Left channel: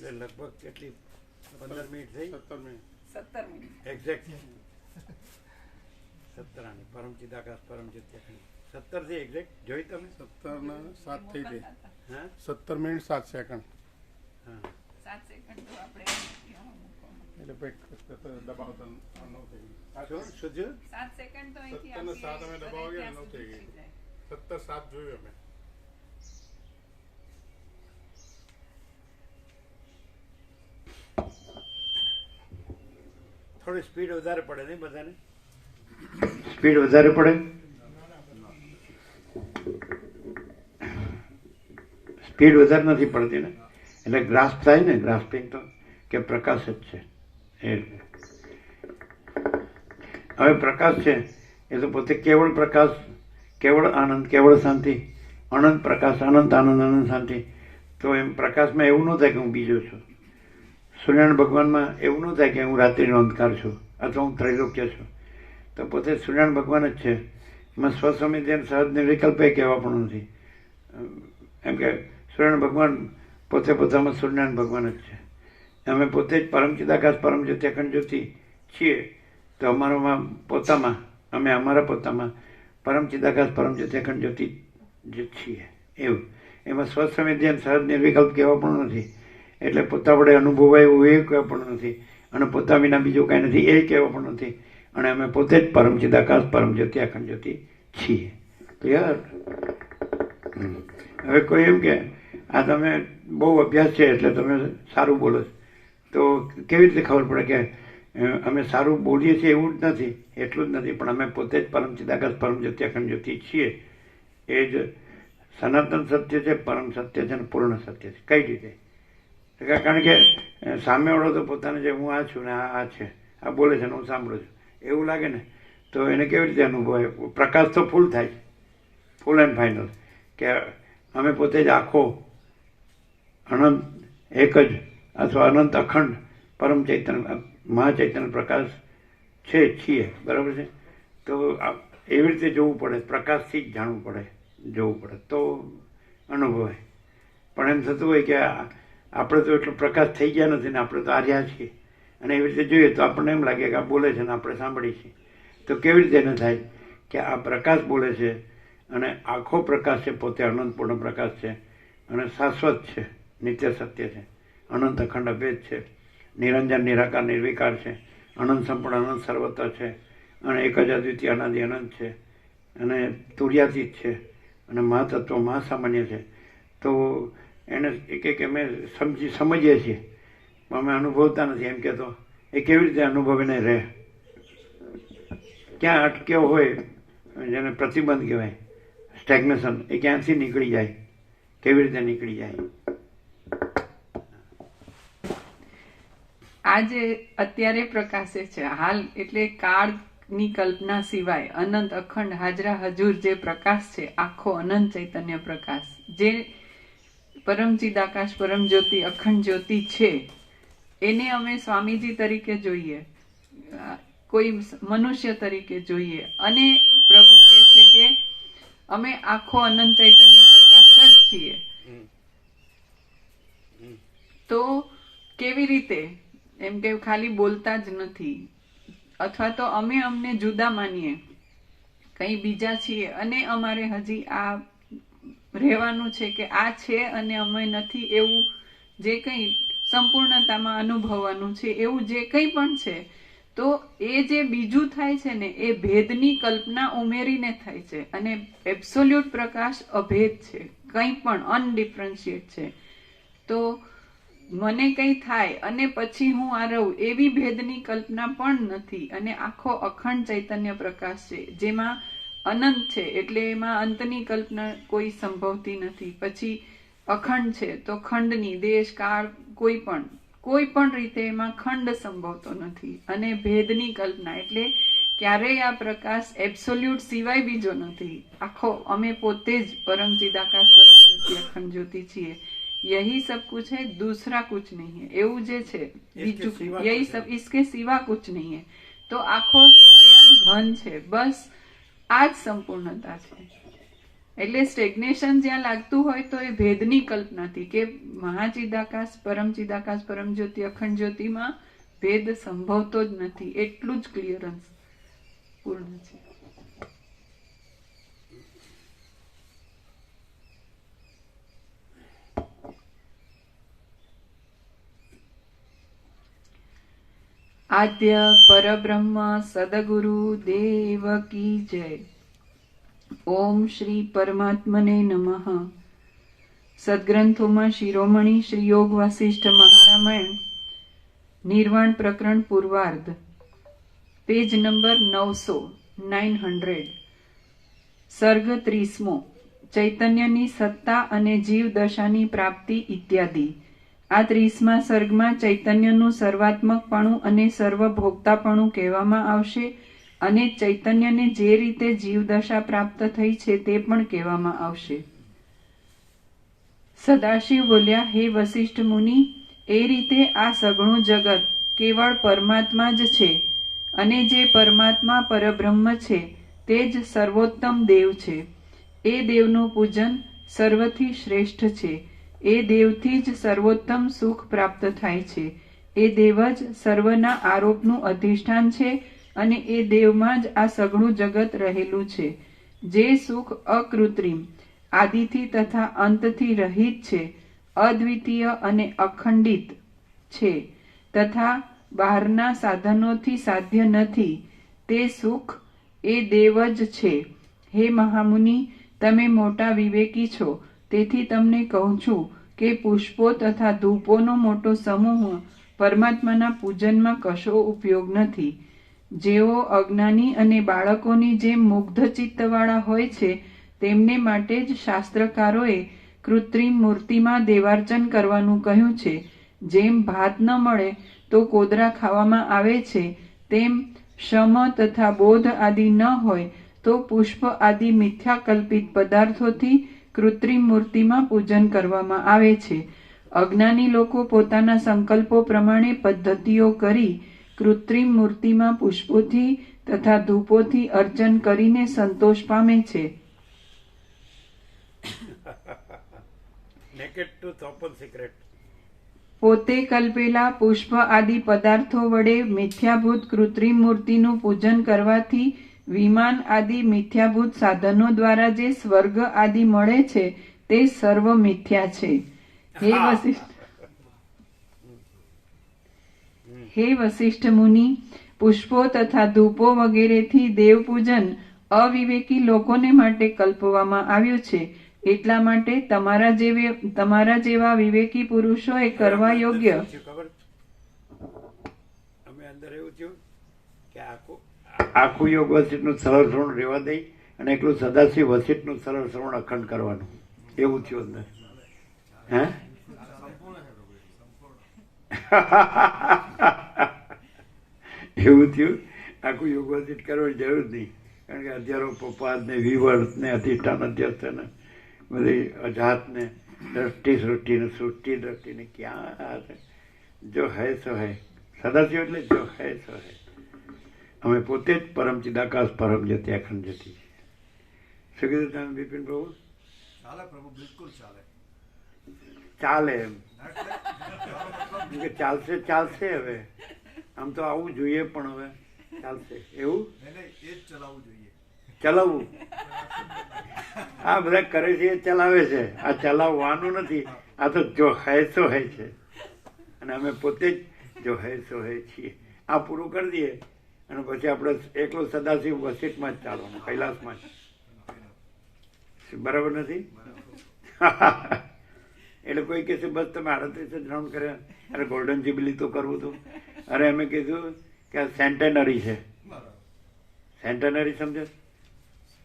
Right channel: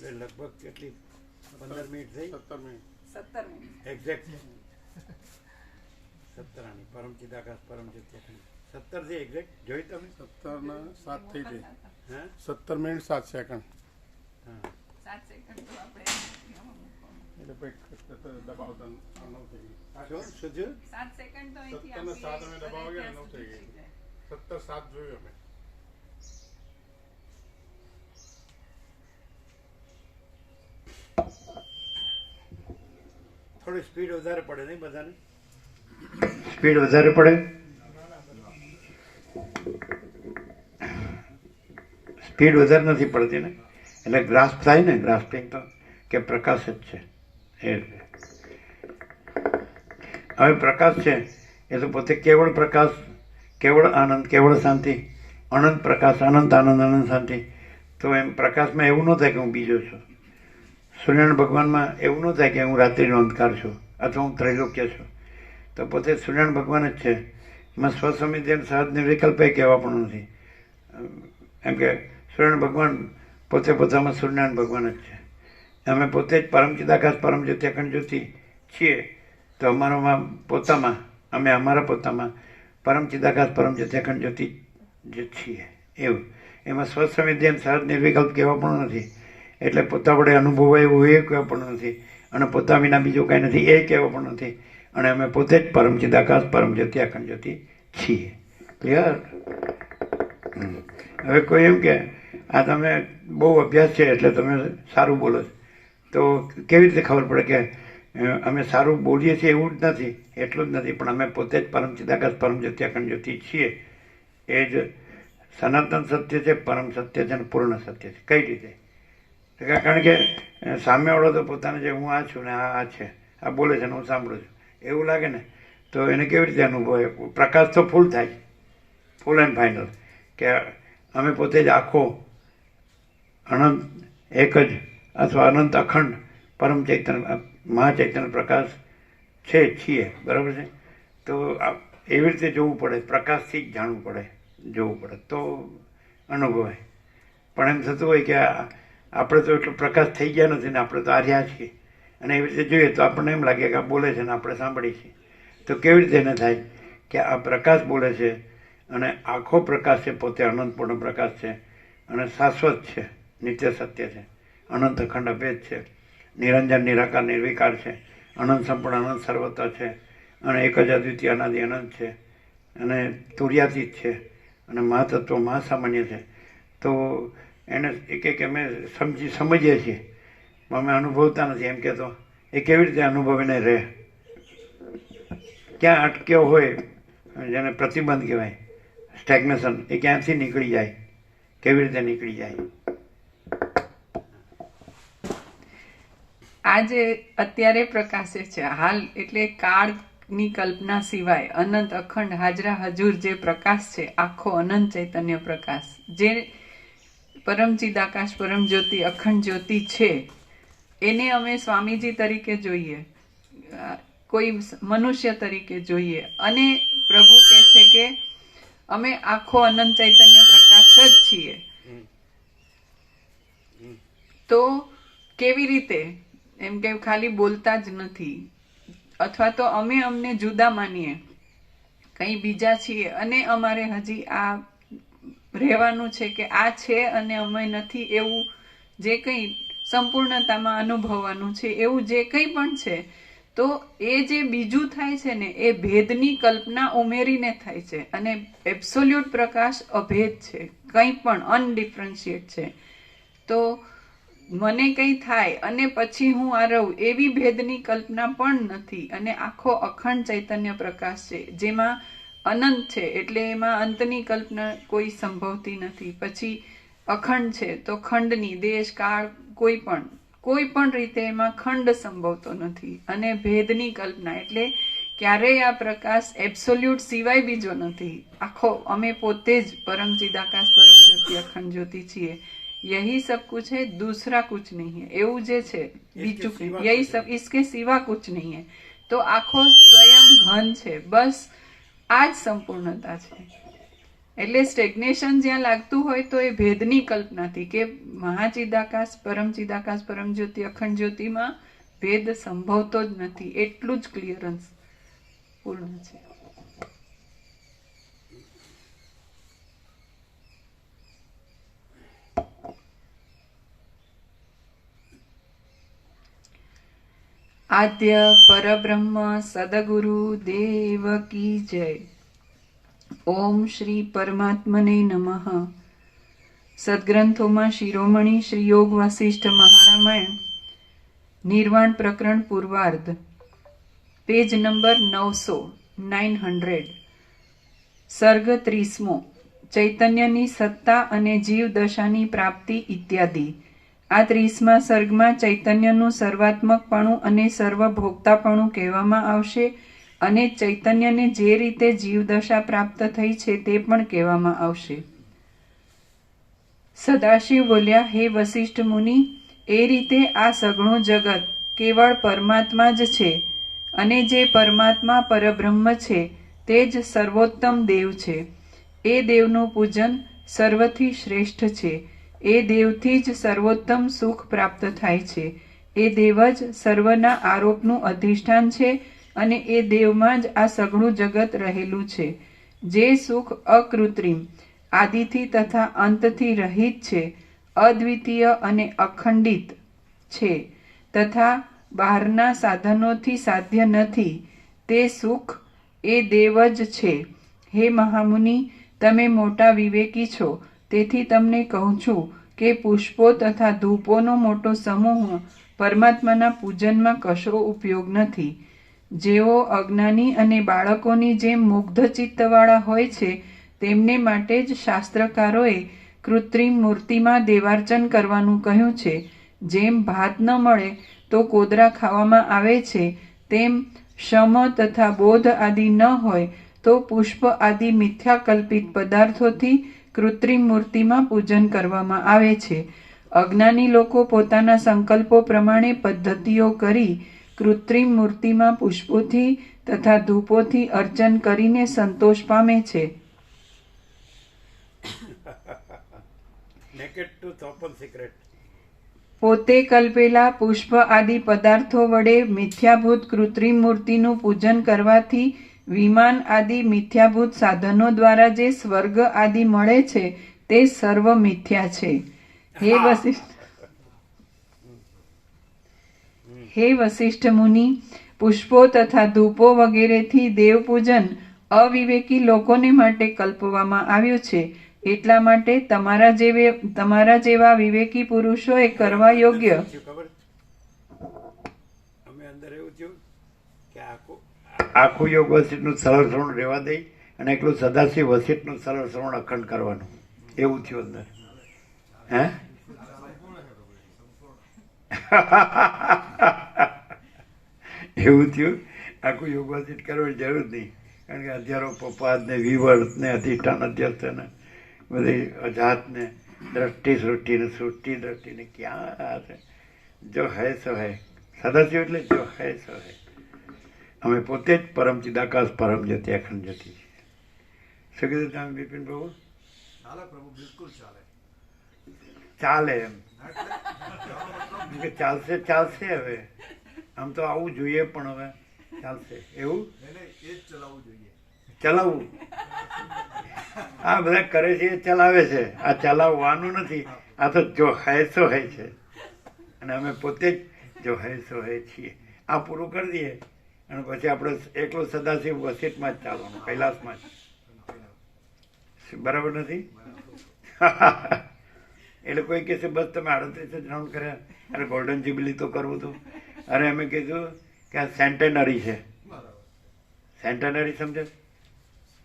એટલે લગભગ કેટલી 15 મિનિટ થઈ? 17 મિનિટ એક્ઝેક્ટ 17 આની પરમચિદ આકાશ પરમજ્યોતિ અખંડ 17 થી એક્ઝેક્ટ જોઈ તમે? 17 ના 7 થઈ ગઈ. હા 17 મિનિટ 7 સેકન્ડ. હા 7 સેકન્ડ તો આપણે એટલે દબાવતા 9 થઈ ગઈ. શું થયું? 7 સેકન્ડ તો અહીંથી 17 ને 7 અમે દબાવવા ગયા 9 થઈ ગઈ. 17 7 જોયું અમે. થોડી સ્પીડ વધારે પડે નહીં બધાને? સ્પીડ વધારે પડે? સ્પીડ વધારે નથી પડતી ને, એટલે ગ્રાસ્પ થાય ને, ગ્રાસ્પિંગ તો કે પ્રકાશ જ છે એ રીતે. હવે પ્રકાશ છે એ તો પોતે કેવળ પ્રકાશ, કેવળ આનંદ, કેવળ શાંતિ, અનંત પ્રકાશ, અનંત આનંદ, અનંત શાંતિ. તો એમ પ્રકાશમાં એવું ન થાય કે હું બીજો છું. સૂર્યનારાયણ ભગવાનમાં એવું ન થાય કે હું રાત્રિનો અંધકાર છું અથવા હું ત્રૈલોક્ય છું. તો પોતે સૂર્યનારાયણ ભગવાન જ છે. એમાં સ્વસમિતિ અને સહજ નિર્વિકલ્પ એ કહેવા પણ નથી. એમ કે સૂર્યનારાયણ ભગવાન પોતે પોતામાં સૂર્યનારાયણ ભગવાન જ છે. અમે પોતે જ પરમચિદાકાશ પરમજ્યોતિ અખંડ જ્યોતિ છીએ. તો અમારામાં પોતામાં અમે અમારા પોતામાં પરમચિદાકાશ પરમજ્યોતિ અખંડ જ્યોતિ જે છીએ એવું. એમાં સ્વસમિતિ અને સહજ નિર્વિકલ્પ કહેવા પણ નથી. એટલે પોતા વડે અનુભવાય એવું એ કહેવા પણ નથી, અને પોતા વિના બીજું કાંઈ નથી એ કહેવા પણ નથી. અને અમે પોતે જ પરમચિદાકાશ પરમજ્યોતિ અખંડ જ્યોતિ છીએ. ક્લિયર? હવે કોઈ એમ કે આ તમે બહુ અભ્યાસ છે એટલે તમે સારું બોલો છો, તો કેવી રીતે ખબર પડે કે અમે સારું બોલીએ છીએ? એવું જ નથી, એટલું જ નથી, પણ અમે પોતે જ પરમચિદાકાશ પરમજ્યોતિ અખંડ જ્યોતિ છીએ. એ જ સનાતન સત્ય છે, પરમ સત્ય છે અને પૂર્ણ સત્ય છે. કઈ રીતે? કારણ કે સામેવાળો તો પોતાને જે હું આ છું ને આ છે, આ બોલે છે ને હું સાંભળું છું એવું લાગે ને, તો એને કેવી રીતે અનુભવે? પ્રકાશ તો ફૂલ થાય, ફૂલ એન્ડ ફાઇનલ, કે અમે પોતે જ આખો અનંત એક જ અથવા અનંત અખંડ પરમ ચૈતન્ય મહાચૈતન્ય પ્રકાશ છે, છીએ. બરાબર છે? તો એવી રીતે જોવું પડે, પ્રકાશથી જ જાણવું પડે, જોવું પડે તો અનુભવાય. પણ એમ થતું હોય કે આપણે તો એટલો પ્રકાશ થઈ ગયા નથી ને આપણે તો આ રહ્યા છીએ, અને એવી રીતે જોઈએ તો આપણને એમ લાગે કે આ બોલે છે ને આપણે સાંભળીએ છીએ. તો કેવી રીતે એને થાય કે આ પ્રકાશ બોલે છે અને આખો પ્રકાશ છે પોતે અનંતપૂર્ણ પ્રકાશ છે અને શાશ્વત છે, નિત્ય સત્ય છે, અનંત અખંડ અભેદ છે, નિરંજન નિરાકાર નિર્વિકાર છે, અનંત સંપૂર્ણ અનંત સર્વત્ર છે, અને એક જ અદ્વિતીય અનાદિ અનંત છે, અને તુર્યાતીત છે, અને મહાતત્વ મહાસામાન્ય છે. તો એને એક અમે સમજીએ છીએ, અમે અનુભવતા નથી એમ કહેતો. એ કેવી રીતે અનુભવીને રહે? ક્યાં અટક્યો હોય, જેને પ્રતિબંધ કહેવાય, સ્ટેગ્નેશન, એ ક્યાંથી નીકળી જાય? કેવી રીતે નીકળી જાય? આ જે અત્યારે પ્રકાશે છે હાલ, એટલે કાળની કલ્પના સિવાય અનંત અખંડ હાજરા હજુર જે પ્રકાશ છે, આખો અનંત ચૈતન્ય પ્રકાશ, જે પરમચિદાકાશ પરમ જ્યોતિ અખંડ જ્યોતિ છે, એને અમે સ્વામીજી તરીકે જોઈએ, કોઈ મનુષ્ય તરીકે જોઈએ, અને પ્રભુ કહે છે કે અમે આખો અનંત ચૈતન્ય પ્રકાશ જ છીએ. તો કેવી રીતે? એમ કે ખાલી બોલતા જ નથી, અથવા તો અમે અમને જુદા માનીએ, કંઈ બીજા છીએ, અને અમારે હજી આ રહેવાનું છે કે આ છે અને અમે નથી, એવું જે કંઈ સંપૂર્ણતામાં અનુભવવાનું છે, એવું જે કંઈ પણ છે, તો એ જે બીજું થાય છે ને, એ ભેદની કલ્પના ઉમેરીને થાય છે. અને એબ્સોલ્યુટ પ્રકાશ અભેદ છે, કંઈ પણ અનડિફરન્શિએટ છે. તો મને કંઈ થાય અને પછી હું આ રહું, એવી ભેદની કલ્પના પણ નથી. અને આખો અખંડ ચૈતન્ય પ્રકાશ છે, જેમાં અનંત છે, એટલે એમાં અંતની કલ્પના કોઈ સંભવતી નથી. પછી અખંડ છે, તો ખંડની, દેશ કાળ, કોઈ પણ રીતે એમાં ખંડ સંભવતો નથી. અને ભેદની કલ્પના, એટલે ક્યારેય આ પ્રકાશ એબ્સોલ્યુટ સિવાય બીજો નથી. આખો અમે પોતે જ પરમ ચિદાકાશ પરમ જ્યોતિ અખંડ જ્યોતિ છીએ. यही सब कुछ है, दूसरा कुछ नहीं है, એવું જે છે બીજું, यही सब इसके सिवा कुछ नहीं है. તો આખો સ્વયં ઘન છે, બસ આ જ સંપૂર્ણતા છે. એટલે સ્ટેગ્નેશન જ્યાં લાગતું હોય તો એ ભેદની કલ્પનાથી કે મહાચિદાકાશ પરમ જ્યોતિ અખંડ જ્યોતિમાં ભેદ સંભવતો જ નથી, એટલું જ ક્લિયરન્સ પૂર્ણ છે. આદ્ય પરબ્રહ્મ સદગુરુ દેવ કી જય. ઓમ શ્રી પરમાત્મને નમઃ. સદગ્રંથોમાં શિરોમણી શ્રી યોગ વાસિષ્ઠ મહારામાયણ નિર્વાણ પ્રકરણ પૂર્વાર્ધ, પેજ નંબર 900 સર્ગ 30મો. ચૈતન્યની સત્તા અને જીવ દશાની પ્રાપ્તિ ઇત્યાદિ. આ 30મા સર્ગમાં ચૈતન્યનું સર્વાત્મકપણું અને સર્વભોગતાપણું કહેવામાં આવશે અને ચૈતન્યને જે રીતે જીવદશા પ્રાપ્ત થઈ છે તે પણ કહેવામાં આવશે. સદાશિવ બોલ્યા, હે વસિષ્ઠ મુનિ, એ રીતે આ સઘળું જગત કેવળ પરમાત્મા જ છે અને જે પરમાત્મા પરબ્રહ્મ છે તે જ સર્વોત્તમ દેવ છે. એ દેવનું પૂજન સર્વથી શ્રેષ્ઠ છે. એ દેવથી જ સર્વોત્તમ સુખ પ્રાપ્ત થાય છે. એ દેવ જ સર્વના આરોપનું અધિષ્ઠાન છે અને એ દેવમાં જ આ સઘળું જગત રહેલું છે. જે સુખ અકૃત્રિમ, આદિથી તથા અંતથી રહિત છે, અદ્વિતીય અને અખંડિત છે તથા બહારના સાધનોથી સાધ્ય નથી, તે સુખ એ દેવ જ છે. હે મહામુનિ, તમે મોટા વિવેકી છો, તેથી તમને કહું છું કે પુષ્પો તથા ધૂપોનો મોટો સમૂહ પરમાત્માના પૂજનમાં કશો ઉપયોગ નથી. જેઓ અજ્ઞાની અને બાળકોની જેમ મુગ્ધ ચિત્તવાળા હોય છે, તેમને માટે જ શાસ્ત્રકારોએ કૃત્રિમ મૂર્તિમાં દેવાર્ચન કરવાનું કહ્યું છે. જેમ ભાત ન મળે તો કોદરા ખાવામાં આવે છે, તેમ શમ તથા બોધ આદિ ન હોય તો પુષ્પ આદિ મિથ્યાકલ્પિત પદાર્થોથી કૃત્રિમ મૂર્તિમાં પૂજન કરવામાં આવે છે. અજ્ઞાની લોકો પોતાના સંકલ્પો પ્રમાણે પદ્ધતિઓ કરી કૃત્રિમ મૂર્તિમાં પુષ્પોથી તથા ધૂપોથી અર્ચન કરીને સંતોષ પામે છે. Naked truth open secret. પોતે કલ્પેલા પુષ્પ આદિ પદાર્થો વડે મિથ્યાભૂત કૃત્રિમ મૂર્તિનું પૂજન કરવાથી વિમાન આદિ મિથ્યાભૂત સાધનો દ્વારા જે સ્વર્ગ આદિ મળે છે તે સર્વ મિથ્યા છે. હે વસિષ્ઠ મુનિ, પુષ્પો તથા ધૂપો વગેરેથી દેવ પૂજન અવિવેકી લોકોને માટે કલ્પવામાં આવ્યું છે. એટલા માટે તમારા જેવા વિવેકી પુરુષોએ કરવા યોગ્ય. અમે અંદર એવું થયું કે આખું યોગ વસિષ્ઠનું સરળ શ્રવણ રહેવા દઈ અને એકલું સદાશિવ વસિષ્ઠનું સરળ શ્રવણ અખંડ કરવાનું, એવું થયું અંદર. હે એવું થયું. આખું યોગ વસિષ્ઠ કરવાની જરૂર નહીં, કારણ કે હજારો પપાદ ને વિવર્ત ને અધિષ્ઠાન અધ્યસ્થ ને બધી અજાત ને દ્રષ્ટિ સૃષ્ટિ ને સૃષ્ટિ દ્રષ્ટિ ને ક્યાં જો હૈ સો હૈ. સદાશિવ એટલે જો હૈ સો હૈ. અમે પોતે જ પરમ ચિદાકાશ પરમ જ્યોતિ અખંડ જ્યોતિ. શું કીધું તમે બિપિન પ્રભુ? ચાલે પ્રભુ, બિલકુલ ચાલે. ચાલે એમ કે ચાલશે હવે. આમ તો આવું જોઈએ પણ હવે ચાલશે એવું એ જ ચલાવવું જોઈએ. ચલાવવું આ બધા કરે છે એ ચલાવે છે. આ ચલાવવાનું નથી. આ તો જો હૈ સો હૈ છે અને અમે પોતે જ જો હૈ સો હૈ છીએ. આ પૂરું કરી દઈએ અને પછી આપણે એકલો સદાશિવ વસિષ્ઠમાં જ ચાલવાનું, કૈલાસમાં જ. બરાબર નથી? એટલે કોઈ કહેશે બસ તમે 38 જ રાઉન્ડ કર્યા, અરે ગોલ્ડન જ્યુબિલી તો કરવું હતું. અરે અમે કીધું કે આ સેન્ટેનરી છે. સેન્ટેનરી સમજે?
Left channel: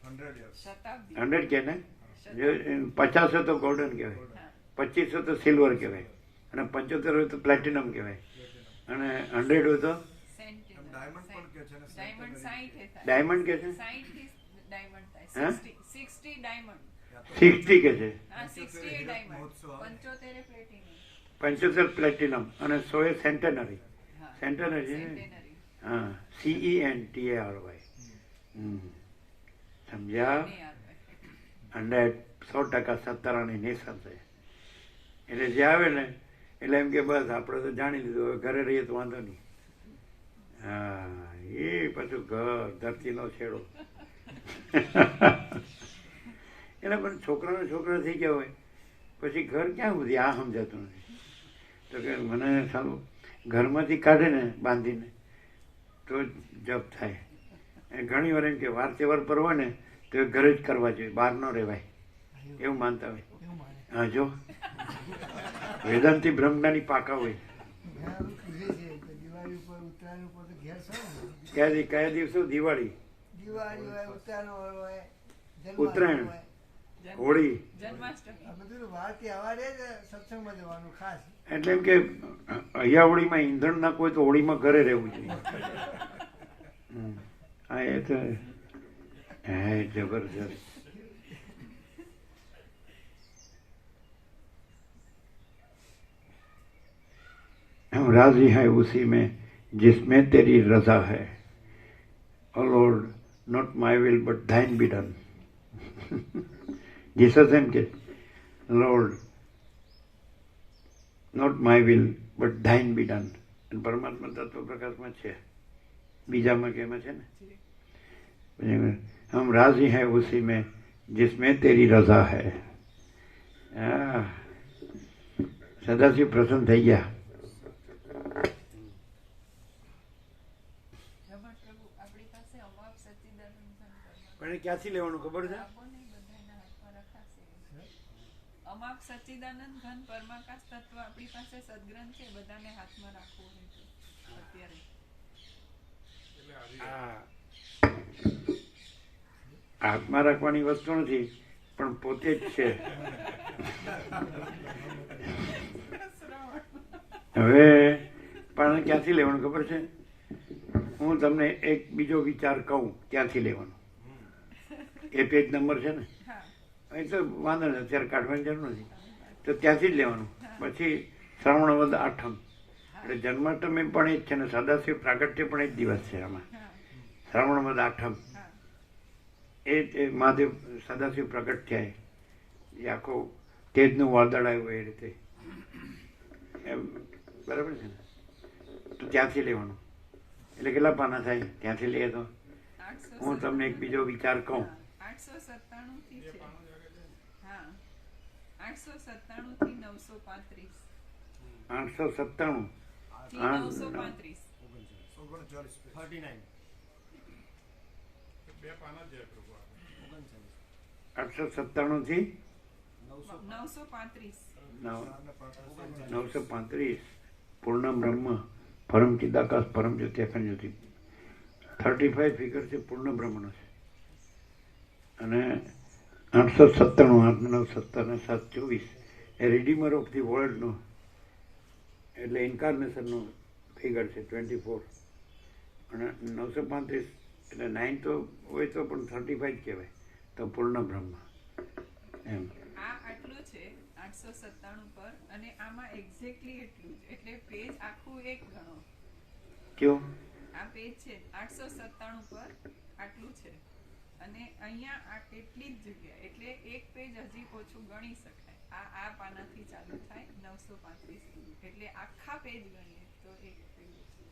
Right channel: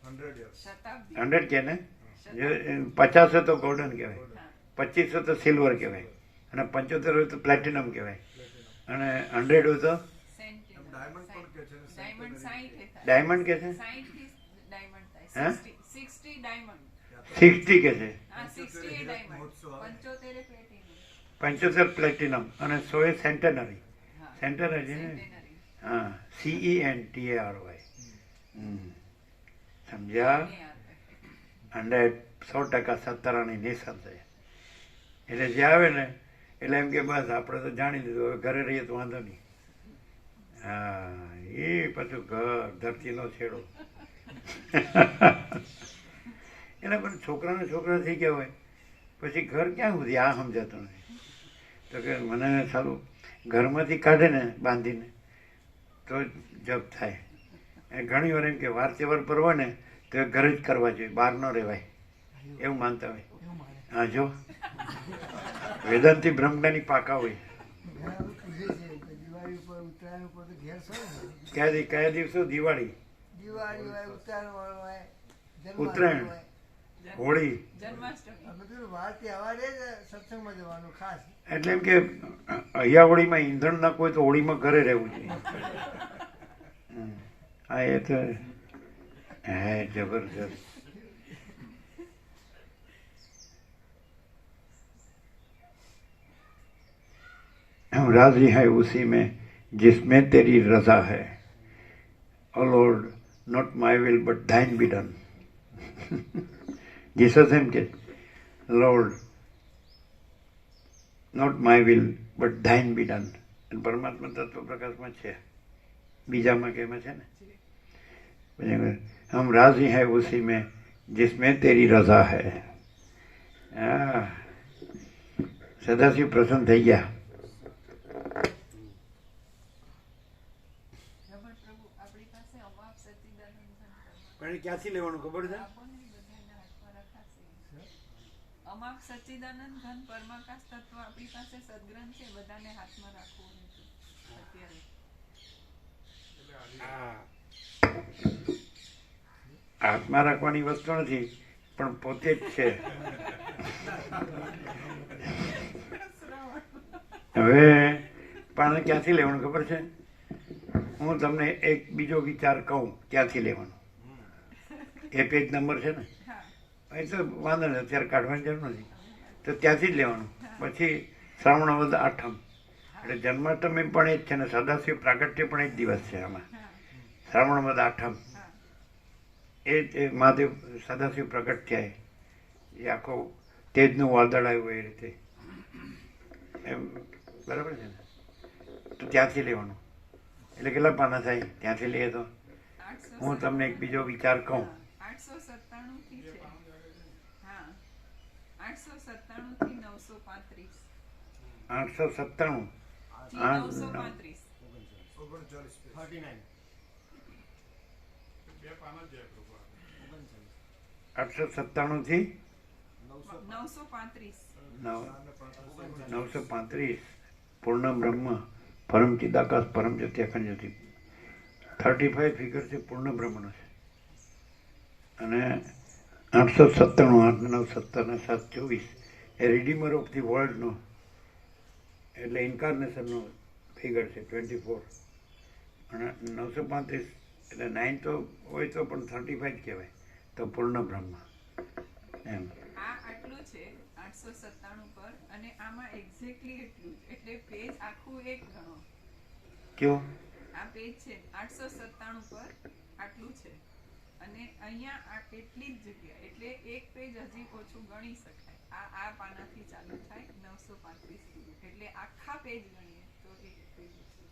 100 કે ને 50 તો ગોલ્ડન કહેવાય, 25 તો સિલ્વર કહેવાય અને 75 હોય તો પ્લેટિનમ કહેવાય અને 100 હોય તો ડાયમંડ કે છે. 60 કે છે, 75 પ્લેટિનમ અને 100 સેન્ટેનરી. સેન્ટેનરી છે ને? હા, CENTARY. સમજ્યા? અને 100% સત્તારાની નિશાન છે. એટલે જે આવે ને એટલે એમ કે બસ આપણે તો જાણી લીધું, હવે ઘરે રહીએ તો વાંધો નહીં. હા, એ પાછું ઘર ધરતીનો છેડો. એટલે પણ છોકરા થઈ ગયા હોય પછી ઘર ક્યાં સુધી, આ સમજાતું નથી. તો કે મને સારું ઘરમાંથી કાઢે ને બાંધીને તો જપ થાય. ઘણી વાર એમ કે વાર તહેવાર પર હોય ને તો એ ઘરે જ કરવા જોઈએ, બહાર ન રહેવાય એવું માનતા હોય. હા, જો વેદાંતિ બ્રહ્મજ્ઞાની પાકા હોય. દિવાળી ઉપર ઉત્તરાયણ ઉપર તો ઘેર સર કયા દિવસો? દિવાળી, દિવાળી હોય, ઉત્તરાયણ હોય, ઉત્તરાયણ, હોય. હોળી. જન્માષ્ટમી અમે તો વાર તહેવારે જ સત્સંગમાં જવાનું ખાસ. એટલે એમ કે અહીંયા હોળીમાં ઈંધણ ના કોઈ તો હોળીમાં ઘરે રહેવું જોઈએ. હા, એ તો હે જબરજસ્ત. हम राजी हैं उसी में जिसमें तेरी रजा है. O Lord, not my will but thine be done. Jesus એમ કે Lord, not my will but thine be done. પરમાત્મા તત્વ પ્રકાશમાં છે, બીજામાં કેમાં છે ને. हम राजी हैं उसी में जिसमें तेरी रजा है. હા, સદાશિવ પ્રસન્ન થઈ ગયા. પ્રભુ આપણી પાસે અમાપ સચ્ચિદાનંદ પણ એ ક્યાંથી લેવાનું ખબર છે? અમાપ સચ્ચિદાનંદ ઘન પરમાકાશ તત્વ આપણી પાસે સદગ્રંથ છે, બધાને હાથમાં રાખવું એમ છે અત્યારે. હાથમાં રાખવાની વસ્તુ નથી પણ પોતે જ છે. હવે પણ ક્યાંથી લેવાનું ખબર છે? હું તમને એક બીજો વિચાર કહું ક્યાંથી લેવાનું. એ પેજ નંબર છે ને, એ તો વાંધો નહીં, અત્યારે કાઢવાની જરૂર નથી. તો ત્યાંથી જ લેવાનું. પછી શ્રાવણ વદ આઠમ એટલે જન્માષ્ટમી પણ એ જ છે ને, સદાશિવ પ્રાગટ્ય પણ એ જ દિવસ છે. આમાં શ્રાવણ વદ આઠમ એ મહાદેવ સદાશિવ પ્રગટ થયા, એ આખો તેજનું વાદળ આવ્યું એ રીતે એમ, બરાબર છે ને. તો ત્યાંથી લેવાનું. એટલે કેટલા પાના થાય ત્યાંથી લઈએ તો? હું તમને એક બીજો વિચાર કહું. 897 થી છે. હા, 897 થી 935. 897 થી 935. 39. બે પાના જ જાય પ્રભુ. 897 થી 935. 935 પૂર્ણ બ્રહ્મ પરમ ચિદાકાશ પરમ જ્યોતિ અખંડ જ્યોતિ. 35 ફિગર છે પૂર્ણ બ્રહ્મનો છે. અને 897 8 9 17 7 24 એ રિડીમર ઓફ ધી વર્લ્ડનો એટલે ઇન્કાર્નેશનનો ફિગર છે 24. અને 935 એટલે 9 તો હોય તો પણ 35 જ કહેવાય તો પૂર્ણ બ્રહ્મ એમ. આ આટલું છે 897 પર, અને આમાં એક્ઝેક્ટલી એટલું જ, એટલે પેજ આખું એક ગણો. કયો? આ પેજ છે 897 પર આટલું છે, અને અહીંયા આ એટલી જ જગ્યા, એટલે એક પેજ હજી ઓછું ગણી શકાય. આ પાનાથી ચાલુ થાય 935 સુધી, એટલે આખા પેજ ગણીએ તો એક પેજ છે.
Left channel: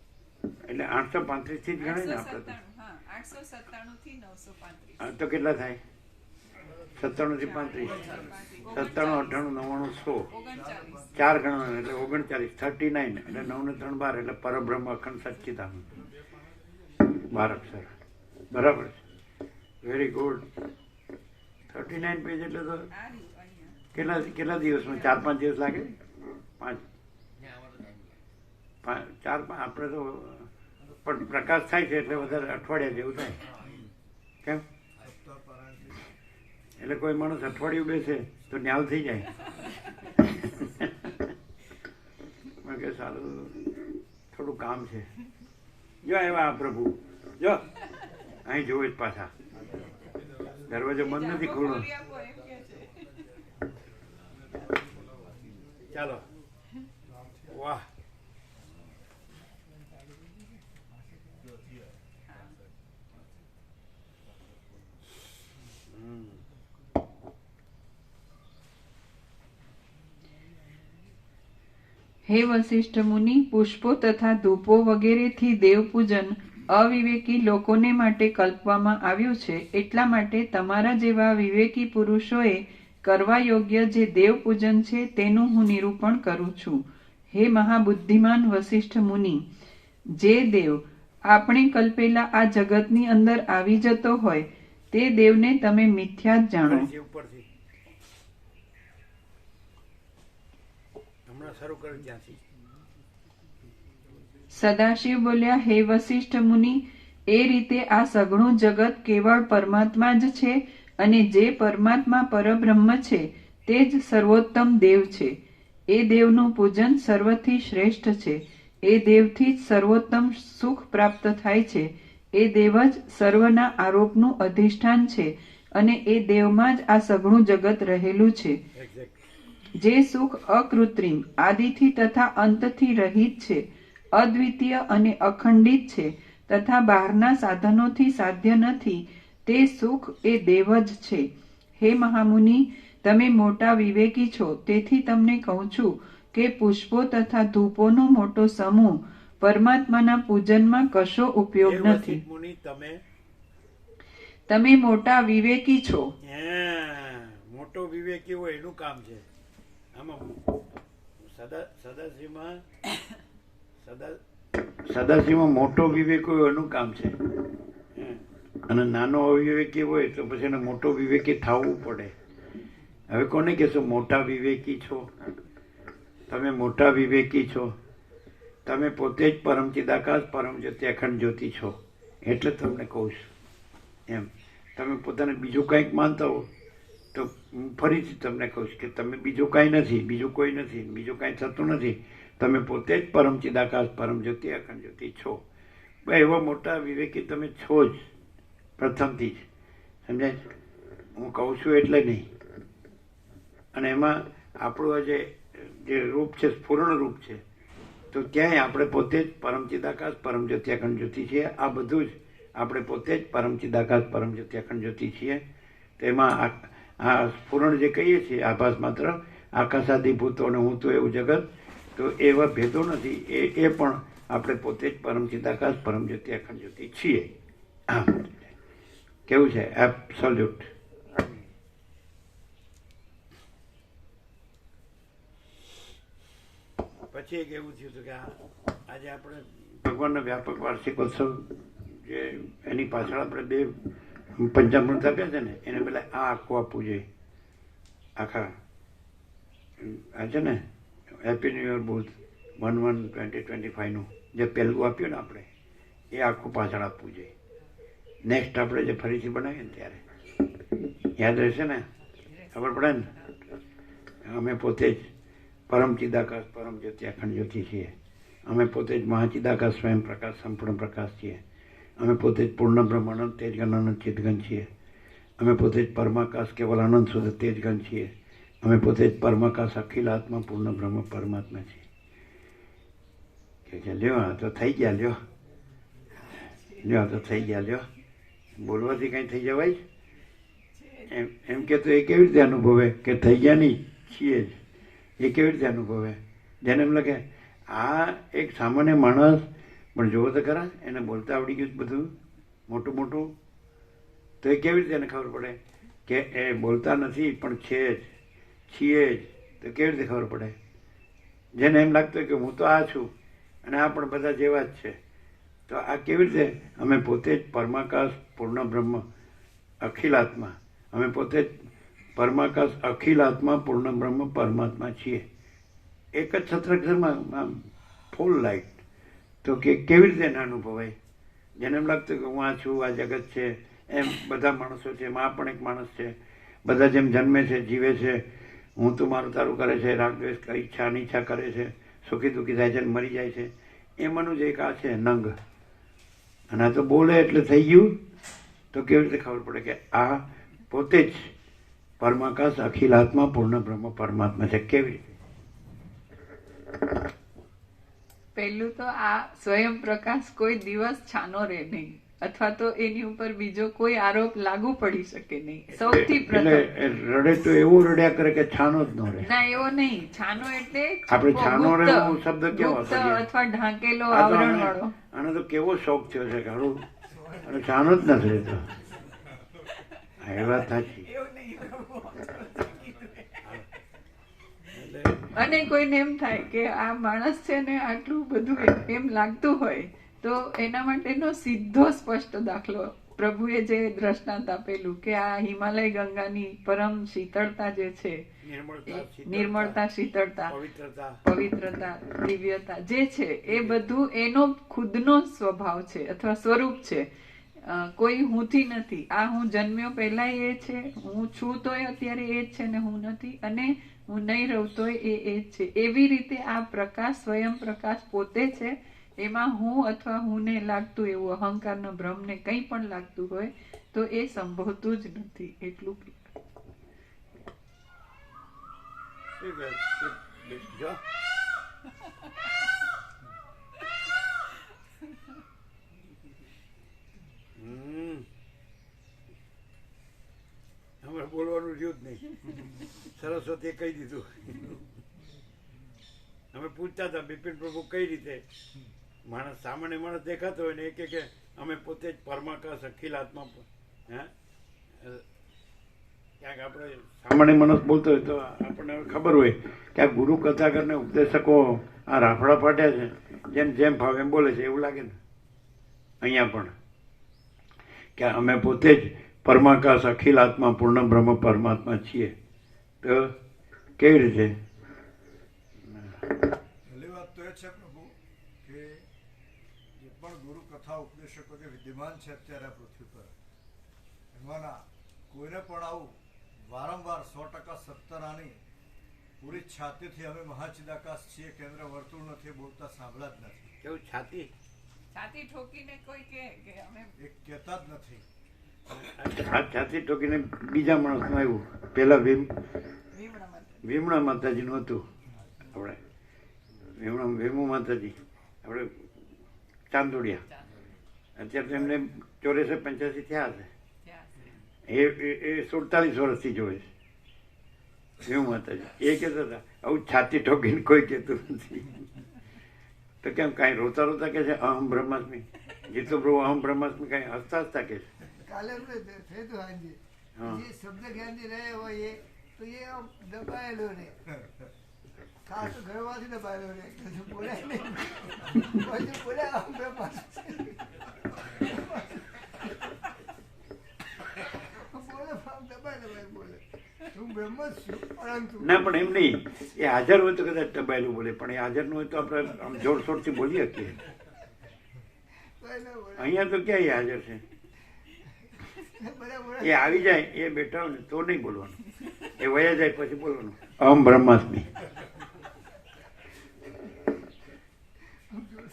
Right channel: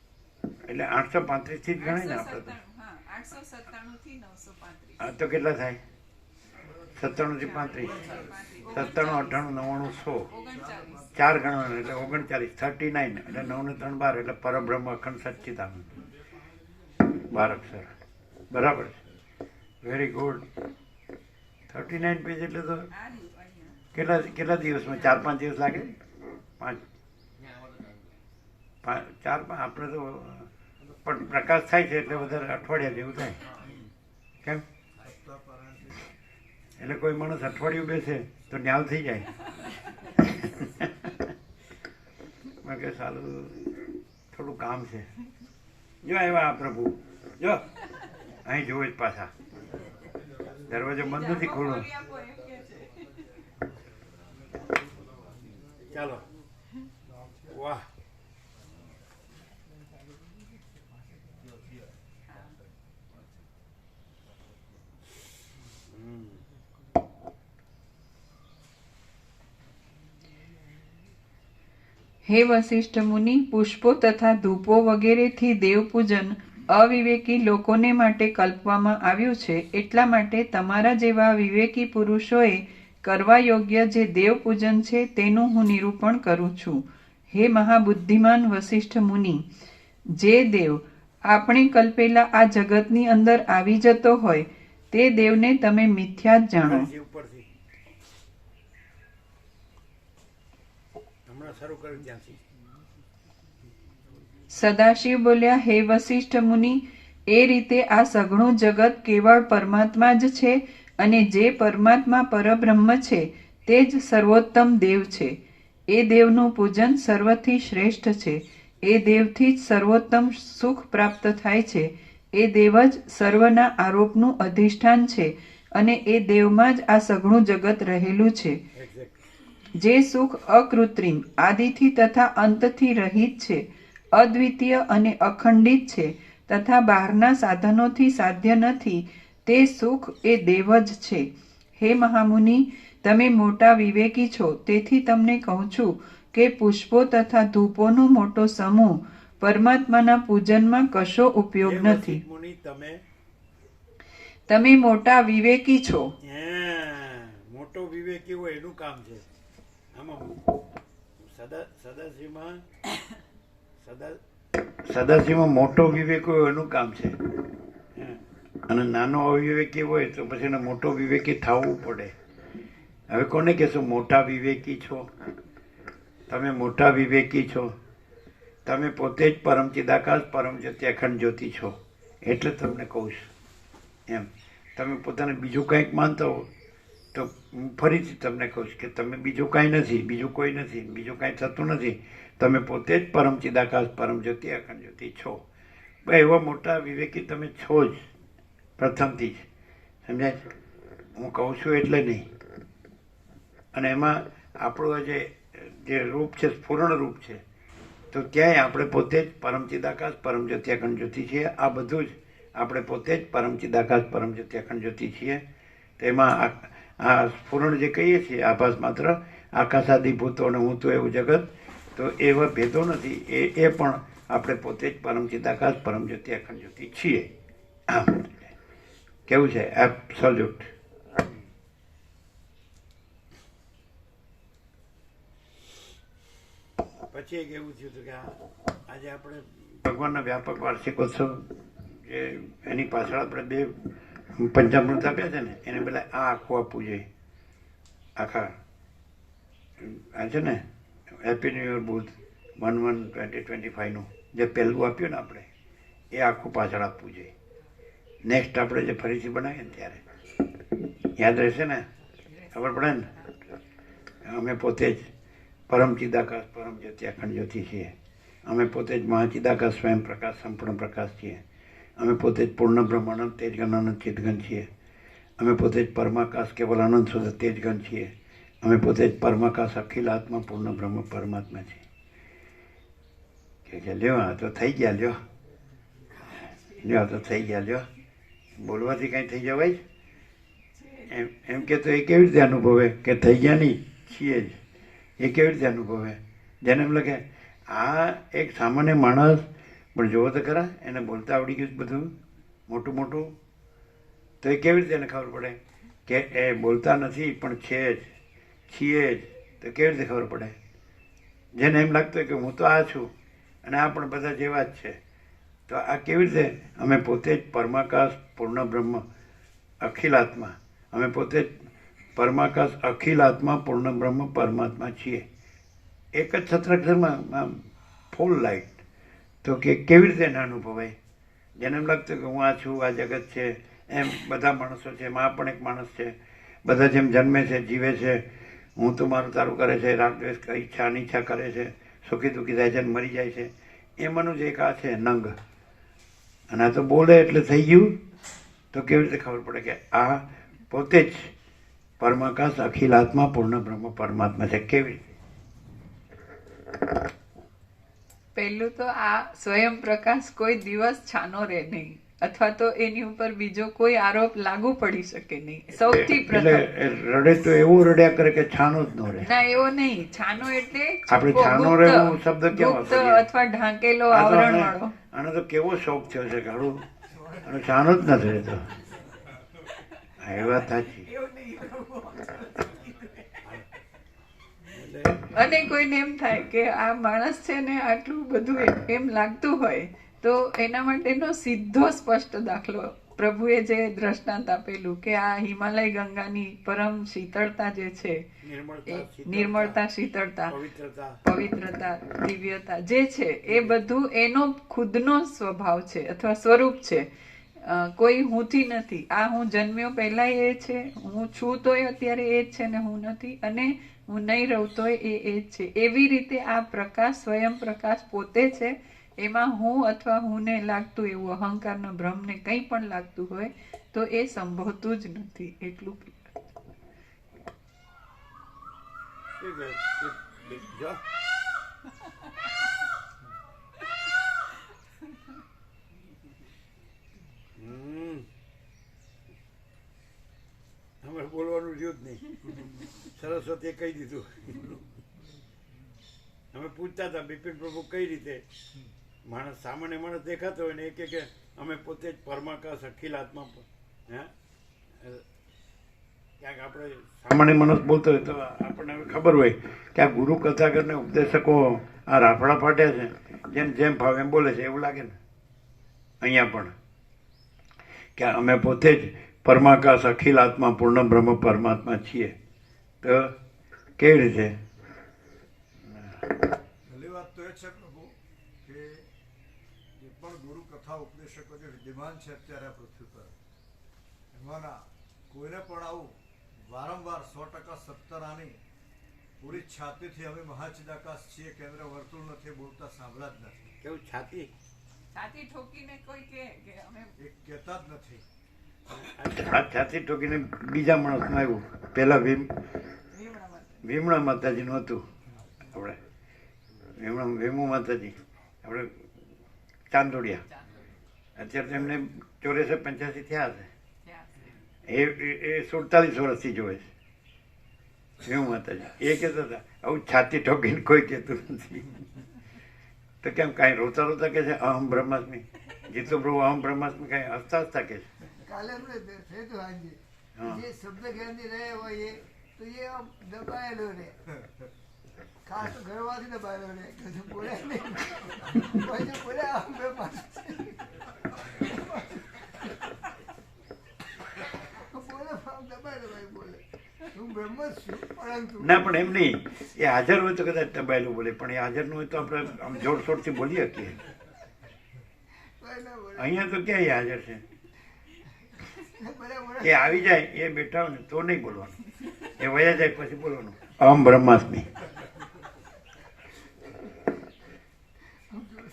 એટલે 835 થી જ ગણાય ને આપણે તો. 897, હા, 897 થી 935. આ તો કેટલા થાય? 97 થી 35, 97 98 99 100 39. 4 ગણવાના એટલે 39, 39 એટલે 9 ને 3 12 એટલે પરબ્રહ્મ અખંડ સચ્ચિદાનંદ 12 અક્ષર. બરાબર છે, વેરી ગુડ. 39 પેજ એટલે તો આ રહ્યું અહીંયા. કેટલા દિવસમાં? 4-5 દિવસ લાગે? 5 4 આપણે તો પણ પ્રકાશ થાય છે એટલે વધારે અઠવાડિયા જેવું થાય. કેમ? એટલે કોઈ માણસ અઠવાડિયું બેસે તો ન્યાલ થઈ જાય. મેં કે સારું થોડું કામ છે. જો આવ્યા આ પ્રભુ, જો અહીં જોવે જ પાછા. દરવાજો બંધ નથી, ખોલો. ખોલી આપો એમ કે છે. ચાલો, વાહ. હે વશિષ્ઠ મુનિ, પુષ્પો તથા ધૂપો વગેરેથી દેવપૂજન અવિવેકી લોકોને માટે કલ્પવામાં આવ્યું છે. એટલા માટે તમારા જેવા વિવેકી પુરુષોએ કરવા યોગ્ય જે દેવપૂજન છે તેનું હું નિરૂપણ કરું છું. હે મહાબુદ્ધિમાન વશિષ્ઠ મુનિ, જે દેવ આપણે કલ્પેલા આ જગતની અંદર આવી જતો હોય તે દેવને તમે મિથ્યા જ જાણો. ઉપરથી હમણાં શરૂ કર્યું ત્યાંથી. સદાશિવ બોલ્યા, હે વશિષ્ઠ મુનિ, એ રીતે આ સઘળું જગત કેવળ પરમાત્મા જ છે અને જે પરમાત્મા પરબ્રહ્મ છે તે જ સર્વોત્તમ દેવ છે. એ દેવનું પૂજન સર્વથી શ્રેષ્ઠ છે. એ દેવથી જ સર્વોત્તમ સુખ પ્રાપ્ત થાય છે. એ દેવ જ સર્વના આરોપનું અધિષ્ઠાન છે અને એ દેવમાં જ આ સઘળું જગત રહેલું છે. જે સુખ અકૃત્રિમ, આદિથી તથા અંતથી રહિત છે, અદ્વિતીય અને અખંડિત છે તથા બહારના સાધનોથી સાધ્ય નથી, તે સુખ એ દેવ જ છે. હે મહામુનિ, તમે મોટા વિવેકી છો, તેથી તમને કહું છું કે પુષ્પો તથા ધૂપોનો મોટો સમૂહ પરમાત્માના પૂજનમાં કશો ઉપયોગ નથી. તમે મોટા વિવેકી છો. મોટો વિવેકી હોય એનું કામ છે. આમાં સદાશિવમાં મોટો વિવેક હોય એનું કામ છે, અને નાનો અવિવેકી હોય તો પછી એને મોટો વિવેકી થવું પડે. હવે કોને કહેશો મોટા વિવેકી છો? તમે મોટા વિવેકી છો. તમે પોતે જ પરમ ચિદાકાશ પરમ જ્યોતિ અખંડ જ્યોતિ છો, એટલે તમને કહું છું. એમ તમે પોતાને બીજું કંઈક માનતા હો તો હું ફરીથી તમને કહું છું કે તમે બીજું કાંઈ નથી, બીજું કોઈ નથી, બીજું કાંઈ થતું નથી. તમે પોતે જ પરમ ચિદાકાશ પરમ જ્યોતિ અખંડ જ્યોતિ છો. એવા મોટા વિવેકી તમે છો જ પ્રથમથી જ. સમજાય? હું કહું છું એટલે નહીં. અને એમાં આપણું જે રૂપ છે સ્ફુરણ રૂપ છે, તો ક્યાંય આપણે પોતે જ પરમ ચિદાકાશ પરમ જ્યોતિ અખંડ જ્યોતિ છીએ. આ બધું જ આપણે પોતે જ પરમ ચિદાકાશ પરમ જ્યોતિ અખંડ જ્યોતિ છીએ. તેમાં આ સ્ફુરણ જે કહીએ છીએ આભાસ માત્ર, આકાશાદિભૂતો અને હું તો એવું જગત, તો એવા ભેદો નથી. એ પણ આપણે પોતે જ પરમ ચિદાકાશ પરમ જ્યોતિ અખંડ જ્યોતિ છીએ. કેવું છે? એબ્સોલ્યુટ. પછી એક એવું થયું હતું કે આજે આપણે ભગવાનના વ્યાપક વાર્ષિકોત્સવ જે એની પાછળ આપણે 2 પંચામૃત આપ્યા છે ને, એને પેલા આ આખું આપવું જોઈએ. આખા આ છે ને હેપી ન્યૂ યર બુધ 1/1/2025 જે પહેલું આપ્યું ને આપણે, એ આખું પાછળ આપવું જોઈએ. નેક્સ્ટ આપણે જે ફરીથી બનાવીએ ને ત્યારે યાદ રહેશે ને, ખબર પડે ને. અમે પોતે જ પરમ ચિદાકાશ પરમ જ્યોતિ અખંડ જ્યોતિ છીએ. અમે પોતે જ મહાચિદાકાશ સ્વયં પ્રકાશ સંપૂર્ણ પ્રકાશ છીએ. અમે પોતે જ પૂર્ણ બ્રહ્માનંદ તેજગણ આનંદ ચિતગણ છીએ. અમે પોતે જ પરમાકાશ કેવલ આનંદ શુદ્ધ તેજગણ છીએ. અમે પોતે જ પરમાકાશ અખિલ આત્મા પૂર્ણ બ્રહ્મ પરમાત્મા છીએ. કે લ્યો આ તો થઈ ગયા, લ્યો આ તો થઈ ગયા, લ્યો બોલવાથી કંઈ થઈ જવાય? એમ કે તો એ કેવી રીતે અનુભવે કે થઈ ગયા નહીં છીએ જ? એ કેવી રીતે અનુભવે? જેને એમ લાગે આ એક સામાન્ય માણસ પણ જુઓ તો ખરા, એને બોલતા આવડી ગયું બધું મોટું મોટું, તો એ કેવી રીતે એને ખબર પડે કે એ બોલતા નથી પણ છે જ, છીએ જ? તો કેવી રીતે ખબર પડે? જેને એમ લાગતું હોય કે હું તો આ છું અને આ પણ બધા જેવા જ છે, તો આ કેવી રીતે? અમે પોતે જ પરમાકાશ પૂર્ણ બ્રહ્મ અખિલ આત્મા, અમે પોતે જ પરમાકાશ અખિલ આત્મા પૂર્ણ બ્રહ્મ પરમાત્મા છીએ. એક જ છત્રાક્ષરમાં ફૂલ લાઈટ. તો કે કેવી રીતે એને અનુભવાય? જેને એમ લાગતું કે હું આ છું, આ જગત છે, એમ બધા માણસો છે, એમાં આ પણ એક માણસ છે, બધા જેમ જન્મે છે, જીવે છે, હું તો મારું તારું કરે છે, રાગદ્વેષ ઈચ્છા અનિચ્છા કરે છે, સુખી દુઃખી થાય છે અને મરી જાય છે, એમાંનું જ એક આ છે નંગ. અને આ તો બોલે એટલે થઈ ગયું. તો કેવી રીતે ખબર પડે કે આ પોતે જ પરમાકાશ અખિલ આત્મા પૂર્ણ બ્રહ્મ પરમાત્મા છે? કેવી? પહેલું તો આ સ્વયં પ્રકાશ કોઈ દિવસ છાનો રહે નહીં, અથવા તો એની ઉપર બીજો કોઈ આરોપ લાગુ પડી શકે નહીં. સૌથી એટલે પ્રથમ એ રડે તો એવું રડ્યા કરે કે છાનો જ ન રહે. ના, એવો નહીં. છાનો એટલે આપણે છુપો, છાનો ગુપ્ત, રહેવું શબ્દ કેમ ગુપ્ત વાપરીએ? અથવા ઢાંકેલો આ તો આવરણ આને- વાળો. આનો તો કેવો શોખ થયો છે કાળું, અને છાનો જ નથી રહેતો. હા, એ વાત સાચી. અને કોઈને એમ થાય કે આ માણસ છે ને આટલું બધું એમ લાગતું હોય તો એના માટેનો સીધો સ્પષ્ટ દાખલો પ્રભુએ જે દ્રષ્ટાંત આપેલું કે આ હિમાલય ગંગાની પરમ શીતળતા જે છે, નિર્મળતા, શીતળતા, પવિત્રતા, દિવ્યતા જે છે એ બધું એનો ખુદનો સ્વભાવ છે અથવા સ્વરૂપ છે. કોઈ હુંથી નથી. આ હું જન્મ્યો પહેલા એ છે, હું છું તોય અત્યારે એ જ છે ને હું નથી, અને હું નહીં રહું તોય એ જ છે. એવી રીતે આ પ્રકાશ, સ્વયં પ્રકાશ પોતે છે. એમાં હું અથવા હુંને લાગતું એવું અહંકારનો ભ્રમને કંઈ પણ લાગતું હોય તો એ સંભવતું જ નથી. એટલું અમારે બોલવાનું રહ્યું જ નહીં. સરસ્વતીએ કહી દીધું. અમે પૂછતા હતા બિપિન પ્રભુ કઈ રીતે માણસ, સામાન્ય માણસ દેખાતો હોય ને એ કે અમે પોતે જ પરમાકાશ અખિલ આત્મા. હે, ક્યાંક આપણે સામાન્ય માણસ બોલતો હોય તો આપણને ખબર હોય કે આ ગુરુ કથાકરને ઉપદેશકો આ રાફડા પાટ્યા છે, જેમ ભાવ એમ બોલે છે એવું લાગે ને. અહીંયા પણ કે અમે પોતે જ પરમાકાશ અખિલ આત્મા પૂર્ણ બ્રહ્મ પરમાત્મા છીએ. તો કેવી રીતે? પહેલી વાત તો એ છે પ્રભુ કે જે પણ ગુરુ કથા ઉપદેશકો જે વિદ્યમાન છે અત્યારે આ પૃથ્વી પર, એમાંના કોઈને પણ આવું વારંવાર 100% સત્તરાની પૂરી છાતીથી અમે મહાચિદાકાશ છીએ, કેન્દ્ર વર્તુળ નથી બોલતા સાંભળ્યા જ નથી. કેવું છાતી છાતી ઠોકીને કોઈ કે અમે એ કહેતા જ નથી. છાતી ઠોકીને બીજા માણસનું આવ્યું. પેલા ભીમણા માતાજીનું હતું. આપણે ભીમુ માતાજી, આપણે ચાંદોડિયા. અત્યારે તો એમને 84-85 થયા છે. એ 47 વર્ષથી જોવે છે ભીમુ માતાજી. એ કહેતા હતા આવું છાતી ઠોકીને કોઈ કહેતું નથી. તો કેમ કાંઈ રોતા રોતા કે છે અહમ બ્રહ્માસ્મી, જીતુ પ્રભુ અહમ બ્રહ્માસ્મી, કાંઈ હસતા હસતા કે છે. કાલે અમને થયું હતું આજે હા. જે શબ્દ જ્ઞાનથી રહે હોય એ તો એ આમ દબાયેલો રહે, ખાસ તો ઘરમાંથી દબાયેલો રહે, કશું બોલે નહીં. પછી બોલે આમ બ્રહ્મા બોલે આમ દબાયેલો બોલે હું બ્રહ્મ જ છું, પરંતુ ના પણ એમ નહીં, એ હાજર હોય તો કદાચ દબાયેલું બોલે, પણ એ હાજર ન હોય તો આપણે આમ જોરશોરથી બોલી શકીએ. કોઈ ના બોલે. અહીંયા તો ક્યાં એ હાજર છે? બરાબર એ આવી જાય, એ બેઠા હોય ને તો નહીં બોલવાનું, એ વયા જાય પછી બોલવાનું અહમ બ્રહ્માસ્મી.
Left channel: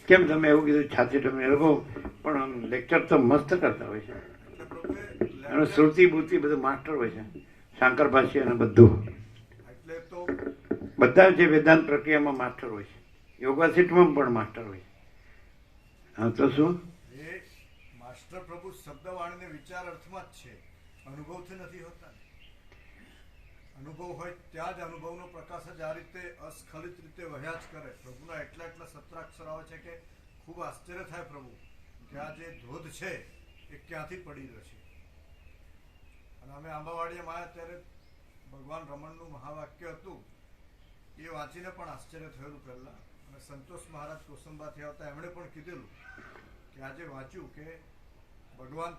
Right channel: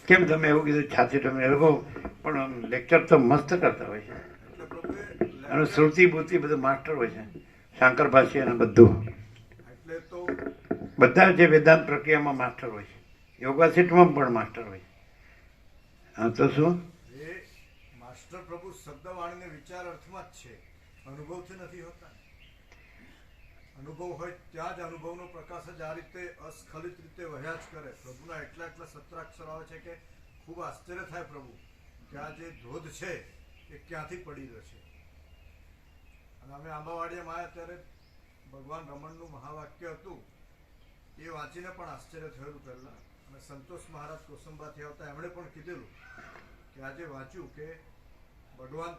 કેમ તમે એવું કીધું છાતી તમે? એ લોકો પણ આમ લેક્ચર તો મસ્ત કરતા હોય છે, એટલે પ્રભુએ અને શ્રુતિ બુદ્ધિ બધું માસ્ટર હોય છે, શાંકર ભાષ્ય અને બધું. એટલે તો બધા જે વેદાંત પ્રક્રિયામાં માસ્ટર હોય છે, યોગાસીટમાં પણ માસ્ટર હોય છે. હા તો શું? એ માસ્ટર પ્રભુ શબ્દવાણીને વિચાર અર્થમાં જ છે, અનુભવથી નથી હોતા. અનુભવ હોય ત્યાં જ અનુભવનો પ્રકાશ જ આ રીતે અસ્ખલિત રીતે વહ્યા જ કરે. પ્રભુના એટલા સત્રાક્ષર આવે છે કે ખૂબ આશ્ચર્ય થાય પ્રભુ કે આ જે ધોધ છે એ ક્યાંથી પડી રહ્યો છે. અને અમે આંબાવાડીયામાં આવ્યા ત્યારે ભગવાન રમણનું મહાવાક્ય હતું, એ વાંચીને પણ આશ્ચર્ય થયેલું પહેલાં. અને સંતોષ મહારાજ કોસંબાથી આવતા એમણે પણ કીધેલું કે આજે વાંચ્યું કે ભગવાન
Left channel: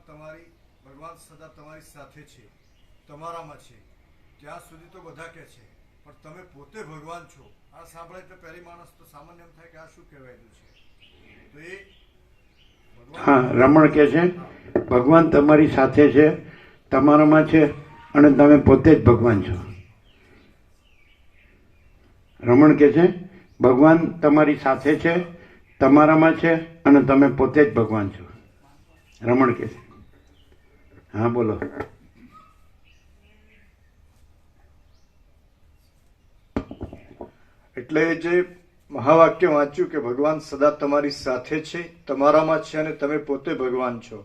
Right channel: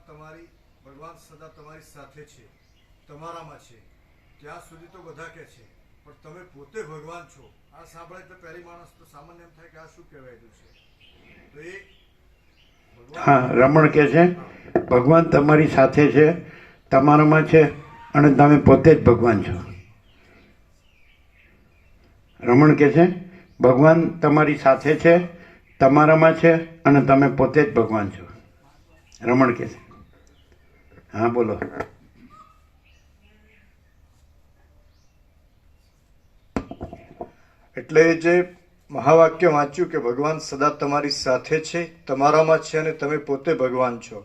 સદા તમારી સાથે છે, તમારામાં છે. ત્યાં સુધી તો બધા કહે છે પણ તમે પોતે ભગવાન છો. આ સાંભળે એટલે પહેલી માણસ તો સામાન્ય એમ થાય કે આ શું કહેવાયેલું છે. તો એ હા, રમણ કહે છે ભગવાન તમારી સાથે છે, તમારામાં છે, અને તમે પોતે જ ભગવાન છો. રમણ કહે છે ભગવાન તમારી સાથે છે, તમારામાં છે, અને તમે પોતે જ ભગવાન છો. રમણ કહે છે. હા બોલો. એટલે જે મહાવાક્ય વાંચ્યું કે ભગવાન સદા તમારી સાથે છે, તમારામાં છે, અને તમે પોતે ભગવાન છો.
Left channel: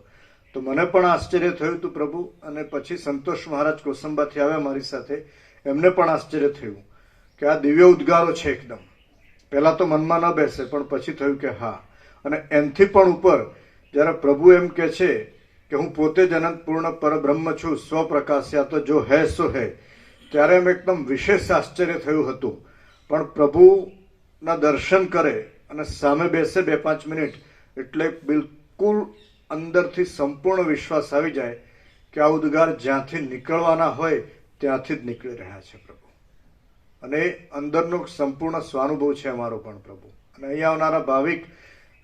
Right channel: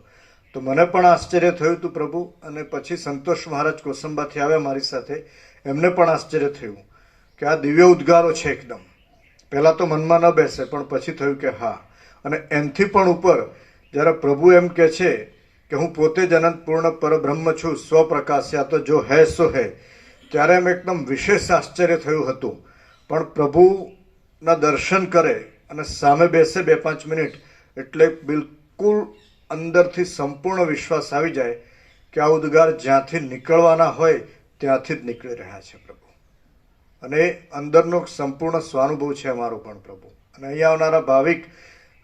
તો મને પણ આશ્ચર્ય થયું હતું પ્રભુ, અને પછી સંતોષ મહારાજ કોસંબાથી આવ્યા મારી સાથે, એમને પણ આશ્ચર્ય થયું કે આ દિવ્ય ઉદ્ગારો છે એકદમ. પહેલા તો મનમાં ન બેસે, પણ પછી થયું કે હા. અને એમથી પણ ઉપર જ્યારે પ્રભુ એમ કે છે કે હું પોતે જ અનંત પૂર્ણ પરબ્રહ્મ છું, સ્વપ્રકાશ્યા, તો જો હૈ સો હૈ, ત્યારે એમ એકદમ વિશેષ આશ્ચર્ય થયું હતું. પણ પ્રભુના દર્શન કરે અને સામે બેસે 2-5 મિનિટ, એટલે બિલકુલ અંદરથી સંપૂર્ણ વિશ્વાસ આવી જાય કે આ ઉદ્ગાર જ્યાંથી નીકળવાના હોય ત્યાંથી જ નીકળી રહ્યા છે પ્રભુ. અને અંદરનો સંપૂર્ણ સ્વાનુભવ છે અમારો પણ પ્રભુ. અને અહીંયા આવનારા ભાવિક,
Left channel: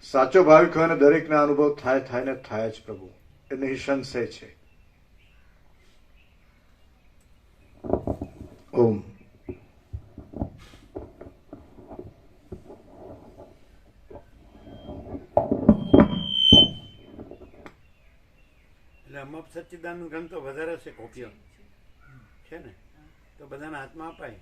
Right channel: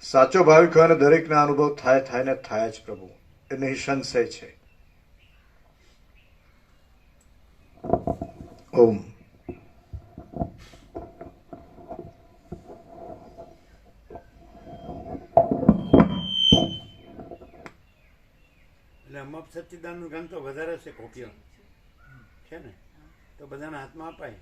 સાચો ભાવિક હોય ને દરેકને અનુભવ થાય ને થાય જ પ્રભુ, એ નિઃસંશય છે. ઓમ. એટલે અમપ સચ્ચિદાનંદ ગ્રંથ તો વધારે છે, કોપીઓ છે ને, તો બધાના હાથમાં અપાય.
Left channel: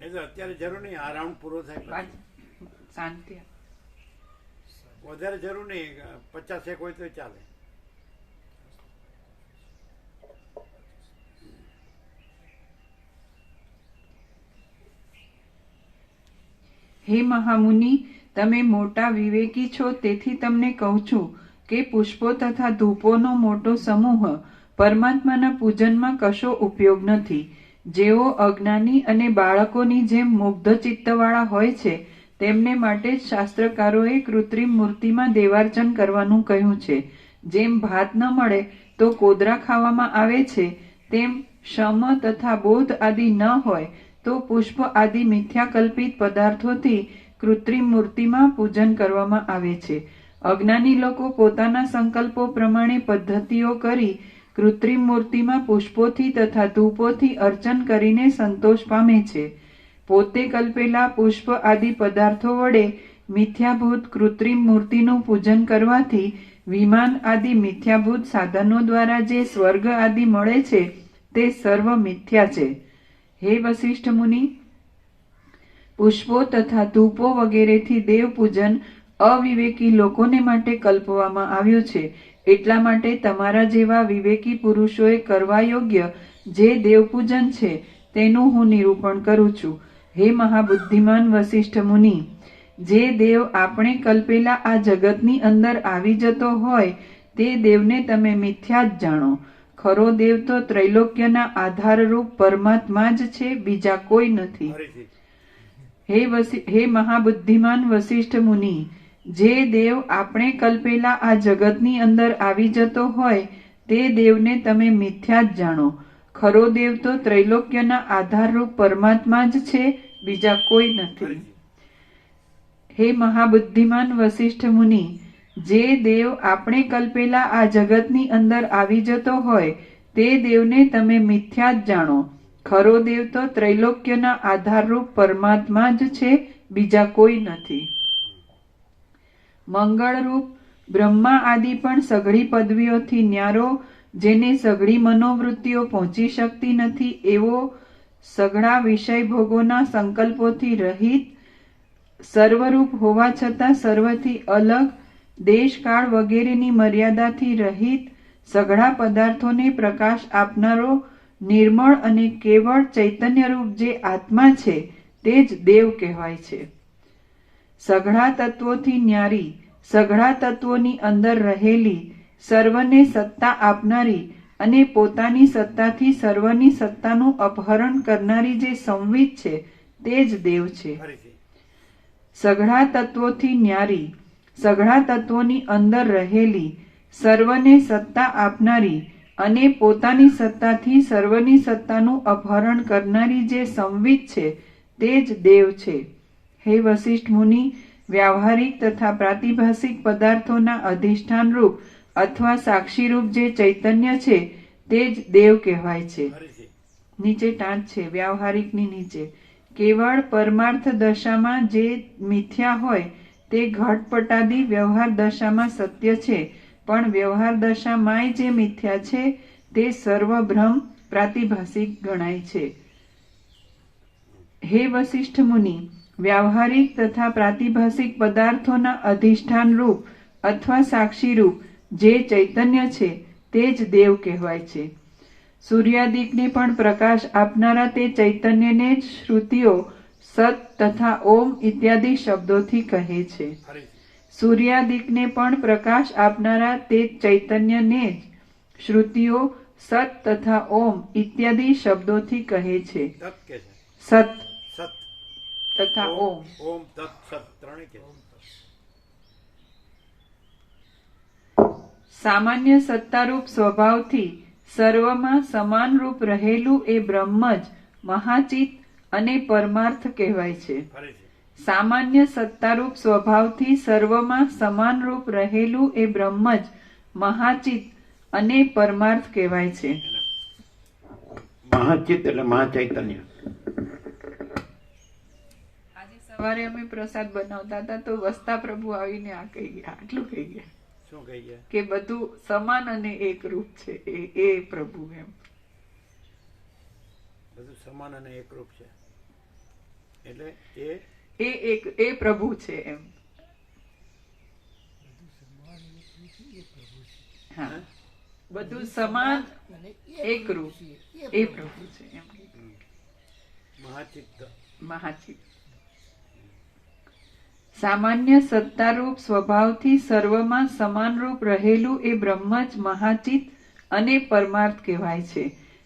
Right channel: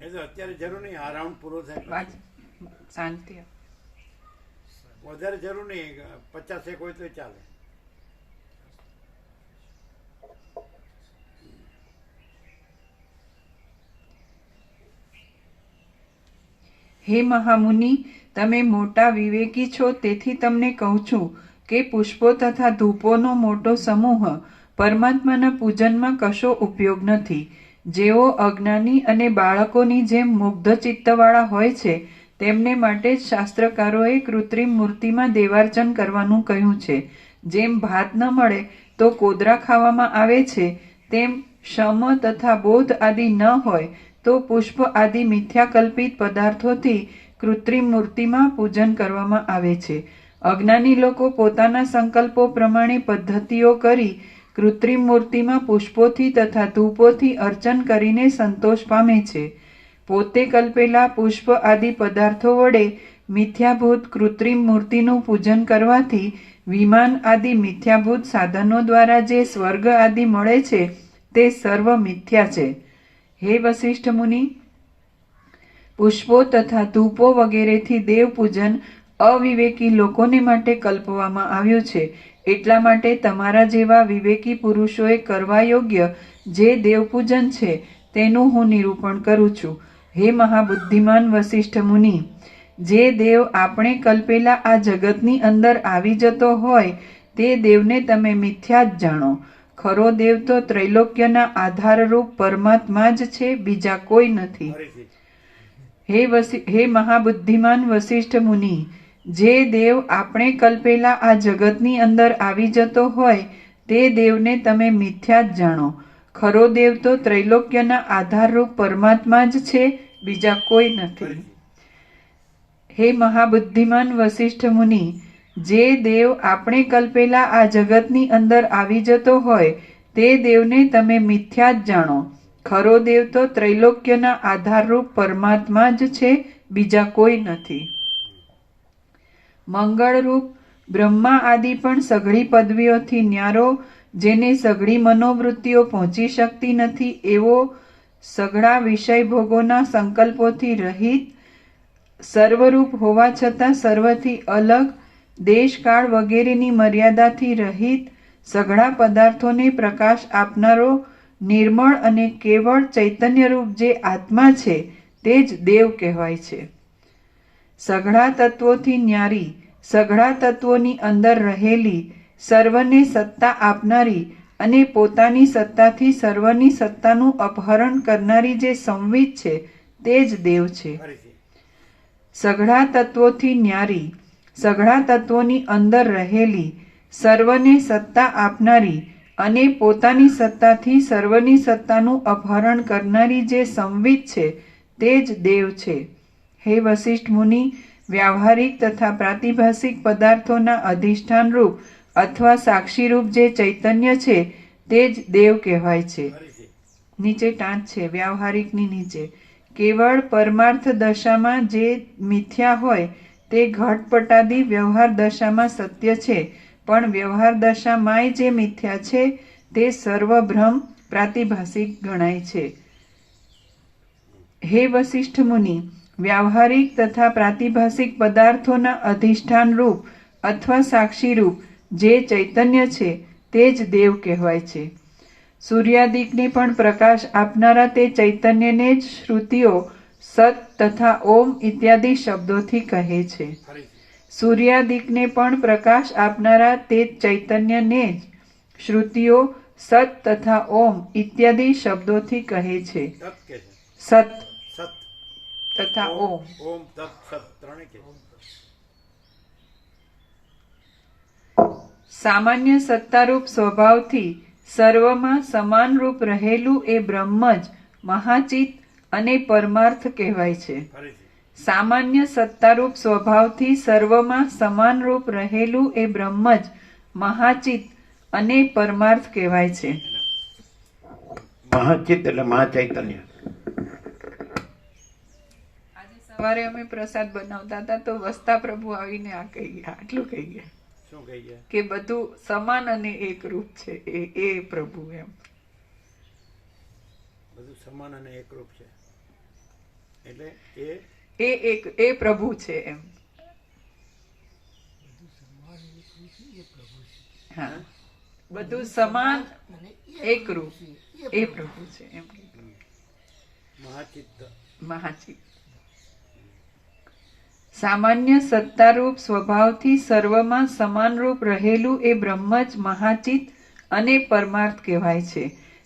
એ તો અત્યારે જરૂર નહીં, આ રાઉન્ડ પૂરો થાય પછી શાંતિ. વધારે જરૂર નહીં, 50 હોય તો ચાલે. હે મહામુનિ, તમે મોટા વિવેકી છો, તેથી તમને કહું છું કે પુષ્પો તથા ધૂપોનો મોટો સમૂહ પરમાત્માના પૂજનમાં કશો ઉપયોગ નથી. જેઓ અજ્ઞાની અને બાળકોની જેમ મુગ્ધ ચિત્તવાળા હોય છે, તેમને માટે જ શાસ્ત્રકારોએ કૃત્રિમ મૂર્તિમાં દેવાર્ચન કરવાનું કહ્યું છે. જેમ ભાત ન મળે તો કોદરા ખાવામાં આવે છે, તેમ શમ તથા બોધ આદિ ન હોય તો પુષ્પ આદિ મિથ્યાકલ્પિત પદાર્થોથી કૃત્રિમ મૂર્તિમાં પૂજન કરવામાં આવે છે. અજ્ઞાની લોકો પોતાના સંકલ્પો પ્રમાણે પદ્ધતિઓ કરી કૃત્રિમ મૂર્તિમાં પુષ્પોથી તથા ધૂપોથી અર્ચન કરીને સંતોષ પામે છે. પોતે કલ્પેલા પુષ્પ આદિ પદાર્થો વડે મિથ્યાભૂત કૃત્રિમ મૂર્તિનું પૂજન કરવાથી વિમાન આદિ મિથ્યાભૂત સાધનો દ્વારા જે સ્વર્ગ આદિ મળે છે તે સર્વ મિથ્યા છે. હે વશિષ્ઠ મુનિ, પુષ્પો તથા ધૂપો વગેરેથી દેવ પૂજન અવિવેકી લોકોને માટે કલ્પવામાં આવ્યું છે. એટલા માટે તમારા જેવા વિવેકી પુરુષોએ કરવા યોગ્ય જે દેવપૂજન છે તેનું હું નિરૂપણ કરું છું. હે મહાબુદ્ધિમાન વશિષ્ઠ મુનિ, જે દેવ આપણે કલ્પેલા આ જગતની અંદર આવી જતો હોય તે દેવને તમે મિથ્યા જ જાણો. ખરો દેવ તો ત્રૈલોક્યના આધારરૂપ પરમાત્મા જ છે, બીજા કોઈ નથી. હે મહાબુદ્ધિમાન વશિષ્ઠ મુનિ, જે દેવ આપણે કલ્પેલા આ જગતની અંદર આવી જતો હોય તે દેવને તમે મિથ્યા જ જાણો. ખરો દેવ તો ત્રૈલોક્યના આધારરૂપ પરમાત્મા જ છે, બીજા કોઈ નથી. હે મહાબુદ્ધિમાન વશિષ્ઠ મુનિ, જે દેવ આપણે કલ્પેલા આ જગતની અંદર આવી જતો હોય તે દેવને તમે મિથ્યા જ જાણો. ખરો દેવ તો ત્રૈલોક્યના આધારરૂપ પરમાત્મા જ છે, બીજા કોઈ નથી. મંગળરૂપ બ્રહ્મા આદિ પણ સઘળી પદવીઓથી ન્યારો, જેને સઘળી મનોવૃત્તિઓ પહોંચી શકતી નથી, એવો સઘળા વિષય ભોગોના સંકલ્પોથી રહિત, સર્વરૂપ હોવા છતાં સર્વથી અલગ, દેશકાળ વગેરેની મર્યાદાથી રહિત, સઘળા પદાર્થોને પ્રકાશ આપનારો, નિર્મળ અને કેવળ ચૈતન્યરૂપ જે આત્મા છે તે જ દેવ કહેવાય છે. સઘળા તત્વોથી ન્યારી, સઘળા તત્વોની અંદર રહેલી, સર્વને સત્તા આપનારી અને પોતાની સત્તાથી સર્વની સત્તાનું અપહરણ કરનારી જે સંવિત છે તે જ દેવ છે. સઘળા તત્વોથી ન્યારી, સઘળા તત્વોની અંદર રહેલી, સર્વને સત્તા આપનારી અને પોતાની સત્તાથી સર્વની સત્તાનું અપહરણ કરનારી જે સંવિત છે તે જ દેવ છે. હે વશિષ્ઠ મુનિ, વ્યાવહારિક તથા પ્રાતિભાષિક પદાર્થોના અધિષ્ઠાન રૂપ અથવા સાક્ષીરૂપ જે ચૈતન્ય છે તે જ દેવ કહેવાય છે. નીચે ટાંચ છે વ્યાવહારિકની નીચે. કેવળ પરમાર્થ દશામાં જે મિથ્યા હોય તે ઘટપટાદી વ્યવહાર દશામાં સત્ય છે, પણ વ્યવહાર દશામાંય જે મિથ્યા છે તે સર્વભ્રમ પ્રાતિભાષિક ગણાય છે. હે વશિષ્ઠ મુનિ, વ્યાવહારિક તથા પ્રાતિભાષિક પદાર્થોના અધિષ્ઠાન રૂપ અથવા સાક્ષી રૂપ જે ચૈતન્ય છે તે જ દેવ કહેવાય છે. સૂર્યાદિકને પણ પ્રકાશ આપનારા તે ચૈતન્યને જ શ્રુતિઓ સત તથા ઓમ ઇત્યાદિ શબ્દોથી કહે છે. સૂર્યાદિકને પણ પ્રકાશ આપનારા તે ચૈતન્યને જ શ્રુતિઓ સત તથા ઓમ ઇત્યાદિ શબ્દોથી કહે છે. તત કે છે સત સત તથા ઓમ. ઓમ તત સત ત્રણે કે સામાન્ય સત્તારૂપ સ્વભાવથી સર્વમાં સમાન રૂપ રહેલું એ બ્રહ્મ જ મહાચિત અને પરમાર્થ કહેવાય છે. ફરીથી સામાન્ય સત્તારૂપ સ્વભાવથી સર્વમાં સમાન રૂપ રહેલું એ બ્રહ્મ જ મહાચિત અને પરમાર્થ કહેવાય છે. મહાચિત્ત એટલે મહાચૈતન્ય. આજે સવારે અમે પ્રસાદ બનાવતા હતા તો વસ્તા પ્રભુ આવીને આ કહી ગયા, આટલું કહી ગયા શું કહી ગયા? કે બધું સમાન અને એક રૂપ છે એ પ્રભુ એમ. બધું સમાન અને એકરૂપ છે એટલે એ પ્રભુ છે એમ. હા, બધું સમાન અને એક રૂપ એ પ્રભુ છે એમ. મહાચિત્ત. મહાચિત. સામાન્ય સત્તારૂપ સ્વભાવથી સર્વમાં સમાનરૂપ રહેલું એ બ્રહ્મ જ મહાચિત અને પરમાર્થ કહેવાય છે.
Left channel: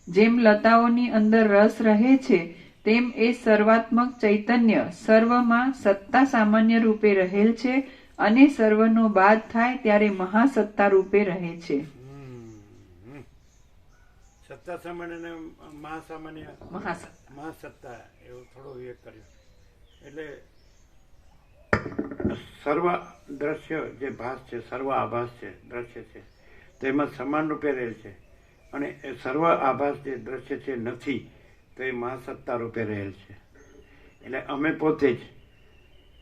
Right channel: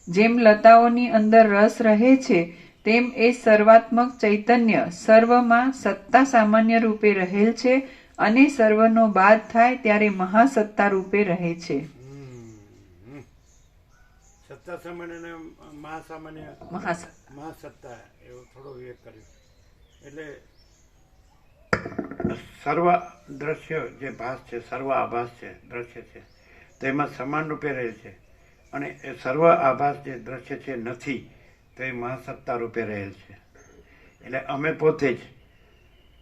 જેમ લતાઓની અંદર રસ રહે છે તેમ એ સર્વાત્મક ચૈતન્ય સર્વમાં સત્તા સામાન્ય રૂપે રહેલ છે અને સર્વનો બાદ થાય ત્યારે મહાસત્તા રૂપે રહે છે. સત્તા સામાન્ય અને મહાસામાન્ય મહાસત્તા. મહાસત્તા એવું થોડો વિવેક કર્યો એટલે સર્વ દ્રશ્ય જે ભાસ છે, સર્વ આભાસ છે, દ્રશ્ય છે, તેમાં સમાન રૂપે રહે છે અને એ સર્વ આભાસ જે દ્રશ્ય છે નથી તો એ મહાસત્તા રૂપે રહેલ છે. એટલે અમે પોતે જ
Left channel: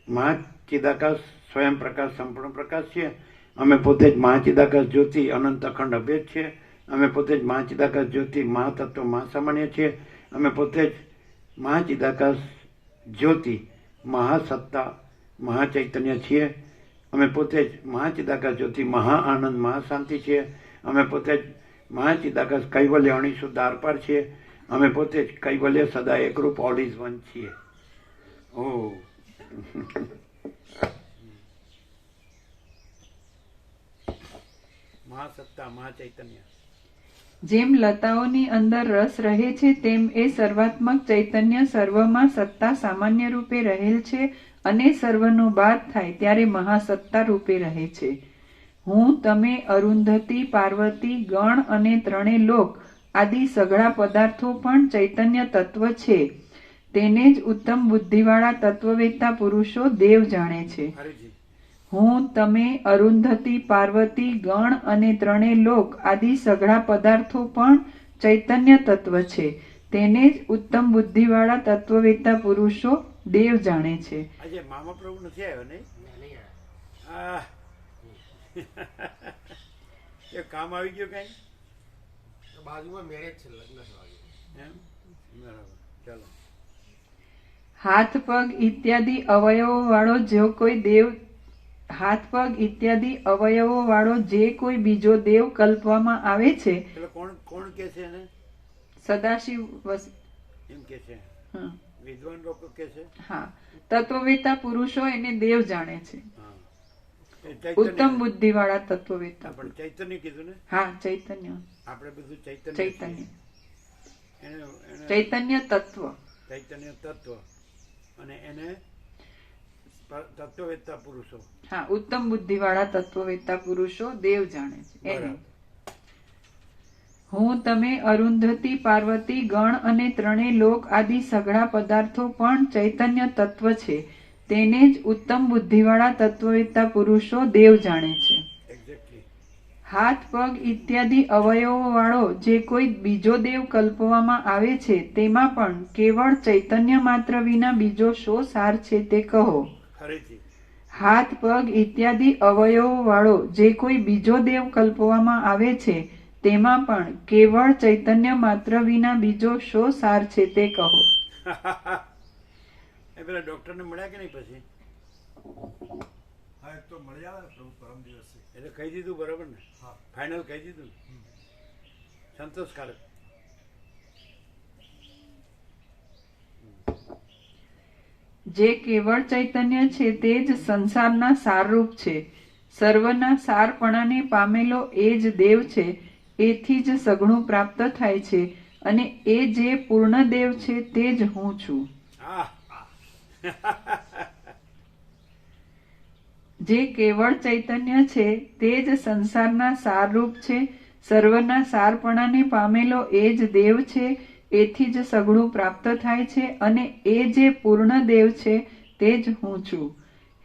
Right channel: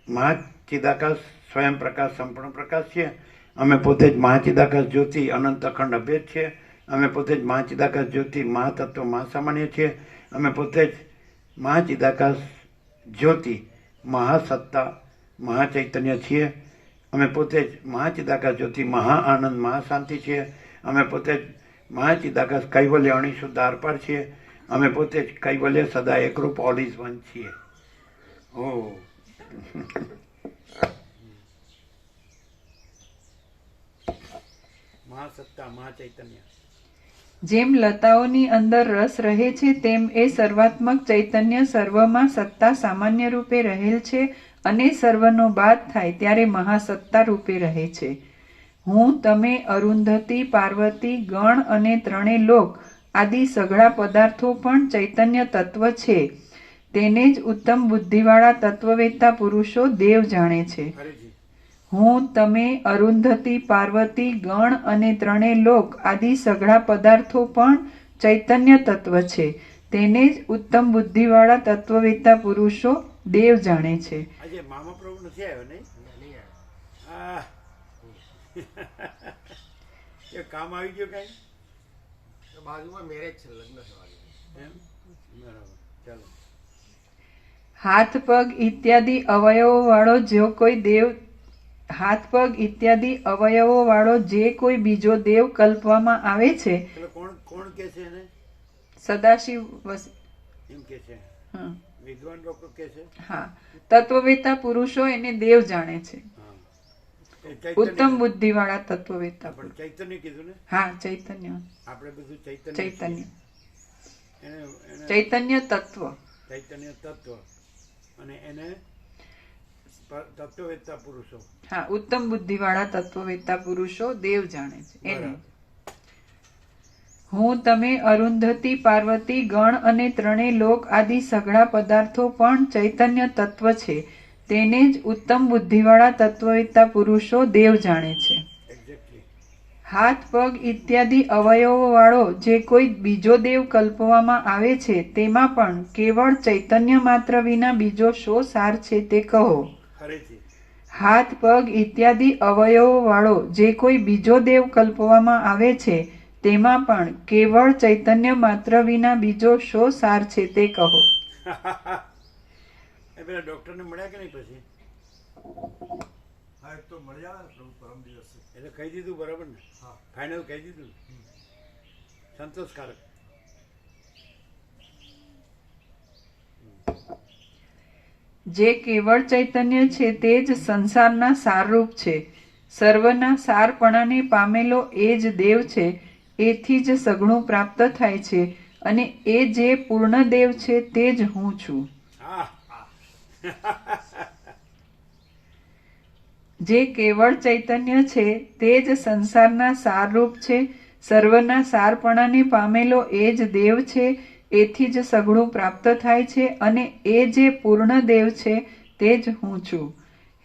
મહાચિદાકાશ સ્વયં પ્રકાશ સંપૂર્ણ પ્રકાશ છીએ. અમે પોતે જ મહાચિદાકાશ જ્યોતિ અનંત અખંડ અભેદ છીએ. અમે પોતે જ મહાચિદાકાશ જ્યોતિ મહાતત્વ મહાસામાન્ય છીએ. અમે પોતે જ મહાચિદાકાશ જ્યોતિ મહાસત્તા મહાચૈતન્ય છીએ. અમે પોતે જ મહાચિદાકાશ જ્યોતિ મહા આનંદ મહાશાંતિ છીએ. અમે પોતે જ મહાચિદાકાશ કૈવલ્ય અણીશુદ્ધ આરપાર છીએ. અમે પોતે જ કૈવલ્ય સદા એકરૂપ ઓલ ઇઝ વન છીએ. ઓ મહાસત્તા મહાચૈતન્ય. જેમ લતાઓની અંદર રસ રહે છે તેમ એ સર્વાત્મક ચૈતન્ય સર્વમાં સત્તા સામાન્ય રૂપે રહેલ છે અને સર્વનો બાદ થાય ત્યારે મહાસત્તા રૂપે રહે છે. હું, તમે, અરુંધતી, પાર્વતી, ગણ અને ત્રણે લોક આદિ સઘળા પદાર્થો પણ ચૈતન્ય તત્વ છે. તેને જ ઉત્તમ બુદ્ધિવાળા તત્વવેત્તા પુરુષો દેવ જાણે છે. હું, તમે, અરુંધતી, પાર્વતી, ગણ અને ત્રણે લોક આદિ સઘળા પદાર્થો પણ ચૈતન્ય તત્વ છે. તેને જ ઉત્તમ બુદ્ધિવાળા તત્વવેત્તા પુરુષો દેવ જાણે છે. આજે મામા પ્રભુ નથી આવ્યો નહીં? એ કામ આવી ગયું કઈ? બાજુમાં મેરેજ છે, લગ્ન થવાનું. એમ બરાબર. ચાલો. હાથ પગ ઇત્યાદિ અવયવો વાળો જો કોઈ દેવ હાથ પગ ઇત્યાદિ અવયવો વાળો જે કોઈ બીજો દેવ કલ્પવામાં આવે છે. એટલે કોણ કે છે એને? સદાશિવ એમ કે છે. વિદ્વાન લોકો કે છે. હા, તત્વવેત્તા પુરુષો એને દેવ જાણે છે. ઉત્તમ બુદ્ધિ વાળા તત્વવેત્તા. પણ ચૈતન્ય કીધું ને? હા, ચૈતન્ય. આપણે બધું ચૈતન્ય ચૈતન્ય તત્વ. ચૈતન્ય તત્વ અને એને તત્વવેત્તા પુરુષો. હા, ઉત્તમ બુદ્ધિ વાળા તત્વવેત્તા પુરુષો દેવ જાણે છે. હું, તમે, અરુંધતી, પાર્વતી, ગણ અને ત્રણે લોક આદિ સઘળા પદાર્થો પણ ચૈતન્ય તત્વ છે. તેને જ ઉત્તમ બુદ્ધિવાળા તત્વવેત્તા પુરુષો દેવ જાણે છે. હાથ પગ ઇત્યાદિ અવયવો વાળો જે કોઈ બીજો દેવ કલ્પવામાં આવે છે તેમાં પણ કેવળ ચૈતન્ય માત્ર વિના બીજો શો સાર છે તે કહો. હાથ પગ ઇત્યાદિ અવયવો વાળો જે કોઈ બીજો દેવ કલ્પવામાં આવે છે તેમાં પણ કેવળ ચૈતન્ય માત્ર વિના બીજો શો સાર છે તે કહો. એ પેલા ડૉક્ટરને મળ્યા કે નહીં પછી? હા, એ તો મળી આવે ને પ્રભુ પરમ દિવસે. એટલે કહી દીધું બરાબર ને? હા. ફાઇનલ કહી દીધું, સંતોષકારક. જે કેવળ ચૈતન્ય છે તે જ સંસારના સારરૂપ છે. સર્વના સારપણાને પામેલો એ જ દેવ છે. એથી જ સગુણું પ્રાપ્ત થાય છે અને એ જે પૂર્ણ દેવ છે તે જ હું છું. હા. જે કેવળ ચૈતન્ય છે તે જ સંસારના સારરૂપ છે. સર્વના સારપણાને પામેલો એ જ દેવ છે. એથી જ સગુણું પ્રાપ્ત થાય છે અને એ જે પૂર્ણ દેવ છે તે જ હું છું.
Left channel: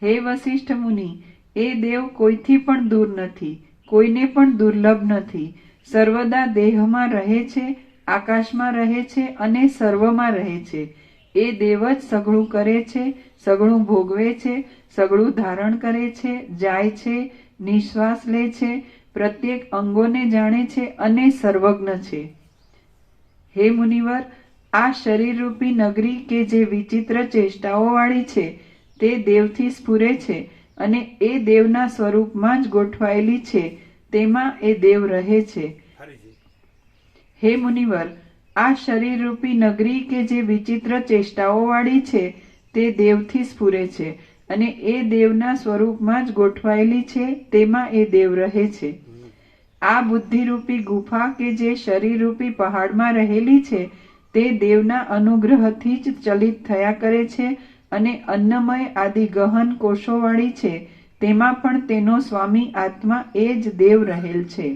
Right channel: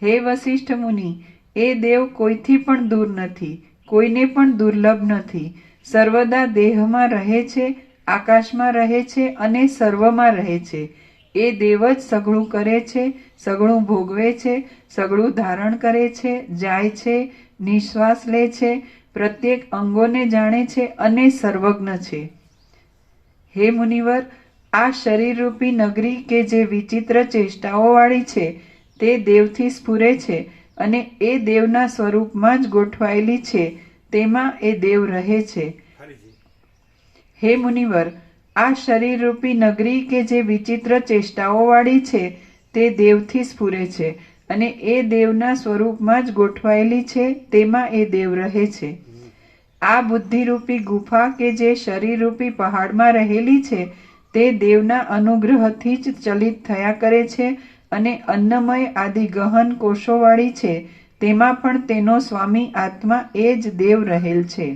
હે વસિષ્ઠ મુનિ, એ દેવ કોઈથી પણ દૂર નથી, કોઈને પણ દુર્લભ નથી. સર્વદા દેહમાં રહે છે, આકાશમાં રહે છે અને સર્વમાં રહે છે. એ દેવ જ સગળું કરે છે, સગળું ભોગવે છે, સગળું ધારણ કરે છે, જાય છે, નિશ્વાસ લે છે, પ્રત્યેક અંગોને જાણે છે અને સર્વજ્ઞ છે. હે મુનિવર, આ શરીરરૂપી નગરી કે જે વિચિત્ર ચેષ્ટાઓવાળી છે તે દેવથી સ્ફુરે છે અને એ દેવના સ્વરૂપમાં જ ગોઠવાયેલી છે. તેમાં એ દેવ રહે છે. હે મુનિવર, આ શરીરરૂપી નગરી કે જે વિચિત્ર ચેષ્ટાઓવાળી છે તે દેવથી સ્ફુરે છે અને એ દેવના સ્વરૂપમાં જ ગોઠવાયેલી છે. તેમાં એ દેવ રહે છે. આ બુદ્ધિરૂપી ગુફા કે જે શરીરરૂપી પહાડમાં રહેલી છે તે દેવના અનુગ્રહથી જ ચલિત થયા કરે છે અને અન્નમય આદિ ગહન કોષોવાળી છે. તેમાં પણ તેનો સ્વામી આત્મા એ જ દેવ રહેલ છે.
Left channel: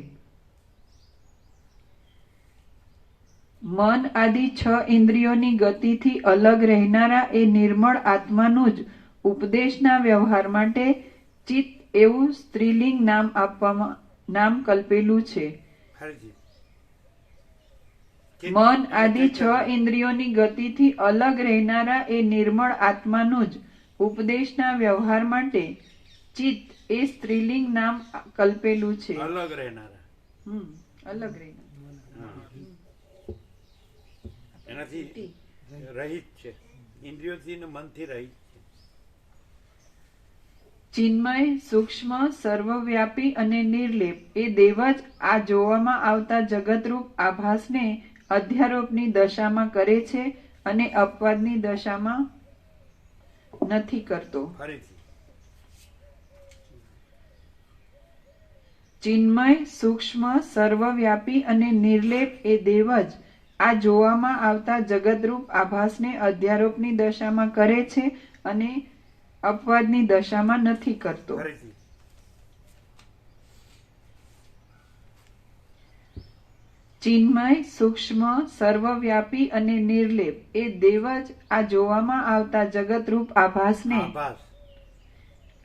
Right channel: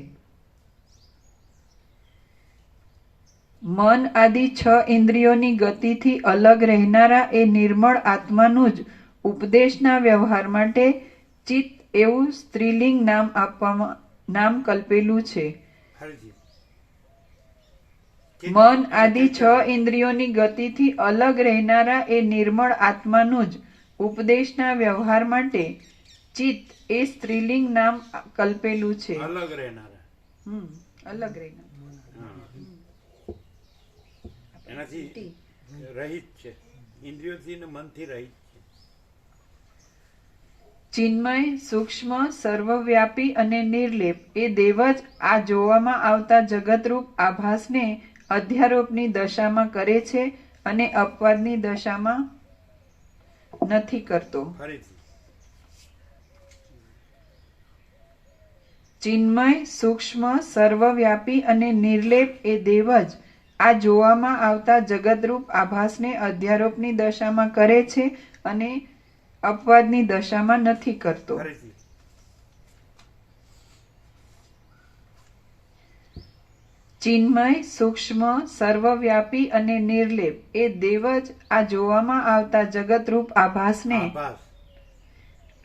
મન આદિ 6 ઇન્દ્રિયોની ગતિથી અલગ રહેનારા એ નિર્મળ આત્માનું જ ઉપદેશના વ્યવહાર માટે ચિત્ત એવું સ્ત્રીલિંગ નામ કલ્પેલું છે. મન આદિ 6 ઇન્દ્રિયોની ગતિથી અલગ રહેનારા એ નિર્મળ આત્માનું જ ઉપદેશના વ્યવહાર માટે ચિત્ત એ સ્ત્રીલિંગ નામ કલ્પેલું છે. અલગ રહેનારા. અલગ રહેનારા એનાથી રહિત છે, ઇન્દ્રિયોથી ને મનથી રહિત છે. ચિન્મય, સૂક્ષ્મ, સર્વવ્યાપી અને નિર્લેપ એ દેવ જ આ જોવામાં આવતા જગતરૂપ આભાસને અધ્યારોપની દશામાં કરે છે અને અપવાદની દશામાં નથી કરતો. ચિન્મય, સૂક્ષ્મ, સર્વવ્યાપી અને નિર્લેપ એ દેવ જ આ જોવામાં આવતા જગતરૂપ આભાસને અધ્યારોપની દશામાં કરે છે અને અપવાદની દશામાં નથી કરતો. ચિન્મય, સૂક્ષ્મ, સર્વવ્યાપી અને નિર્લેપ એ દેવ જ આ જોવામાં આવતા જગતરૂપ આભાસને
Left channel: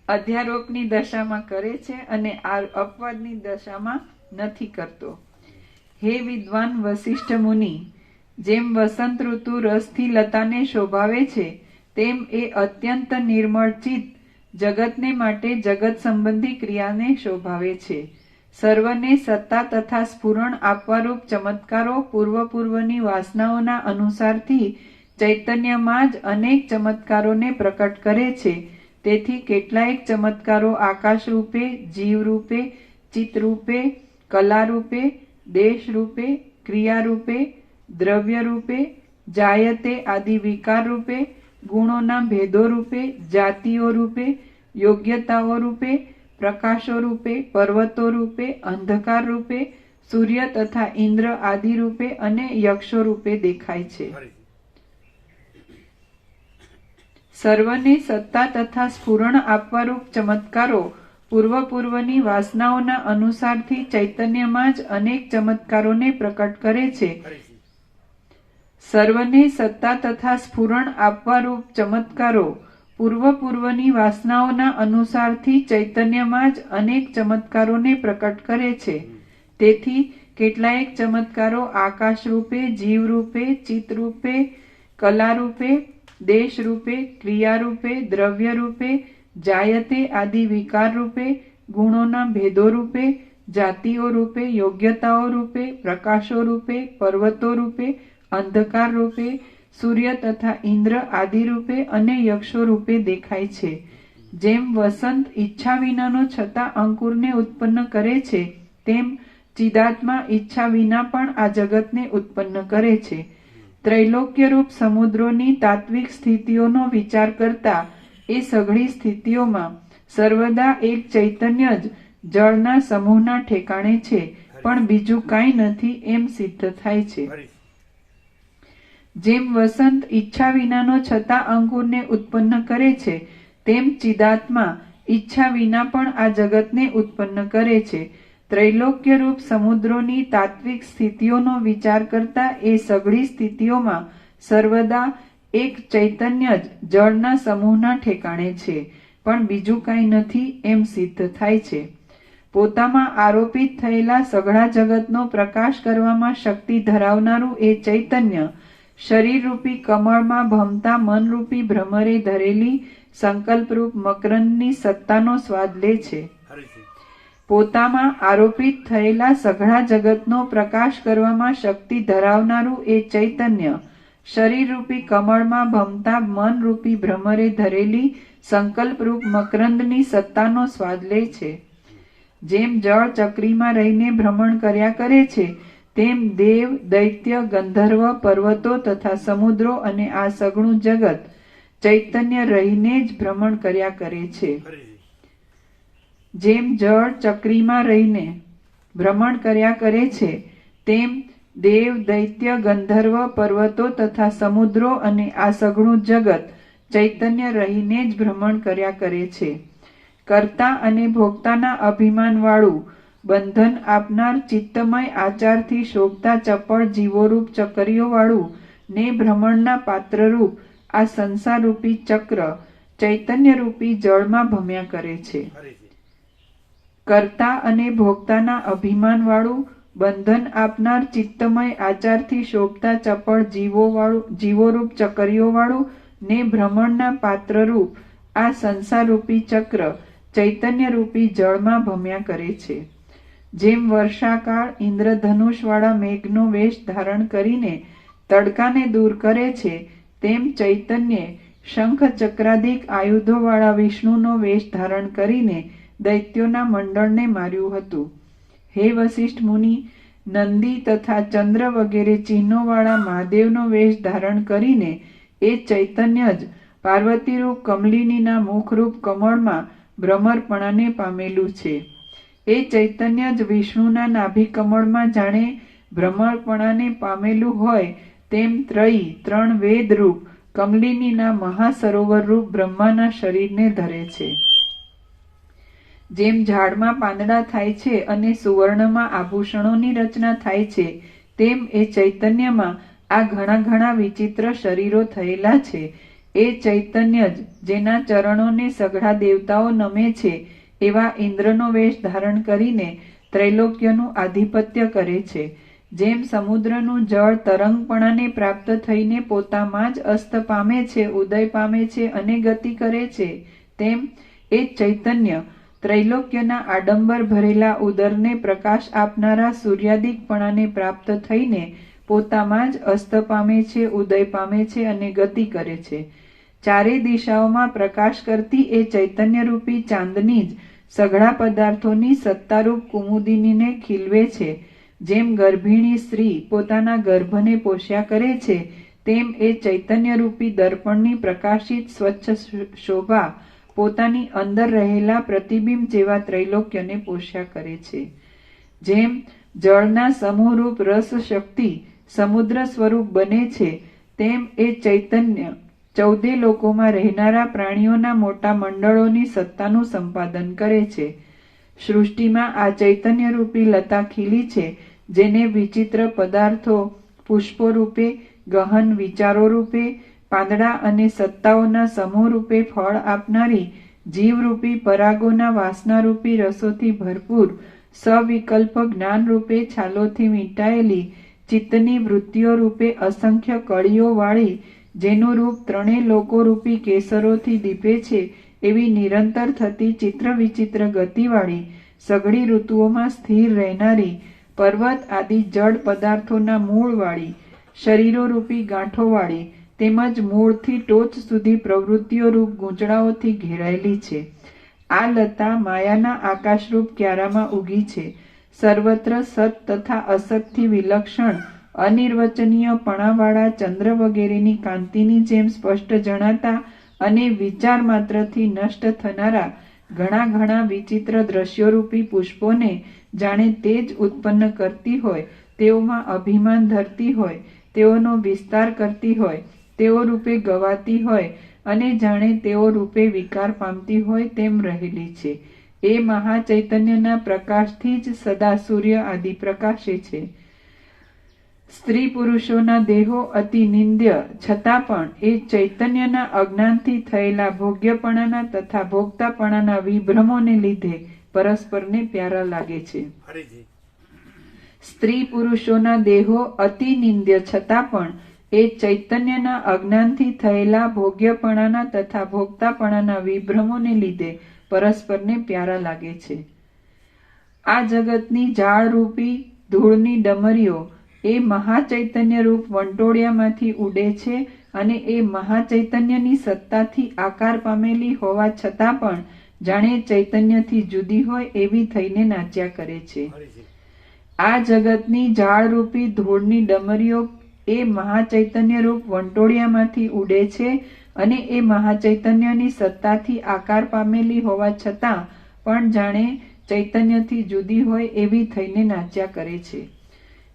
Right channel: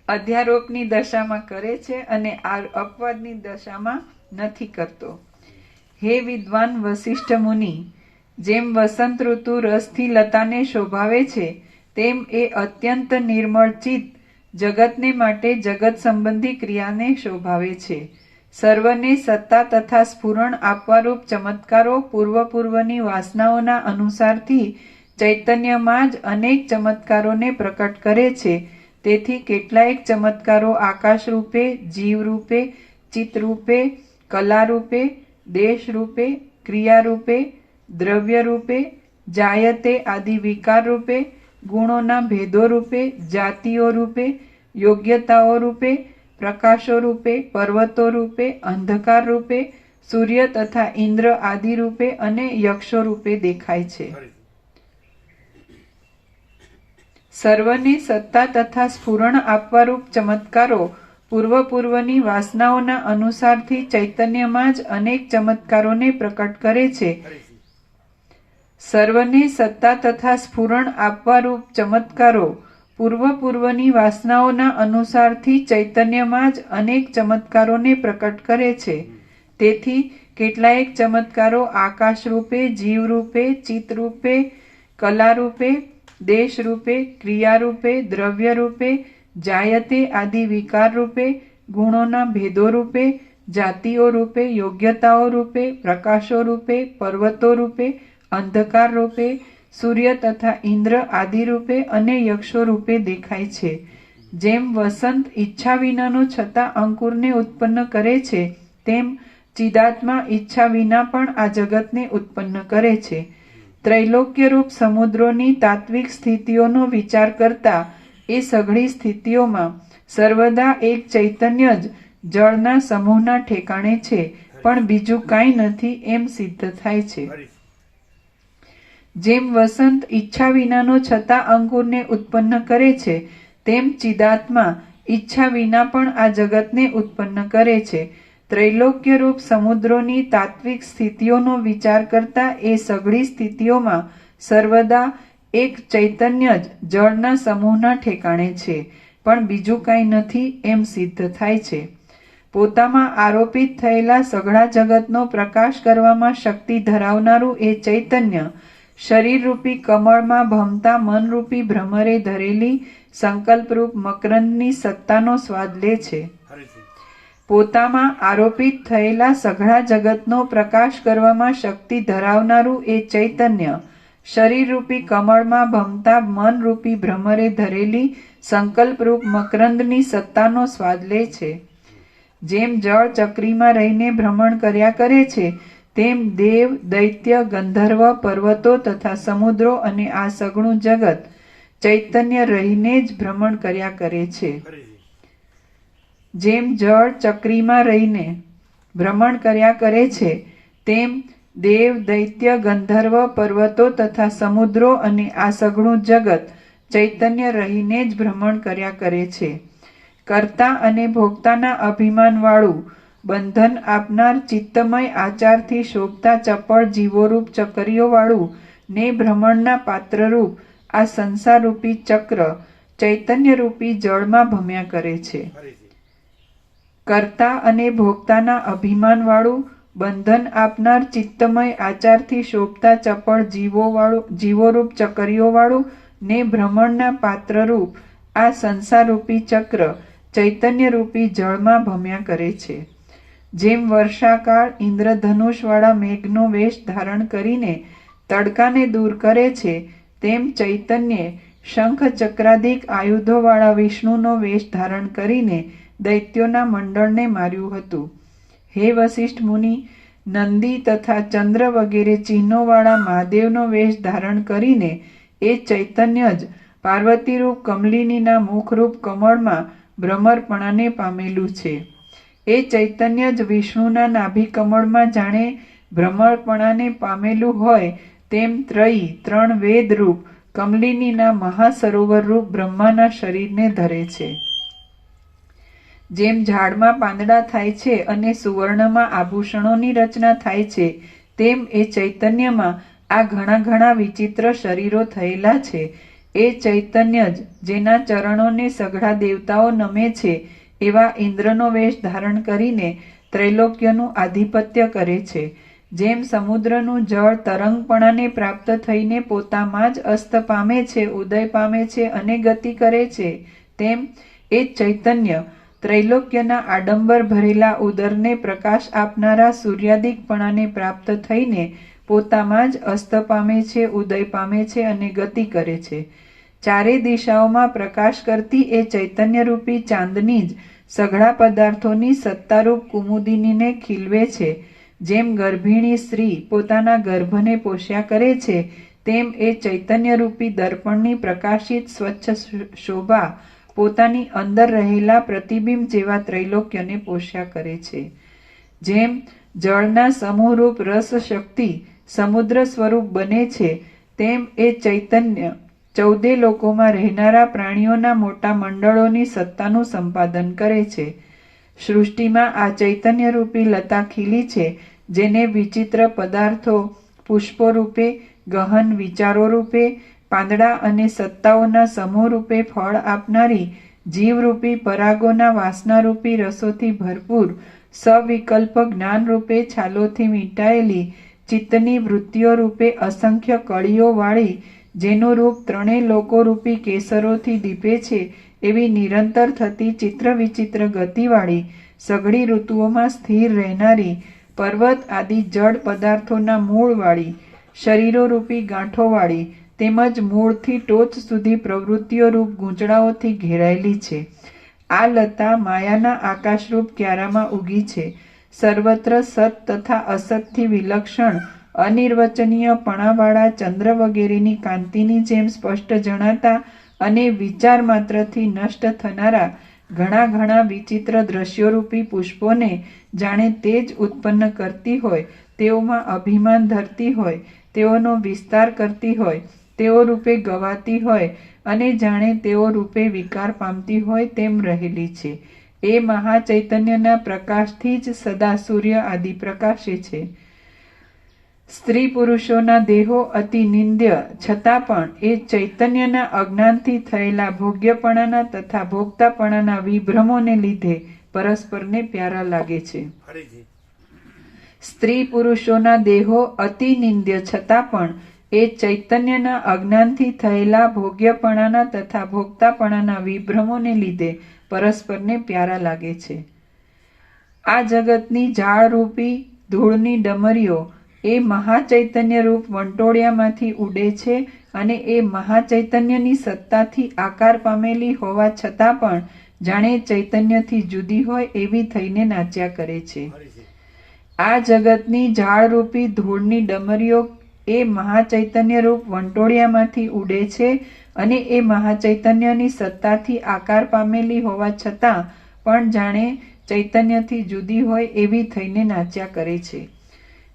અધ્યારોપની દશામાં કરે છે અને અપવાદની દશામાં નથી કરતો. હે વિદ્વાન વસિષ્ઠ મુનિ, જેમ વસંત ઋતુ રસથી લતાને શોભાવે છે તેમ એ અત્યંત નિર્મળ ચિત્ત જગતને માટે જગત સંબંધી ક્રિયાને શોભાવે છે. સર્વને સત્તા તથા સ્ફુરણ આપવારૂપ ચમત્કારો પૂર્વની વાસનાઓના અનુસારથી ચૈતન્યમાં જ અનેક ચમત્કારોને પ્રકટ કરે છે. તેથી કેટલાયક ચમત્કારો આકાશ રૂપે, જીવ રૂપે, ચિત્ત રૂપે, કલા રૂપે, દેશ રૂપે, ક્રિયા રૂપે, દ્રવ્ય રૂપે, જાયતે આદિ વિકાર રૂપે, ગુણોના ભેદો રૂપે, જાતિઓ રૂપે, યોગ્યતાઓ રૂપે, પ્રકાશો રૂપે, પર્વતો રૂપે, અંધકાર રૂપે, સૂર્ય તથા ઇન્દ્ર આદિ રૂપે અને યક્ષો રૂપે દેખાય છે. સર્વને સત્તા તથા સ્ફુરણ આપવારૂપ ચમત્કારો પૂર્વની વાસનાઓના અનુસારથી ચૈતન્યમાં જ અનેક ચમત્કારોને પ્રકટ કરે છે. સર્વને સત્તા તથા સ્ફુરણ આપવારૂપ ચમત્કારો પૂર્વની વાસનાઓના અનુસારથી ચૈતન્યમાં જ અનેક ચમત્કારોને પ્રકટ કરે છે. તેથી કેટલાયક ચમત્કારો આકાશ રૂપે, જીવ રૂપે, ચિત્ત રૂપે, કલા રૂપે, દેશ રૂપે, ક્રિયા રૂપે, દ્રવ્ય રૂપે, જાયતે આદિ વિકાર રૂપે, ગુણોના ભેદો રૂપે, જાતિઓ રૂપે, યોગ્યતાઓ રૂપે, પ્રકાશો રૂપે, પર્વતો રૂપે, અંધકાર રૂપે, સૂર્ય તથા ઇન્દ્ર આદિ રૂપે અને યક્ષો રૂપે દેખાય છે. જેમ વસંત ઈચ્છા વિનાનો છતાં અંકુરને ઉત્પન્ન કરે છે, તેમ ચિદાત્મા ઈચ્છા વિના પણ આ જગતને ઉત્પન્ન કરે છે. ત્રૈલોક્યરૂપ સમુદ્રોની તાત્વિક સ્થિતિઓનો વિચાર કરતા એ સઘળી સ્થિતિઓમાં સર્વદા એક ચૈતન્ય જ જળના સમૂહના ઠેકાણે છે, પણ બીજું કાંઈ નથી એમ સિદ્ધ થાય છે. જેમ વસંત ઈચ્છા વિનાનો છતાં અંકુરને ઉત્પન્ન કરે છે, તેમ ચિદાત્મા ઈચ્છા વિના પણ આ જગતને ઉત્પન્ન કરે છે. ત્રૈલોક્યરૂપ સમુદ્રોની તાત્વિક સ્થિતિઓનો વિચાર કરતા એ સઘળી સ્થિતિઓમાં સર્વદા એક ચૈતન્ય જ જળના સમૂહના ઠેકાણે છે, પણ બીજું કાંઈ નથી એમ સિદ્ધ થાય છે. પોતામાં આરોપિત થયેલા સઘળા જગતનો પ્રકાશ કરવામાં શક્તિ ધરાવનારું એ ચૈતન્ય શરીરરૂપી કમળમાં ભમતા મનરૂપી ભ્રમરે ધરેલી સંકલ્પરૂપ મકરંદની સત્તાનો સ્વાદ લે છે. પોતામાં આરોપિત થયેલા સઘળા જગતનો પ્રકાશ કરવામાં શક્તિ ધરાવનારું એ ચૈતન્ય શરીરરૂપી કમળમાં ભમતા મનરૂપી ભ્રમરે ધરેલી સંકલ્પરૂપ મકરંદની સત્તાનો સ્વાદ લે છે. જેમ જળ ચક્રીમાં રહીને ભ્રમણ કર્યા કરે છે, તેમ દેવ, દૈત્ય, ગંધર્વ, પર્વતો તથા સમુદ્રો અને આ સઘળું જગત ચૈતન્ય રહીને જ ભ્રમણ કર્યા કરે છે. જેમ જળ ચક્રીમાં રહીને ભ્રમણ કર્યા કરે છે, તેમ દેવ, દૈત્ય, ગંધર્વ, પર્વતો તથા સમુદ્રો અને આ સઘળું જગત ચૈતન્ય રહીને જ ભ્રમણ કર્યા કરે છે. કર્તા અને ભોગતાના અભિમાનવાળું બંધન આપનાર ચિત્તમય આચારથી શોભતા ચપળ જીવોરૂપ ચકરીઓવાળું ને ભ્રમણના પાત્રરૂપ આ સંસારરૂપી ચક્ર ચૈતન્યરૂપી જળમાં ભમ્યા કરે છે. કર્તા અને ભોગતાના અભિમાનવાળું બંધન આપનાર ચિત્તમય આચારથી શોભતા ચપળ જીવોરૂપ ચકરીઓવાળું ને ભ્રમણના પાત્રરૂપ આ સંસારરૂપી ચક્ર ચૈતન્યરૂપી જળમાં ભમ્યા કરે છે. જેમ વર્ષાકાળ ઇન્દ્રધનુષવાળા મેઘનો વેશ ધારણ કરીને તડકાને દૂર કરે છે, તેમ ચૈતન્યે શંખ ચક્રાદિક આયુધોવાળા વિષ્ણુનો વેશ ધારણ કરીને દૈત્યોના મંડળને માર્યું હતું. હે વસિષ્ઠ મુનિ, નંદી તથા ચંદ્ર વગેરે ચિહ્નોવાળા મહાદેવનો વેશ ધારણ કરીને એ ચૈતન્ય જ પાર્વતીરૂપ કમલિનીના મુખરૂપ કમળમાં ભ્રમરપણાને પામેલું છે. એ ચૈતન્ય જ વિષ્ણુના નાભિ કમળમાં જાણે ભ્રમરપણાને પામેલું હોય તેમ ત્રણ વેદરૂપ કમલિનીના મહાસરોવરરૂપ બ્રહ્માના શરીરને ધરે છે. જેમ ઝાડમાં પાંદડા થાય છે અને સુવર્ણમાં આભૂષણોની રચના થાય છે, તેમ એ ચૈતન્યમાં આ ઘણા ઘણા વિચિત્ર શરીરો થયેલા છે. એ ચૈતન્ય જ જેના ચરણોને સઘળા દેવતાઓ નમે છે, એવા ઇન્દ્રનો વેશ ધારણ કરીને ત્રૈલોક્યનું આધિપત્ય કરે છે. જેમ સમુદ્રનું જળ તરંગપણાને પ્રાપ્ત થઈને પોતામાં જ અસ્ત પામે છે, ઉદય પામે છે અને ગતિ કરે છે, તેમ એ ચૈતન્ય ત્રૈલોક્યના આડંબર ભરેલા ઉદરને પ્રકાશ આપનારા સૂર્યાદિકપણાને પ્રાપ્ત થઈને પોતામાં જ અસ્ત પામે છે, ઉદય પામે છે અને ગતિ કરે છે. ચારે દિશાઓમાં પ્રકાશ કરતી એ ચૈતન્યરૂપી ચાંદની જ સઘળા પદાર્થોની સત્તારૂપ કુમુદિનીને ખીલવે છે. જેમ ગર્ભિણી સ્ત્રી પોતાના ગર્ભને પોષ્યા કરે છે, તેમ એ ચૈતન્યરૂપી દર્પણની પ્રકાશિત સ્વચ્છ શોભા પોતાની અંદર રહેલા પ્રતિબિંબ જેવા ત્રૈલોક્યને પોષ્યા કરે છે. જેમ જળના સમૂહરૂપ રસ શક્તિ સમુદ્ર સ્વરૂપ બને છે, તેમ એ ચૈતન્ય 14 લોકોમાં રહેનારા પ્રાણીઓના મોટા મંડળોની સત્તાનું સંપાદન કરે છે. સૃષ્ટિમાં આ ચૈતન્યરૂપી લતા ખીલી છે, જેને વિચિત્ર પદાર્થો પુષ્પો રૂપે, ગહન વિચારો રૂપે, પાંદડા અને સત્તાઓના સમૂહ રૂપે ફળ આપનારી જીવરૂપી પરાગોના વાસનારૂપી રસોથી ભરપૂર સવિકલ્પ જ્ઞાનરૂપે છાલોથી મીટાયેલી ચિત્તની વૃત્તિઓ રૂપે અસંખ્ય કળીઓ વાળી, જેનું રૂપ 3 લોકોરૂપી કેસરોથી દીપે છે, એવી નિરંતર થતી ચિત્ર વિચિત્ર ગતિવાળી, સઘળી ઋતુઓમાં સ્થિર રહેનારી, પર્વત આદિ જડ પદાર્થોના મૂળવાળી, શરીરોરૂપી ગાંઠોવાળી તેમજ મૂળથી ટોચ સુધી પ્રવૃત્તિઓ રૂપ ગૂંચળાઓથી ઘેરાયેલી છે. આ લતા માયાના આકાશરૂપ ક્યારામાં ઉગી છે. સર્વત્ર સત તથા અસતથી વિલક્ષણ અનિર્વચનીયપણાવાળા ચંદ્ર વગેરેની કાંતિની જેમ સ્પષ્ટ જણાતા અને વિચાર માત્રથી નષ્ટ થનારા ઘણા ઘણા વિચિત્ર દ્રશ્યોરૂપી પુષ્પોને જાણે તેજ ઉત્પન્ન કરતી હોય, તેઓમાં અભિમાન ધરતી હોય, તેઓનો વિસ્તાર કરતી હોય, તેઓ રૂપે ગવાતી હોય અને જાણે તેઓ રૂપે વિકાર પામતી હોય તેમ રહેલી છે. એ મહાચૈતન્યના પ્રકાશથી જ સદા સૂર્ય આદિ પ્રકાશે છે. સ્ત્રી પુરુષોના દેહો અતિ નિંદ્ય છતાં પણ એ ચૈતન્યના અજ્ઞાનથી થયેલા ભોગ્યપણાના તથા ભોગતાપણાના વિભ્રમોને લીધે પરસ્પરને પ્યારા લાગે છે. સ્ત્રી પુરુષોના દેહો અતિ નિંદ્ય છતાં પણ એ ચૈતન્યના અજ્ઞાનથી થયેલા ભોગ્યપણાના તથા ભોગતાપણાના વિભ્રમોને લીધે પરસ્પરને પ્યારા લાગે છે. આ જગતની ઝાડરૂપી ધૂળની ડમરીઓ એ મહાચૈતન્ય રૂપ વંટોળિયામાંથી ઉડે છે અને એ મહાચૈતન્યની સત્તાથી આકાર પામેલી હોવા છતાં પણ જાણે ચૈતન્યથી જુદી હોય એવી થઈને નાચ્યા કરે છે. આ જગતની ઝાડરૂપી ધૂળની ડમરીઓ એ મહાચૈતન્ય રૂપ વંટોળિયામાંથી ઉડે છે અને એ મહાચૈતન્યની સત્તાથી આકાર પામેલી હોવા છતાં પણ જાણે ચૈતન્યથી જુદી હોય એવી થઈને નાચ્યા કરે છે.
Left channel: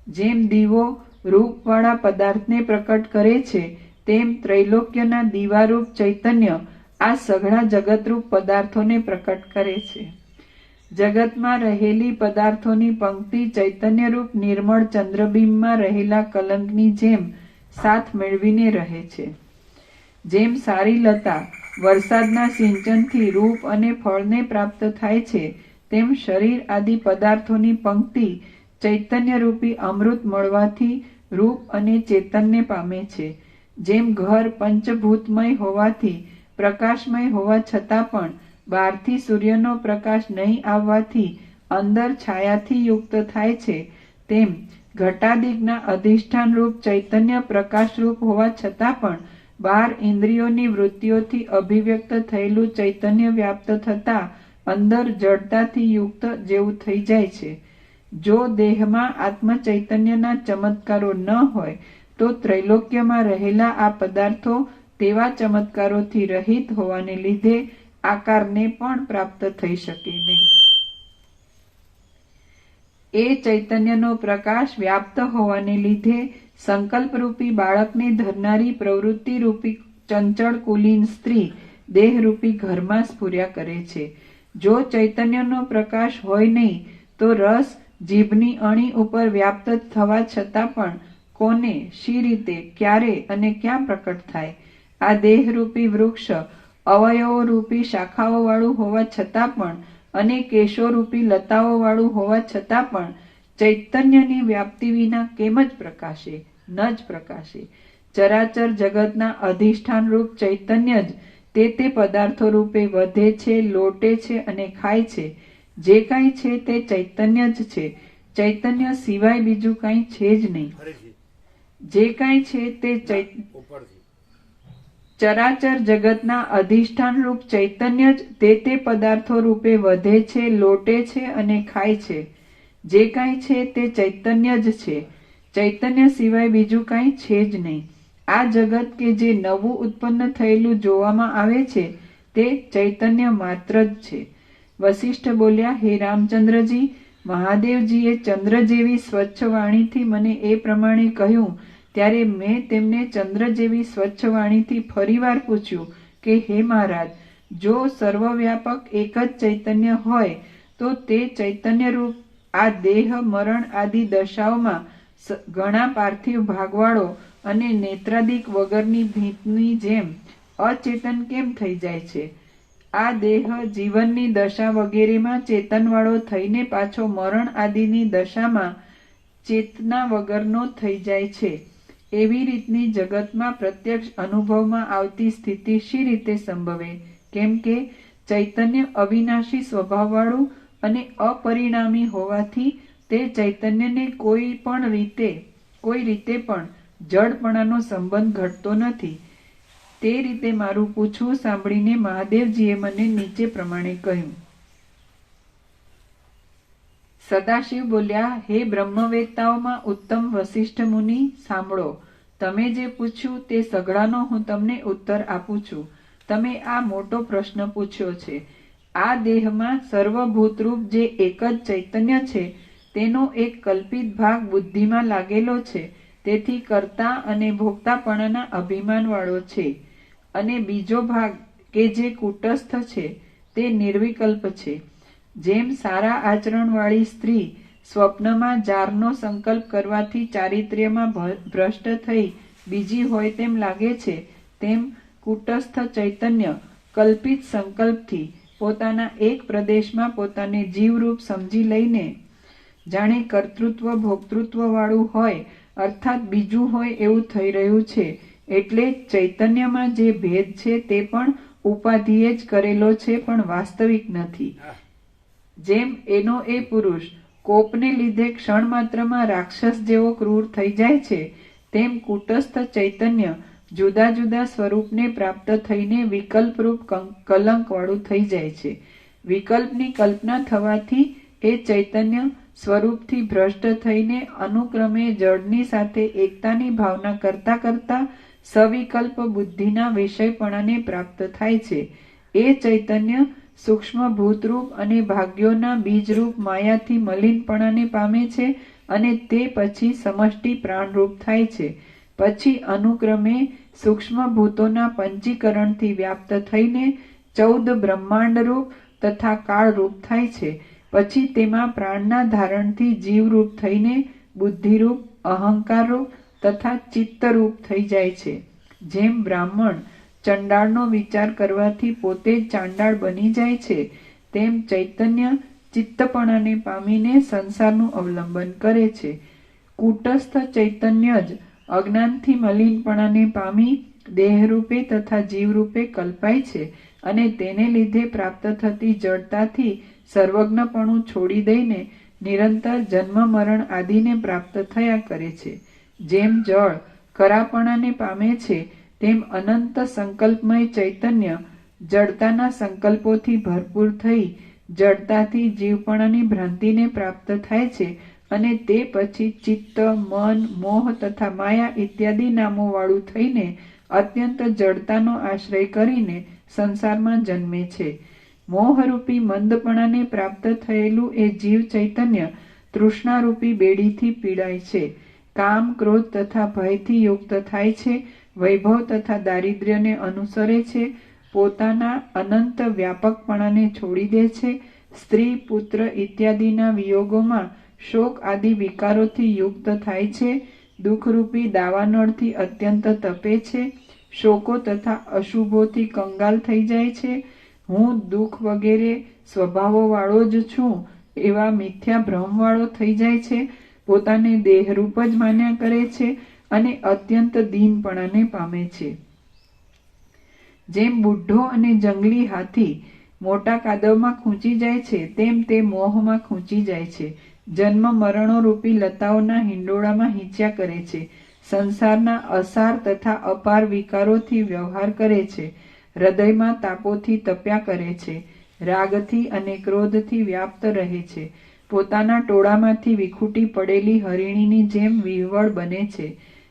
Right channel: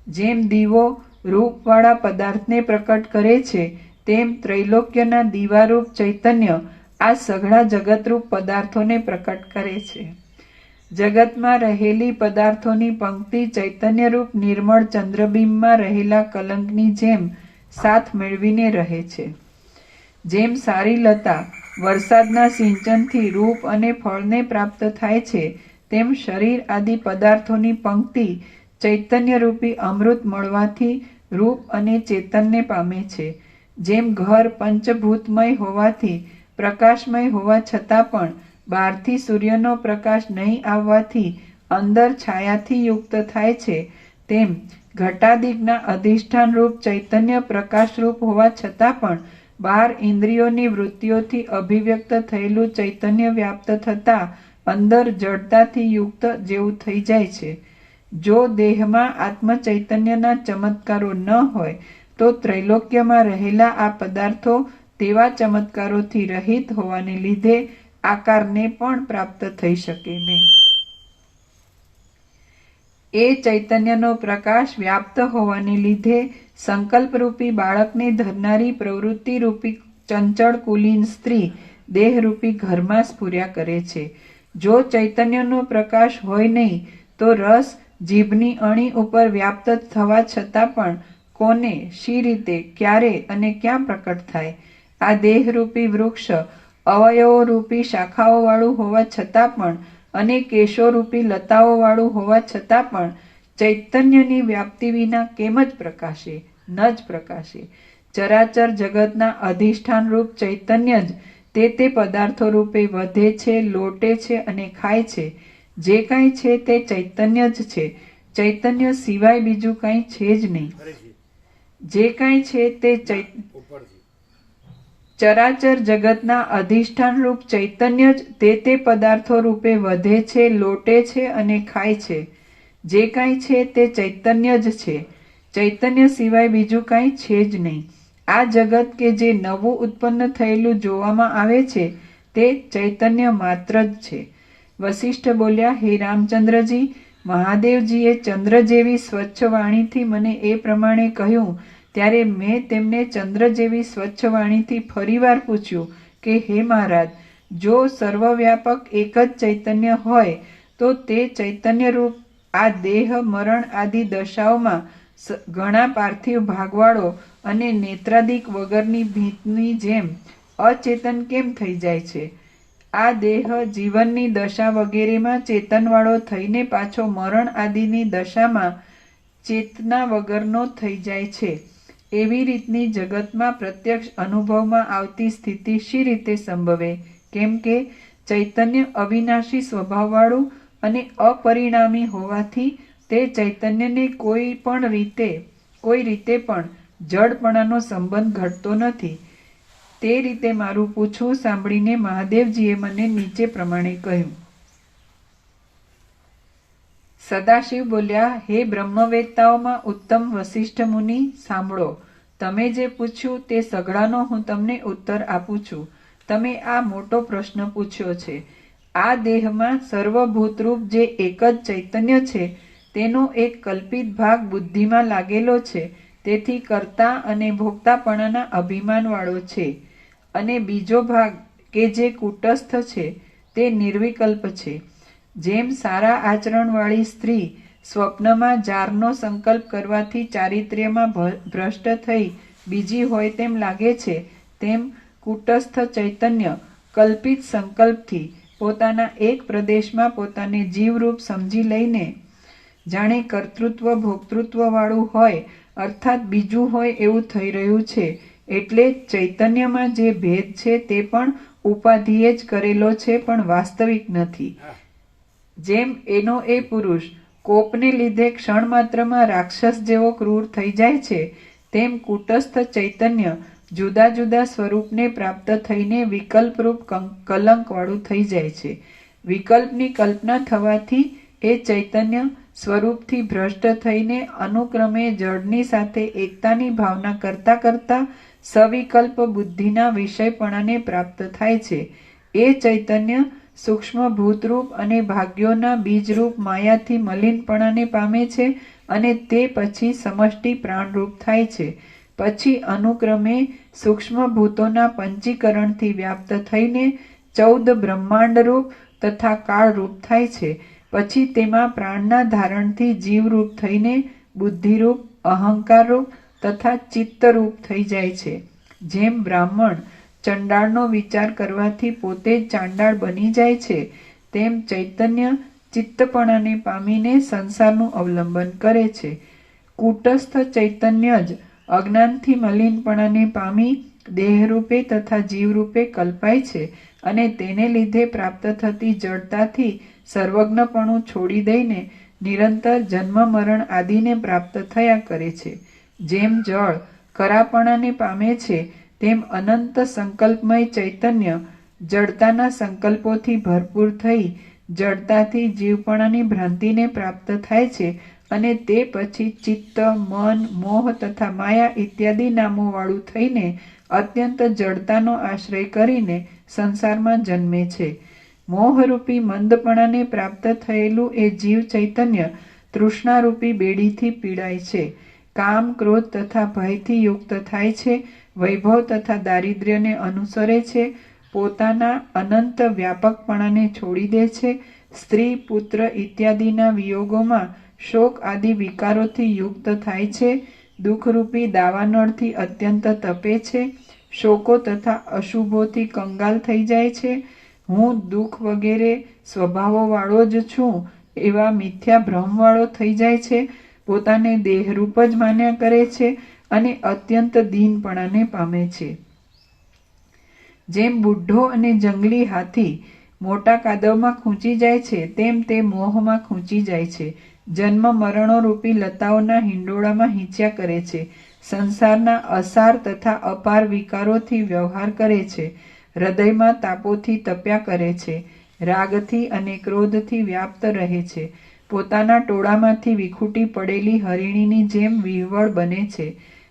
જેમ દીવો રૂપવાળા પદાર્થને પ્રકટ કરે છે તેમ ત્રૈલોક્યના દીવારૂપ ચૈતન્ય આ સઘળા જગતરૂપ પદાર્થોને પ્રકટ કરે છે. જગતમાં રહેલી પદાર્થોની પંક્તિ ચૈતન્યરૂપ નિર્મળ ચંદ્રબિંબમાં રહેલા કલંકની જેમ સાથ મેળવીને રહે છે. જેમ સારી લતા વરસાદના સિંચનથી રૂપ અને ફળને પ્રાપ્ત થાય છે તેમ શરીર આદિ પદાર્થોની પંક્તિ ચૈતન્યરૂપી અમૃત મળવાથી રૂપ અને ચેતનને પામે છે. જેમ ઘર પંચભૂતમય હોવાથી પ્રકાશમય હોવા છતાં પણ બહારથી સૂર્યનો પ્રકાશ નહીં આવવાથી અંદર છાયાથી યુક્ત થાય છે, તેમ ઘટાદિકના અધિષ્ઠાન રૂપ ચૈતન્ય પ્રકાશરૂપ હોવા છતાં પણ બહાર ઇન્દ્રિયોની વૃત્તિઓથી અભિવ્યક્ત થયેલું ચૈતન્ય વ્યાપ્ત થતાં અંદર જડતાથી યુક્ત જેવું થઈ જાય છે. જો દેહમાં આત્મચૈતન્યના ચમત્કારો ન હોય તો ત્રૈલોક્યમાં રહેલા આ પદાર્થો તેવા ચમત્કારોથી રહિત હોવાને લીધે આકારને પણ પ્રાપ્ત થઈ શકે નહીં. એ ચૈતન્યનો પ્રકાશ વ્યાપ્ત હોવાને લીધે સંકલ્પરૂપી બાળકને ધરનારી પ્રવૃત્તિરૂપી ચંચળ કુલીન સ્ત્રી દેહરૂપી ઘરમાં સ્ફુર્યા કરે છે. જો ચૈતન્યનો પ્રકાશ હોય નહીં તો રસ જીભની અણી ઉપર વ્યાપ્ત થવા છતાં પણ કોને, શી રીતે, ક્યારે અને ક્યાં પ્રકટ થાય? આ દેહરૂપી વૃક્ષ અવયવોરૂપી શાખાઓવાળું હોવા છતાં પણ અને કેશોરૂપી લતાઓવાળું હોવા છતાં પણ ચૈતન્યની વ્યાપ્તિ વિના કેમ જ પ્રકાશે? ન જ પ્રકાશે. ચરાચર જગતના અધિષ્ઠાન રૂપ ચૈતન્ય જ તે પદાર્થો રૂપે વધે છે, લોટે છે અને ખાય છે. જે કાંઈ છે તે ચૈતન્ય જ છે. ચૈતન્ય સિવાય બીજું કાંઈ છે જ નહીં. જે કાંઈ છે તે ચરાચર જગતના અધિષ્ઠાન રૂપ ચૈતન્ય જ તે પદાર્થો રૂપે વધે છે, લોટે છે અને ખાય છે. જે કાંઈ છે તે ચૈતન્ય જ છે. ચૈતન્ય સિવાય બીજું કાંઈ છે જ નહીં. આ જગત કે જે નવું ઉત્પન્ન થયેલું જોવામાં આવે છે તે ચૈતન્ય માત્ર જ છે. વસિષ્ઠ બોલ્યા, હે રામચંદ્રજી, મહાદેવજીએ ચંદ્ર જેવી સ્વચ્છ વાણીથી મને એ પ્રમાણે કહ્યું ત્યારે મેં તેમને ચંદ્ર જેવી સ્વચ્છ વાણીથી ફરીવાર પૂછ્યું કે હે મહારાજ, જો સર્વવ્યાપક એક જ ચૈતન્ય હોય તો તે ચૈતન્ય રૂપ આ દેહ મરણ આદિ દશાઓમાં ઘણા પાર્થિવ ભાગવાળો અને નેત્રાદિક વગરની ભીતની જેમ અચેતન કેમ થઈ જાય છે? આ દેહ જીવનની દશા વગેરેમાં ચેતનવાળો થઈને પાછો મરણ આદિની દશામાં ચેતના વગરનો થઈ જાય છે. એવી રીતની જગતમાં પ્રત્યક્ષ અનુભવમાં આવતી સ્થિતિ શી રીતે સંભવે? કેમ કે ચૈતન્ય અવિનાશી સ્વભાવવાળું અને અપરિણામી હોવાથી તે ચૈતન્યને કોઈ રીતે પણ જડપણાનો સંબંધ ઘટતો નથી. તે રીતે મારું પૂછવું સાંભળીને મહાદેવજીએ મને નીચે પ્રમાણે કહ્યું. સદાશિવ બોલ્યા, હે બ્રહ્મવેત્તાઓમાં ઉત્તમ વસિષ્ઠ મુનિ, સાંભળો. તમે જે પૂછ્યું તે સઘળાનો હું તમને ઉત્તર આપું છું. તમે આ મોટો પ્રશ્ન પૂછ્યો છે. આ દેહમાં સર્વભૂતરૂપ જે એક જ ચૈતન્ય છે તેનો એક કલ્પિત ભાગ બુદ્ધિમાં લાગેલો છે, તેથી કર્તા અને ભોગતાપણાના અભિમાનવાળો છે. અને બીજો ભાગ કે જે કૂટસ્થ છે તે નિર્વિકલ્પ છે. જેમ સારા આચરણવાળી સ્ત્રી સ્વપ્નમાં જારનો સંકલ્પ કરવાથી ચારિત્ર્યમાં ભ્રષ્ટ થઈ બીજી હોય તેમ લાગે છે, તેમ કૂટસ્થ ચૈતન્ય કલ્પિત સંકલ્પથી પોતાના એક પ્રદેશમાં પોતાને જીવરૂપ સમજી લઈને જાણે કર્તૃત્વ ભોક્તૃત્વ વાળું હોય, અર્થાત બીજું હોય એવું થઈ રહ્યું છે. એટલે ચૈતન્યમાં જે ભેદ છે તે પણ ઉપાધિએ જ કરેલો છે, પણ વાસ્તવિક નથી. જેમ એનો એ પુરુષ કોપને લીધે ક્ષણ માત્રમાં રાક્ષસ જેવો ક્રૂર થઈ જાય છે, તેમ કૂટસ્થ ચૈતન્ય જુદા જુદા સ્વરૂપને પ્રાપ્ત થઈને વિકલ્પરૂપ કલંકવાળું થઈ જાય છે. વિકલ્પની કલ્પના થવાથી એ ચૈતન્ય સ્વરૂપથી ભ્રષ્ટ થઈને અનુક્રમે જળની સાથે એકતાની ભાવના કરતા કરતા સવિકલ્પ બુદ્ધિના વિષયપણાને પ્રાપ્ત થાય છે. એ ચૈતન્ય સૂક્ષ્મ ભૂતરૂપ અને ભાગ્યોના બીજરૂપ માયાથી મલિનપણાને પામે છે અને તે પછી સમષ્ટિ પ્રાણરૂપ થાય છે. પછી અનુક્રમે સૂક્ષ્મ ભૂતોના પંચીકરણથી વ્યાપ્ત થઈને 14 બ્રહ્માંડરૂપ તથા કાળરૂપ થાય છે. પછી તેમાં પ્રાણના ધારણથી જીવરૂપ થઈને બુદ્ધિરૂપ, અહંકારરૂપ તથા ચિત્તરૂપ થઈ જાય છે. જેમ બ્રાહ્મણ ચંડાળનો વિચાર કરવાથી પોતે જ ચાંડાળ બની જાય છે, તેમ ચૈતન્ય ચિત્તપણાને પામીને સંસારનું અવલંબન કરે છે. કૂટસ્થ ચૈતન્ય જ અજ્ઞાનથી મલિનપણાને પામી દેહરૂપે તથા જીવરૂપે કલ્પાય છે અને તેને લીધે પ્રાપ્ત થતી જડતાથી સર્વજ્ઞપણું છોડી દઈને નિરંતર જન્મ મરણ આદિને પ્રાપ્ત થયા કરે છે. જેમ જળ કરાપણાને પામે છે, તેમ અનંત સંકલ્પમય ચૈતન્ય જડતાના સંકલ્પોથી ભરપૂર થઈ જડતાથી જીવપણાની ભ્રાંતિને પ્રાપ્ત થાય છે અને તે પછી ચિત્ત, મન, મોહ તથા માયા ઇત્યાદિ નામોવાળું થઈને અત્યંત જડતાનો આશ્રય કરીને સંસારમાં જન્મે છે. મોહરૂપી મંદપણાને પ્રાપ્ત થયેલું એ જીવ ચૈતન્ય તૃષ્ણારૂપી બેડીથી પીડાય છે. કામ, ક્રોધ તથા ભયથી યુક્ત થાય છે. વૈભવ તથા દારિદ્ર્યને અનુસરે છે. પોતાના અનંત વ્યાપકપણાને છોડી દે છે. સ્ત્રી, પુત્ર ઇત્યાદિના વિયોગોમાં શોક આદિ વિકારોથી યુક્ત થાય છે. દુઃખરૂપી દાવાનળથી અત્યંત તપે છે. શોકો તથા અશુભોથી કંગાલ થઈ જાય છે. હું દુઃખ વગેરે સ્વભાવોવાળો જ છું એવા મિથ્યા ભ્રમવાળો થઈ જાય છે. પોતાને દેહરૂપ જ માન્યા કરે છે અને અત્યંત દીનપણાને પામે છે. જેમ બુઢ્ઢો અને જંગલી હાથી મોટા કાદવમાં ખૂંચી જાય છે, તેમ તે મોહમાં ખૂંચી જાય છે. જન્મ મરણો રૂપી લતાઓના હિંડોળામાં હીંચ્યા કરે છે. સંસારના અસાર તથા અપાર વિકારોથી વ્યવહાર કરે છે. હૃદયમાં તાપોથી તપ્યા કરે છે. રાગથી અને ક્રોધથી વ્યાપ્ત રહે છે. પોતાના ટોળામાંથી વિખૂટી પડેલી હરિણીની જેમ વિહવળ બને છે.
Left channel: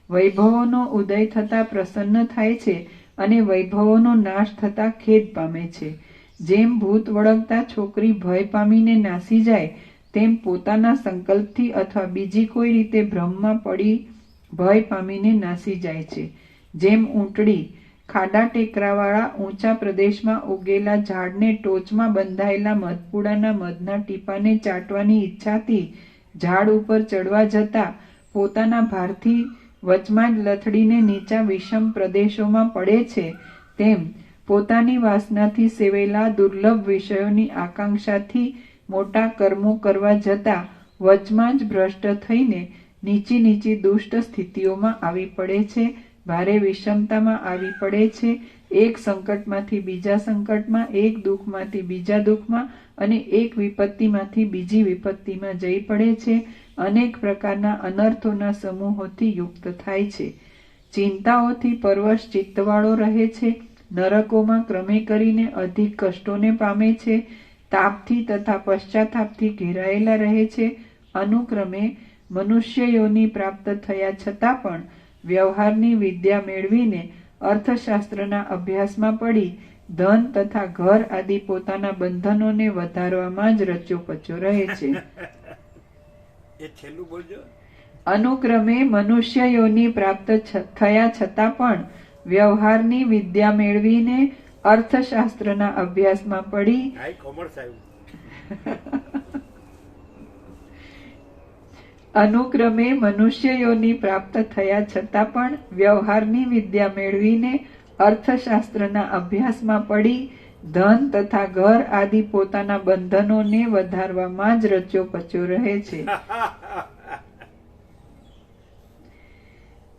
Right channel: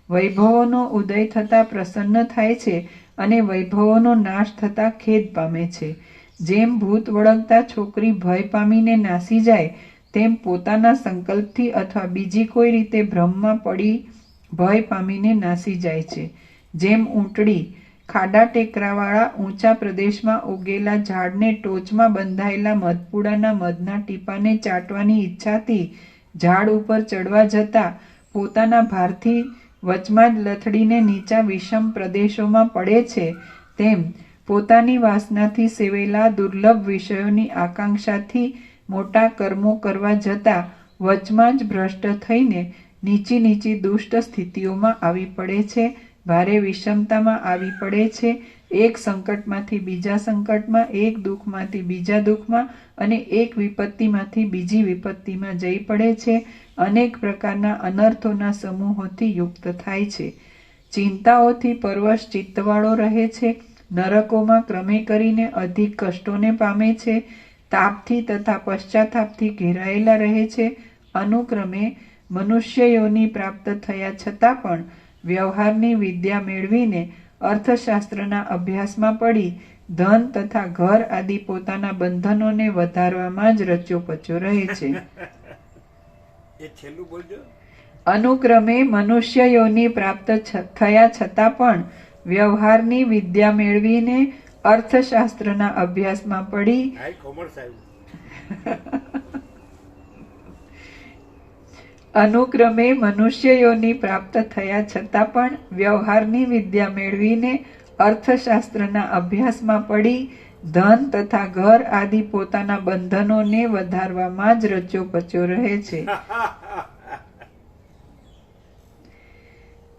વૈભવોનો ઉદય થતાં પ્રસન્ન થાય છે અને વૈભવોનો નાશ થતાં ખેદ પામે છે. જેમ ભૂત વળગતા છોકરી ભય પામીને નાસી જાય, તેમ પોતાના સંકલ્પથી અથવા બીજી કોઈ રીતે ભ્રમમાં પડી ભય પામીને નાસી જાય છે. જેમ ઊંટડી ખાડા ટેકરાવાળા ઊંચા પ્રદેશમાં ઉગેલા ઝાડને ટોચમાં બંધાયેલા મધપુડાના મધના ટીપાને ચાટવાની ઈચ્છાથી ઝાડ ઉપર ચડવા જતા પોતાના ભારથી વચમાં જ લથડીને નીચા વિષમ પ્રદેશોમાં પડે છે, તેમ પોતાની વાસનાથી સેવેલા દુર્લભ વિષયોની આકાંક્ષાથી મોટા કર્મો કરવા જતા વચમાં જ ભ્રષ્ટ થઈને નીચી નીચી દુષ્ટ સ્થિતિઓમાં આવી પડે છે. ભારે વિષમતામાં આવી પડે છે. એક સંકટમાંથી બીજા સંકટમાં, એક દુઃખમાંથી બીજા દુઃખમાં અને એક વિપત્તિમાંથી બીજી વિપત્તિમાં જઈ પડે છે. અનેક પ્રકારના અનર્થોના સમૂહોથી યુક્ત થાય છે. ચિંતાઓથી પરવશ ચિત્તવાળો રહે છે. નરકોમાં ક્રમે કરીને અધિક કષ્ટોને પામે છે. તાપથી તથા પશ્ચાતાપથી ઘેરાયેલા રહે છે. અનુક્રમે મનુષ્ય યોનિ પ્રાપ્ત થયા છતાં પણ વ્યવહારની વિદ્યા મેળવીને અર્થશાસ્ત્રના અભ્યાસમાં પડી ધન તથા ઘર આદિ પોતાના બંધનોને વધારવામાં જ રચ્યો પચ્યો રહે છે. એ છેલ્લું બોલજો. અનુક્રમે મનુષ્ય યોનિ પ્રાપ્ત થયા છતાં પણ વ્યવહારની વિદ્યા મેળવીને અર્થશાસ્ત્રના અભ્યાસમાં પડી હાઈ કોમર્સ આવ્યું. અનુક્રમે મનુષ્ય યોનિ પ્રાપ્ત થયા છતાં પણ વ્યવહારની વિદ્યા મેળવીને અર્થશાસ્ત્રના અભ્યાસમાં પડી ધન તથા ઘર આદિ પોતાના બંધનોને વધારવામાં જ રચ્યો પચ્યો રહે છે.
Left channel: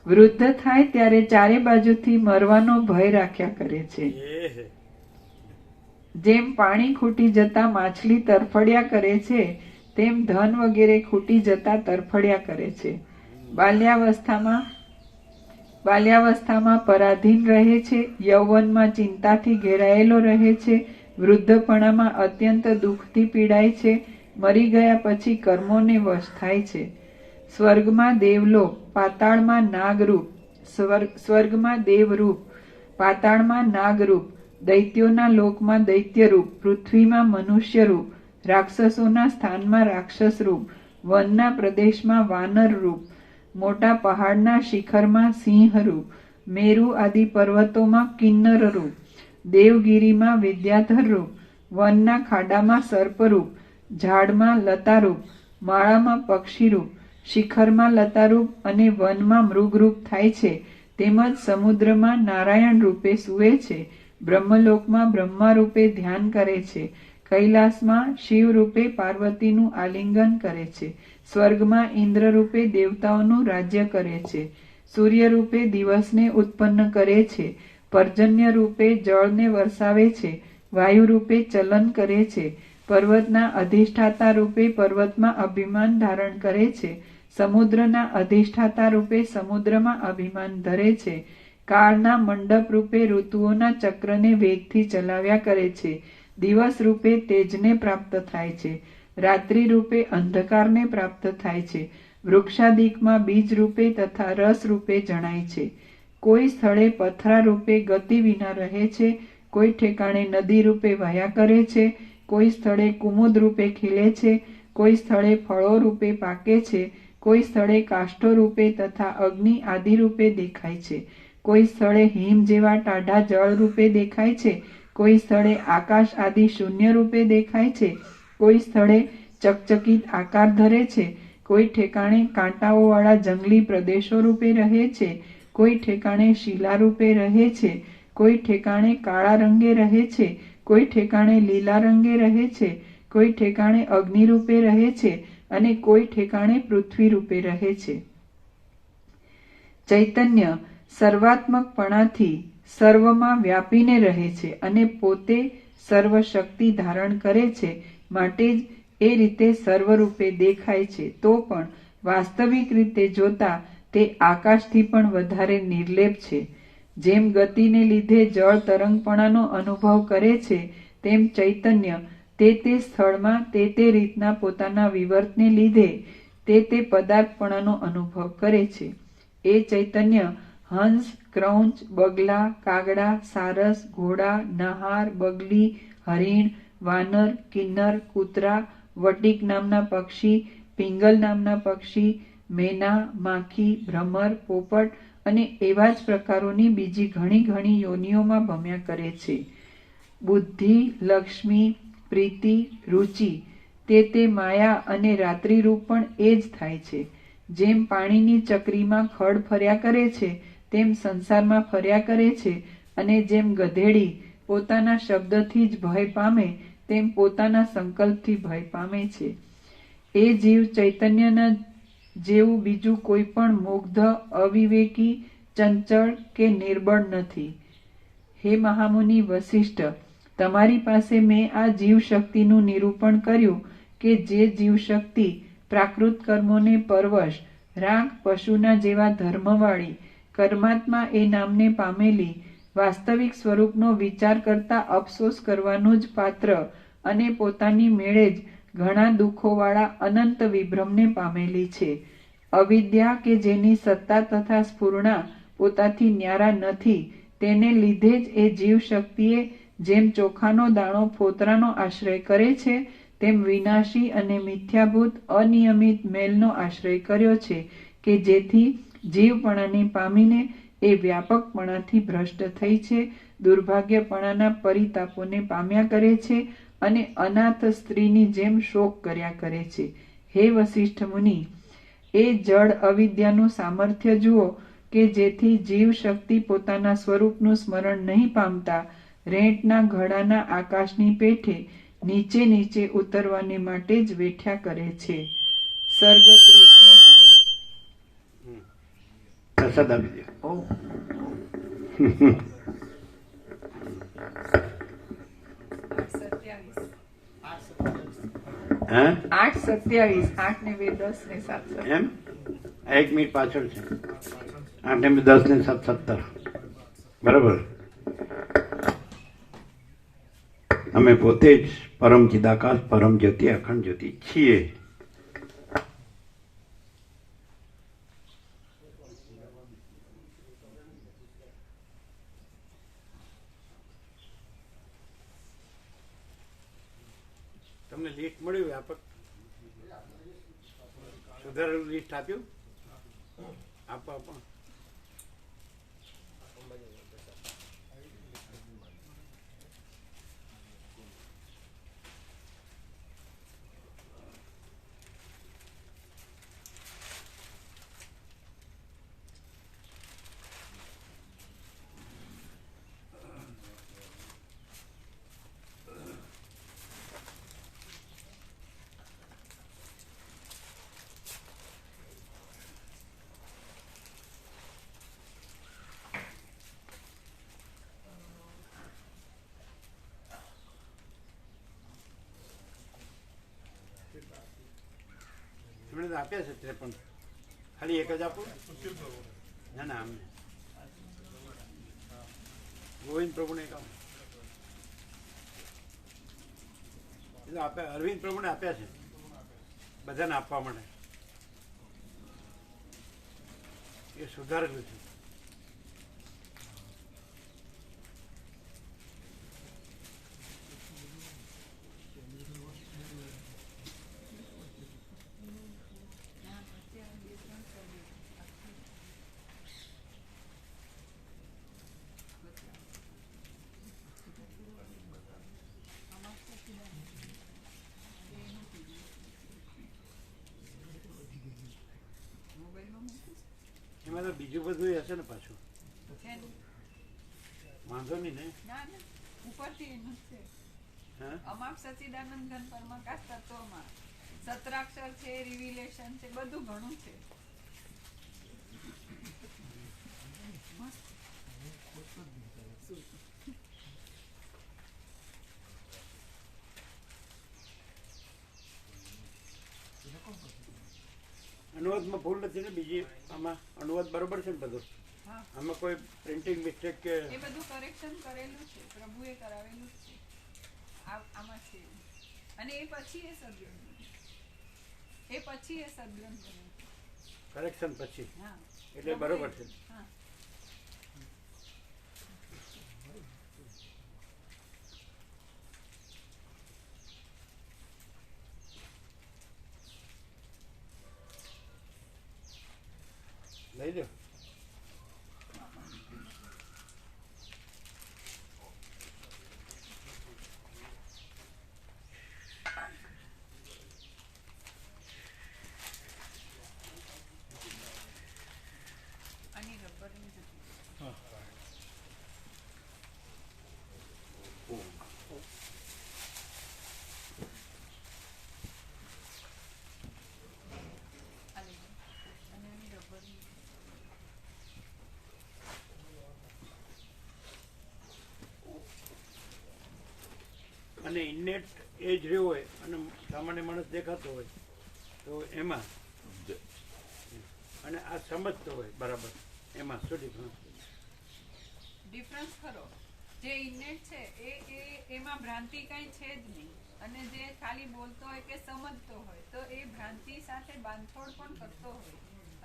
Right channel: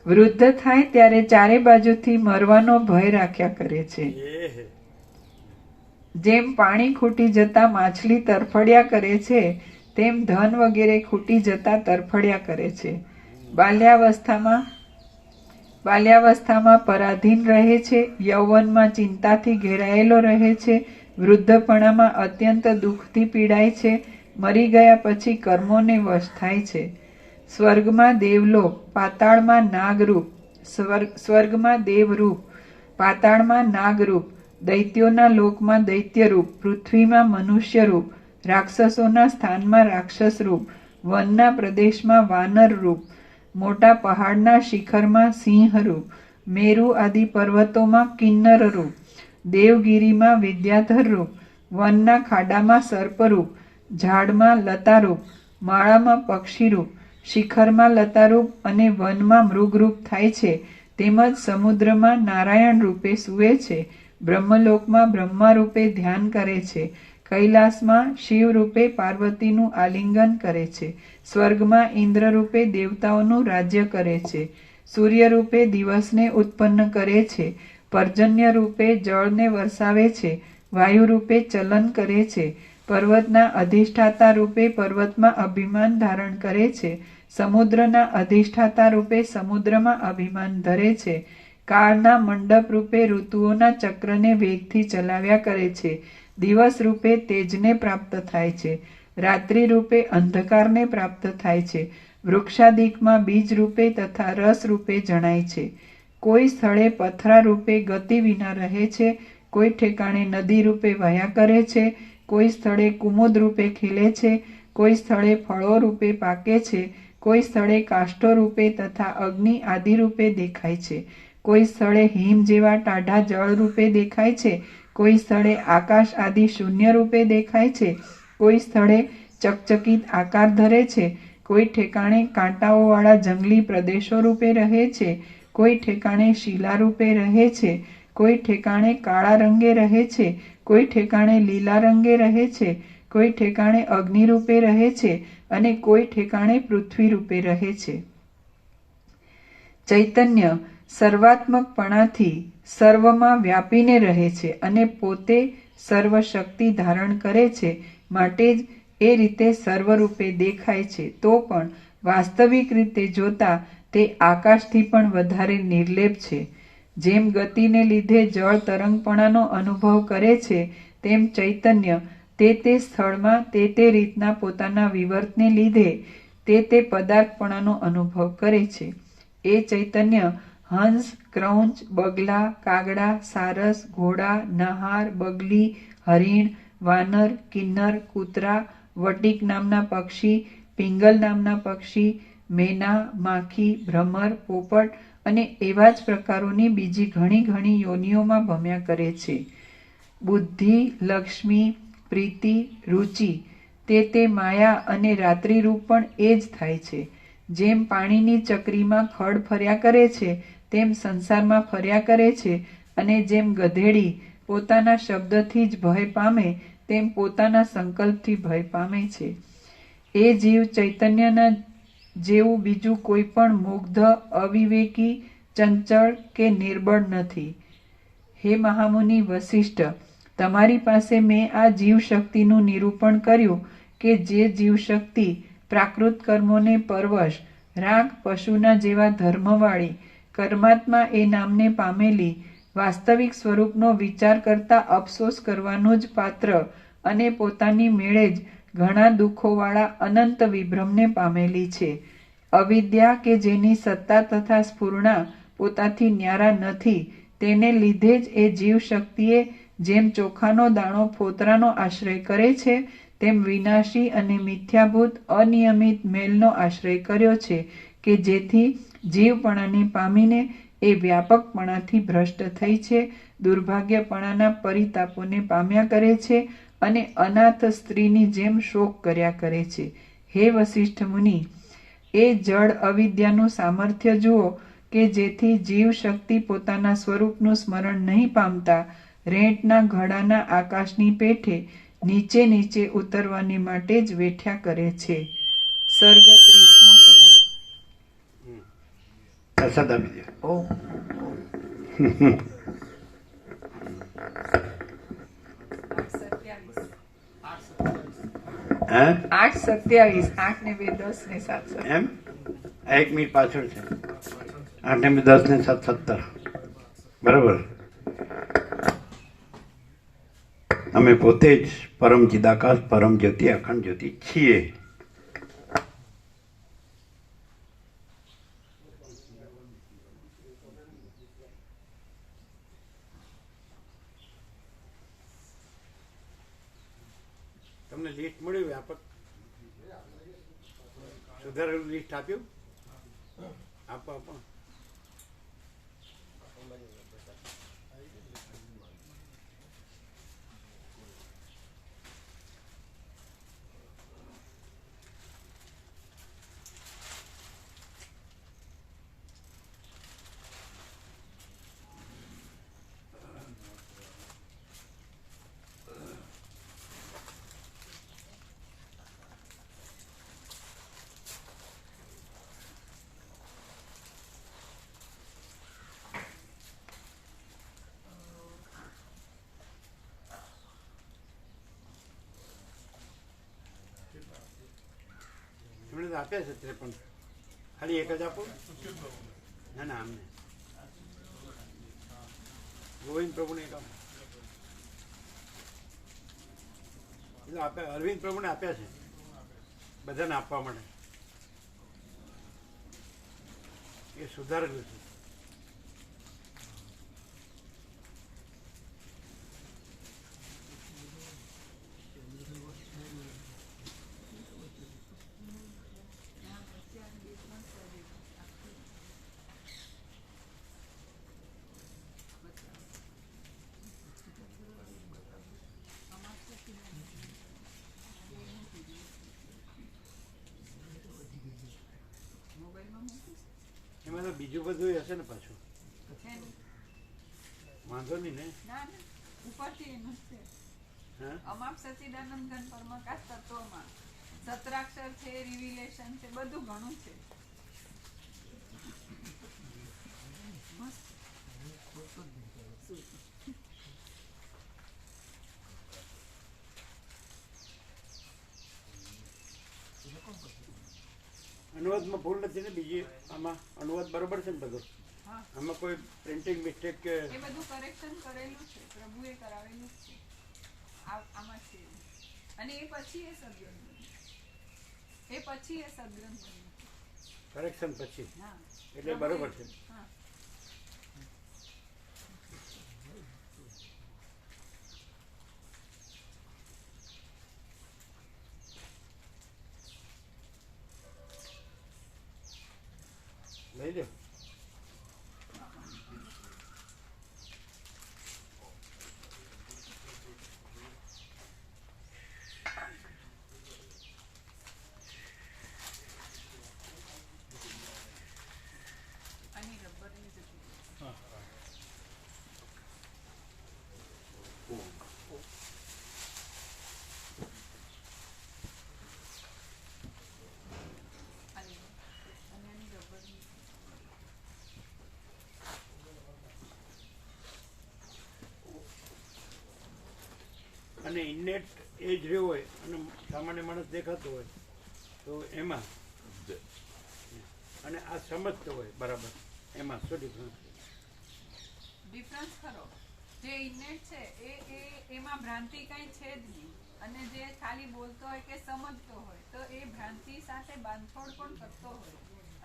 વૃદ્ધ થાય ત્યારે ચારે બાજુથી મરવાનો ભય રાખ્યા કરે છે. જેમ પાણી ખૂટી જતા માછલી તરફડ્યા કરે છે તેમ ધન વગેરે ખૂટી જતા તરફડ્યા કરે છે. બાલ્યાવસ્થામાં પરાધીન રહે છે. યૌવનમાં ચિંતાથી ઘેરાયેલો રહે છે. વૃદ્ધપણામાં અત્યંત દુઃખથી પીડાય છે. મરી ગયા પછી કર્મોને વશ થાય છે. સ્વર્ગમાં દેવલોક, પાતાળમાં નાગરૂપ, સ્વર્ગમાં દેવરૂપ, પાતાળમાં નાગરૂપ, દૈત્યોના લોકમાં દૈત્યરૂપ, પૃથ્વીમાં મનુષ્યરૂપ, રાક્ષસોના સ્થાનમાં રાક્ષસ રૂપ, વનના પ્રદેશમાં વાનર રૂપ, મોટા પહાડના શિખરમાં સિંહ રૂપ, મેરુ આદિ પર્વતોમાં કિન્નર રૂપ, દેવગીરીમાં વિદ્યાધર રૂપ, વનના ખાડામાં સર્પરૂપ, ઝાડમાં લતારૂપ, માળામાં પક્ષીરૂપ, શિખરમાં લતારૂપ અને વનમાં મૃગરૂપ થાય છે. તેમજ સમુદ્રમાં નારાયણ રૂપે સૂવે છે. બ્રહ્મલોકમાં બ્રહ્મા રૂપે ધ્યાન કરે છે. કૈલાસમાં શિવ રૂપે પાર્વતીનું આલિંગન કરે છે. સ્વર્ગમાં ઇન્દ્ર રૂપે દેવતાઓનું રાજ્ય કરે છે. સૂર્ય રૂપે દિવસને ઉત્પન્ન કરે છે. પર્જન્ય રૂપે જળને વરસાવે છે. વાયુ રૂપે ચલન કરે છે. પર્વતના અધિષ્ઠાતા રૂપે પર્વતમાં અભિમાન ધારણ કરે છે. સમુદ્રના અધિષ્ઠાતા રૂપે સમુદ્રમાં અભિમાન ધરે છે. કાળના મંડપ રૂપે ઋતુઓના ચક્રને વેગથી ચલાવ્યા કરે છે. દિવસ રૂપે તેજને પ્રાપ્ત થાય છે. રાત્રિ રૂપે અંધકારને પ્રાપ્ત થાય છે. વૃક્ષાદિકમાં બીજ રૂપે તથા રસ રૂપે જણાય છે. કોઈ સ્થળે પથરા રૂપે ગતિ વિના રહે છે. કોઈ ઠેકાણે નદી રૂપે વહ્યા કરે છે. કોઈ સ્થળે કુમુદ રૂપે ખીલે છે. કોઈ સ્થળે ફળો રૂપે પાકે છે. કોઈ સ્થળે કાષ્ઠો રૂપે તથા અગ્નિ આદિ રૂપે દેખાય છે. કોઈ સ્થળે હિમ જેવા ટાઢા જળ રૂપે દેખાય છે. કોઈ સ્થળે આકાશ આદિ શૂન્ય રૂપે દેખાય છે. કોઈ સ્થળે ચકચકિત આકાર ધરે છે. કોઈ ઠેકાણે કાંટાઓવાળા જંગલી પ્રદેશો રૂપે રહે છે. કોઈ ઠેકાણે શિલા રૂપે રહે છે. કોઈ ઠેકાણે કાળા રંગે રહે છે. કોઈ ઠેકાણે લીલા રંગે રહે છે. કોઈ ઠેકાણે અગ્નિ રૂપે રહે છે અને કોઈ ઠેકાણે પૃથ્વી રૂપે રહે છે. ચૈતન્ય સર્વાત્મકપણાથી સર્વમાં વ્યાપીને રહે છે અને પોતે સર્વ શક્તિ ધારણ કરે છે. માટે જ એ રીતે સર્વરૂપે દેખાય છે. તો પણ વાસ્તવિક રીતે જોતા તે આકાશથી પણ વધારે નિર્લેપ છે. જેમ ગતિને લીધે જળ તરંગપણાનો અનુભવ કરે છે તેમ ચૈતન્ય તે સ્થળમાં તે રીતના પોતાના વિવર્તને લીધે તે પદાર્થપણાનો અનુભવ કરે છે. એ ચૈતન્ય હંસ, ક્રૌંચ, બગલા, કાગડા, સારસ, ઘોડા, નહાર, બગલી, હરિણ, વાનર, કિન્નર, કૂતરા, વટિક નામના પક્ષી, પિંગલ નામના પક્ષી, મેના, માખી, ભ્રમર, પોપટ અને એવા જ પ્રકારોની બીજી ઘણી ઘણી યોનિઓમાં ભમ્યા કરે છે. બુદ્ધિ, લક્ષ્મી, પ્રીતિ, રુચિ તે માયા અને રાત્રિરૂપ પણ એ જ થાય છે. જેમ પાણીની ચકરીમાં ખડ ફર્યા કરે છે તેમ સંસારમાં ફર્યા કરે છે અને જેમ ગધેડી પોતાના શબ્દથી જ ભય પામે તેમ પોતાના સંકલ્પથી ભય પામે છે. એ જીવ ચૈતન્યના જેવું બીજું કોઈ પણ મુગ્ધ, અવિવેકી, ચંચળ કે નિર્બળ નથી. હે મહામુનિ વસિષ્ઠ, તમારી પાસે મેં આ જીવશક્તિનું નિરૂપણ કર્યું કે જે જીવશક્તિ પ્રાકૃત કર્મોને પરવશ, રાગ પશુના જેવા ધર્મવાળી, કર્માત્મા એ નામને પામેલી, વાસ્તવિક સ્વરૂપનો વિચાર કરતા અફસોસ કરવાનું જ પાત્ર અને પોતાની મેળે જ ઘણા દુઃખોવાળા અનંત વિભ્રમને પામેલી છે. અવિદ્યા કે જેની સત્તા તથા સ્ફૂર્ણા પોતાથી ન્યારા નથી, તેને લીધે જ એ જીવશક્તિએ જેમ ચોખાનો દાણો ફોતરાનો આશ્રય કરે છે, તેમ વિનાશી અને મિથ્યાભૂત અનિયમિત મેલનો આશ્રય કર્યો છે કે જેથી જીવપણાને પામીને એ વ્યાપકપણાથી ભ્રષ્ટ થઈ છે, દુર્ભાગ્યપણાના પરિતાપોને પામ્યા કરે છે અને અનાથ સ્ત્રીની જેમ શોક કર્યા કરે છે. હે વસિષ્ઠ મુનિ, એ જડ અવિદ્યાનું સામર્થ્ય જુઓ કે જેથી જીવ શક્તિ પોતાના સ્વરૂપનું સ્મરણ નહીં પામતા રેંટના ઘડાના આકાશની પેઠે નીચે નીચે ઉતરવાને માટે જ વેઠ્યા કરે છે. સર્ગ 30મો સવાલ. પ્રસાદ આપી દો. ઓ હે 8:27 8 ને 2 10 ને 7 એમ આ 1 મિનિટ પાછળ છે. 8 ને 10 ને 7 17 બરાબર. અમે પોતે જ પરમ ચિદાકાશ, પરમ જ્યોતિ, અખંડ જ્યોતિ છીએ. તમને લિસ્ટ મળ્યું વ્યાપક સુધારેલું લિસ્ટ આપ્યું? આપો આપો. એમણે તો આપ્યા છે 53. ખાલી એક જ આપો. ના ના અમને ગોવિંદ પ્રભુને એક આપો. એટલે આપ્યા, અરવિંદ પ્રભુને આપ્યા છે બધાને આપવા માટે. એ સુધારેલું છે. એમાં તો બીજું બધું હશે ને પાછું. વાંધો નહીં ને. ઉપરથી હા અમાપ સચિદાનંદ ઘન પરમાકાશ તત્વમાં સત્રાક્ષર છે, રિવિલેશન છે, બધું ઘણું છે. અનુવાદમાં ભૂલ નથી ને? બીજી આમાં અનુવાદ બરોબર છે ને બધો? આમાં કોઈ પ્રિન્ટિંગ મિસ્ટેક કે? એ બધું કરેક્શન કરેલું છે, પ્રભુએ કરાવેલું જ છે. આમાં છે અને એ પછી એ સદગ્રંથ બન્યું. કરેક્શન પછી હા એટલે બરોબર છે. હા લઈ લો. આની રબરની જગ્યાએ. આ લીધું. અને એની રબરની અને ઇન્નેટ એ જ રહ્યો હોય અને સામાન્ય માણસ દેખાતો હોય તો એમાં અને આ સમજતો હોય બરાબર, એમાં શું ડિફરન્સ? ડિફરન્સ ખરો. જે ઇન્નેટ છે એમાં ભ્રાંતિ કઈ છે જ નહીં, અને જે ખાલી બોલતો હોય કે સમજતો હોય તો એ ભ્રાંતિ સાથે બાંધછોડ પણ કરતો હોય